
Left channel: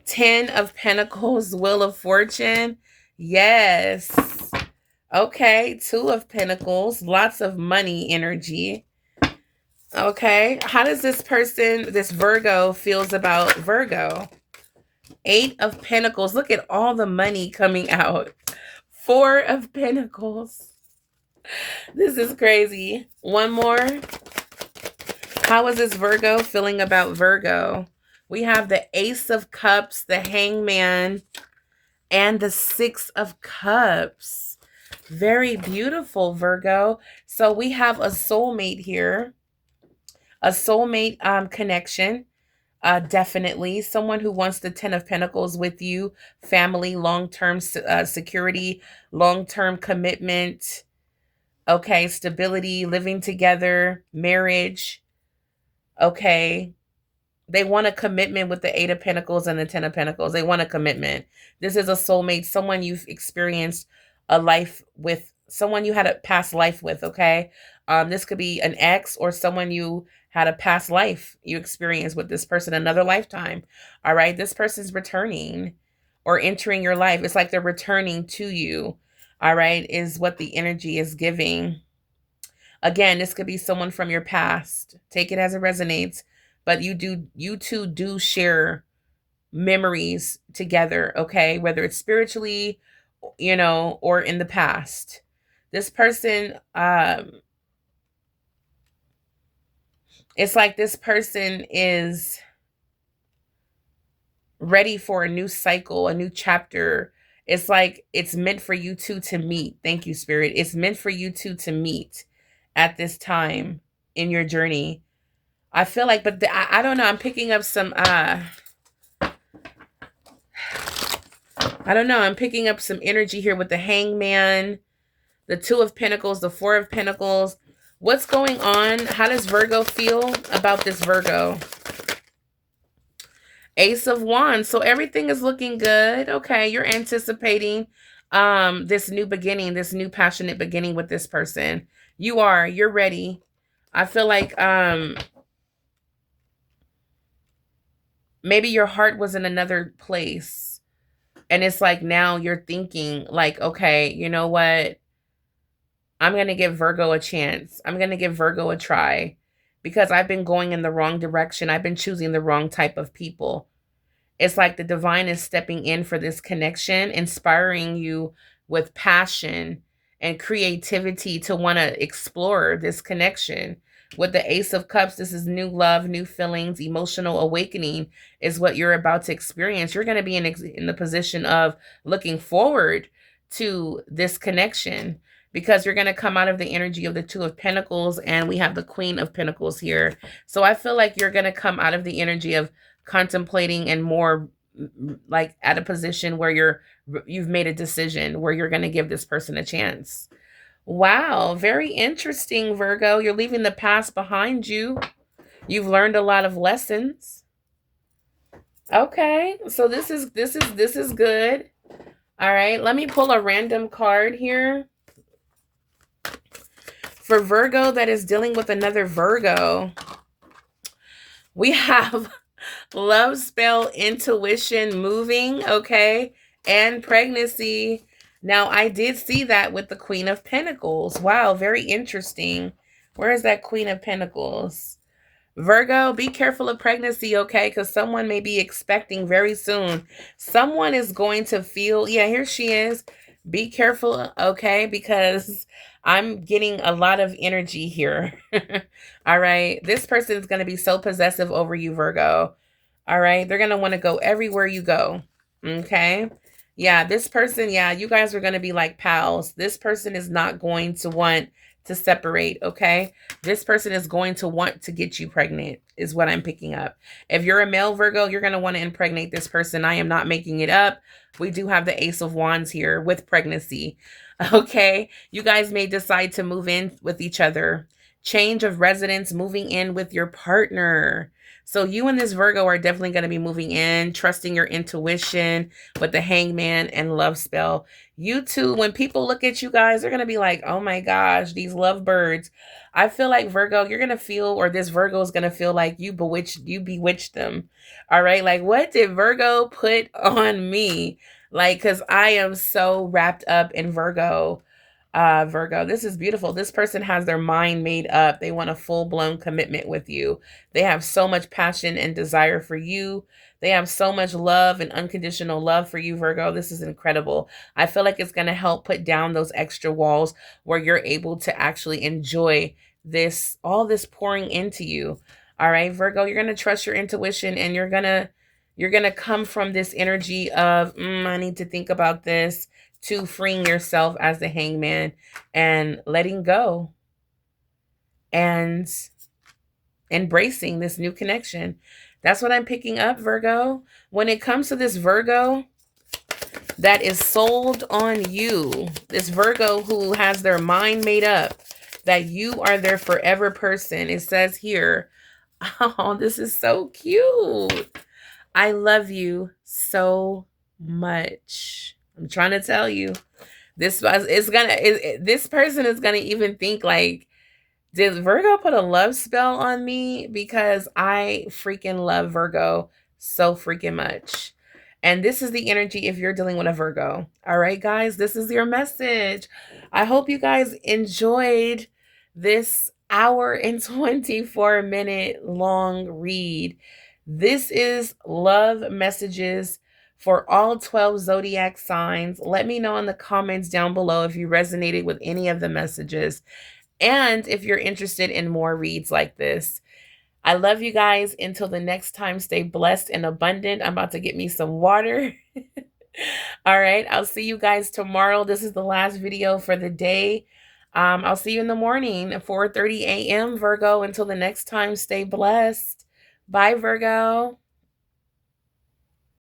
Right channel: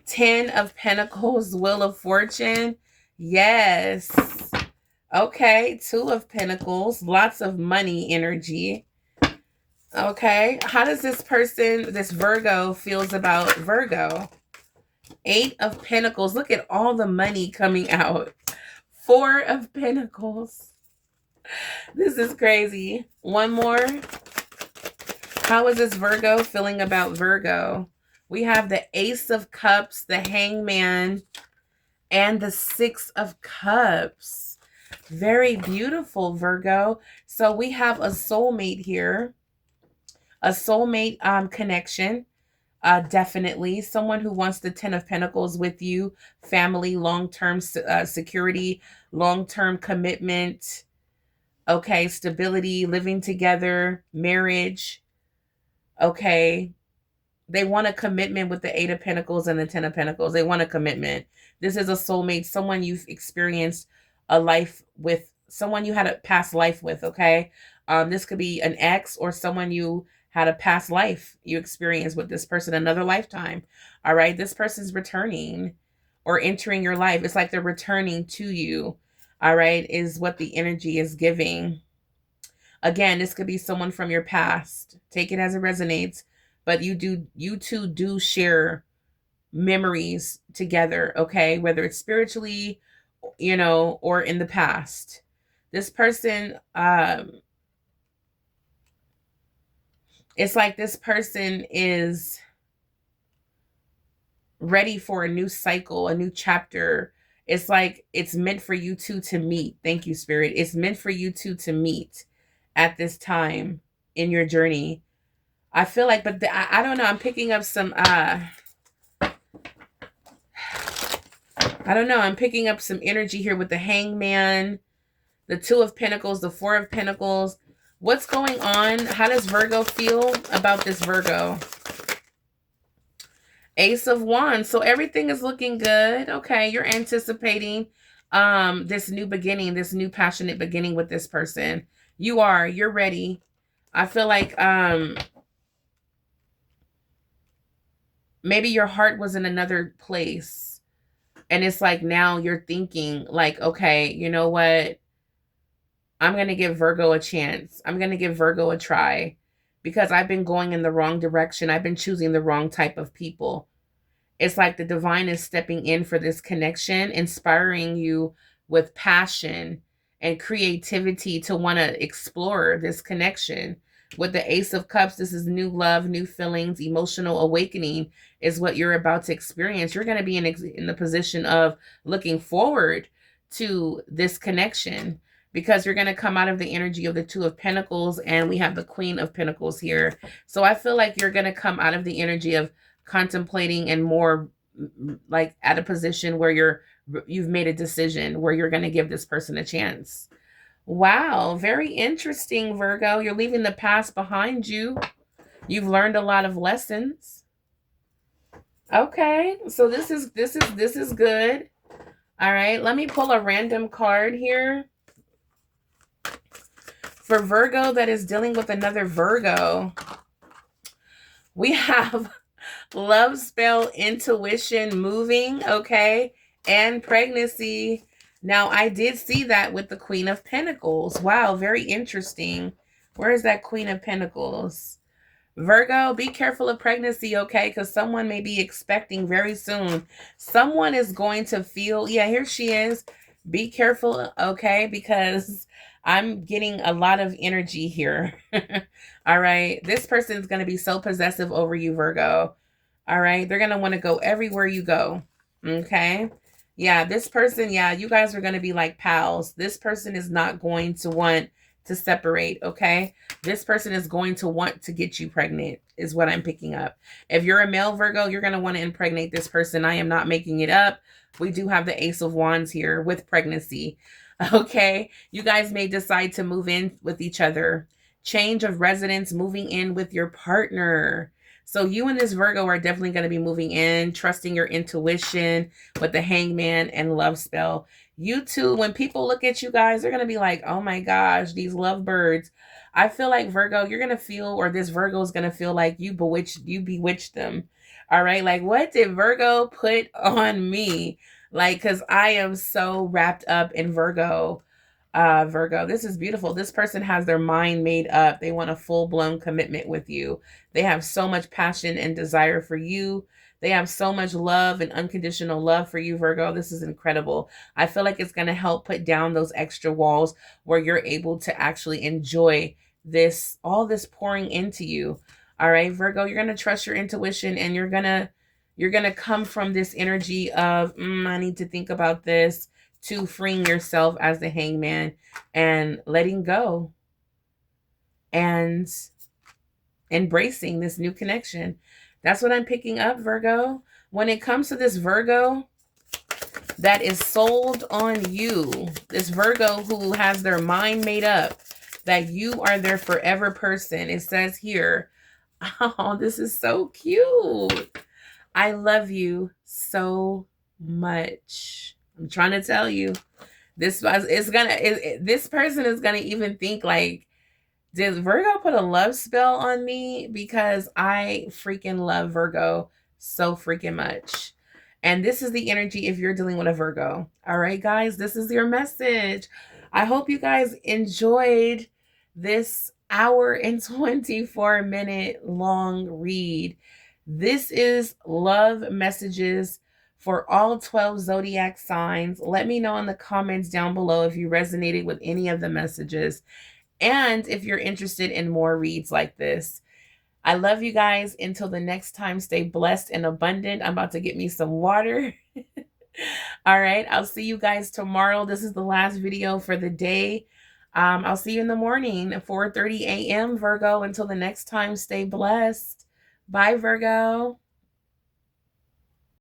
10 of Pentacles, Wheel of Fortune. Yes. Okay. 2 of Pentacles, lots of money energy. Okay. How does this Virgo feels about Virgo? 8 of Pentacles. Look at all the money coming out. 4 of Pentacles. This is crazy. One more. How is this Virgo feeling about Virgo? We have the Ace of Cups, the Hangman, and the 6 of Cups. Very beautiful, Virgo. So we have a soulmate here. A soulmate connection. Definitely. Someone who wants the 10 of Pentacles with you. Family, long-term security, long-term commitment. Okay, stability, living together, marriage. Okay. They want a commitment with the 8 of Pentacles and the 10 of Pentacles. They want a commitment. This is a soulmate, someone you've experienced a life with, someone you had a past life with, okay? This could be an ex or someone you had a past life you experienced with this person, another lifetime. All right, this person's returning or entering your life. It's like they're returning to you. All right, is what the energy is giving. Again, this could be someone from your past. Take it as it resonates. But you two do share memories together, okay? Whether it's spiritually, or in the past. This person, it's like this person is ready for a new cycle, a new chapter It's like it's meant for you two to meet. Thank you, Spirit. It's meant for you two to meet at this time in your journey. I feel like, but I don't know. I'm picking up some, I don't know. I'm picking up some energy here with the Hangman, the Two of Pentacles, the Four of Pentacles. What's going on? How does Virgo feel about this Virgo? Ace of Wands. So everything is looking good. Okay, you're anticipating this new beginning, this new passionate beginning with this person. You're ready. I feel like maybe your heart was in another place. And it's like now you're thinking like, okay, you know what? I'm going to give Virgo a chance. I'm going to give Virgo a try because I've been going in the wrong direction. I've been choosing the wrong type of people. It's like the divine is stepping in for this connection, inspiring you with passion and creativity to want to explore this connection. With the Ace of Cups, this is new love, new feelings, emotional awakening is what you're about to experience. You're going to be in the position of looking forward to this connection because you're going to come out of the energy of the Two of Pentacles, and we have the Queen of Pentacles here. So I feel like you're going to come out of the energy of contemplating and more like at a position where you've made a decision where you're going to give this person a chance. Wow, very interesting, Virgo. You're leaving the past behind you. You've learned a lot of lessons. Okay, so this is good. All right, let me pull a random card here. For Virgo that is dealing with another Virgo, we have love spell, intuition, moving, okay, and pregnancy. Now, I did see that with the Queen of Pentacles. Wow, very interesting. Where is that Queen of Pentacles? Virgo, be careful of pregnancy, okay? Because someone may be expecting very soon. Someone is going to feel, yeah, here she is. Be careful, okay? Because I'm getting a lot of energy here. All right. This person is going to be so possessive over you, Virgo. All right. They're going to want to go everywhere you go. Okay. Yeah. This person, yeah, you guys are going to be like pals. This person is not going to want to separate. Okay. This person is going to want to get you pregnant is what I'm picking up. If you're a male Virgo, you're going to want to impregnate this person. I am not making it up. We do have the Ace of Wands here with pregnancy. Okay. You guys may decide to move in with each other. Change of residence, moving in with your partner. So you and this Virgo are definitely going to be moving in, trusting your intuition with the Hangman and love spell. You two, when people look at you guys, they're going to be like, oh my gosh, these lovebirds. I feel like Virgo, you're going to feel, or this Virgo is going to feel like you bewitched them. All right. Like, what did Virgo put on me? Like, because I am so wrapped up in Virgo. Virgo, this is beautiful. This person has their mind made up. They want a full-blown commitment with you. They have so much passion and desire for you. They have so much love and unconditional love for you, Virgo. This is incredible. I feel like it's going to help put down those extra walls where you're able to actually enjoy this, all this pouring into you. All right, Virgo, you're going to trust your intuition, and you're going to come from this energy of, I need to think about this, to freeing yourself as the Hangman and letting go and embracing this new connection. That's what I'm picking up, Virgo. When it comes to this Virgo that is sold on you, this Virgo who has their mind made up that you are their forever person, it says here, oh, this is so cute. I love you so much. I'm trying to tell you, this person is gonna even think like, did Virgo put a love spell on me? Because I freaking love Virgo so freaking much. And this is the energy if you're dealing with a Virgo. All right, guys, this is your message. I hope you guys enjoyed this hour and 24-minute long read. This is love messages for all 12 zodiac signs. Let me know in the comments down below if you resonated with any of the messages and if you're interested in more reads like this. I love you guys. Until the next time, stay blessed and abundant. I'm about to get me some water. All right, I'll see you guys tomorrow. This is the last video for the day. I'll see you in the morning at 4:30 a.m. Virgo. Until the next time, stay blessed. Bye, Virgo.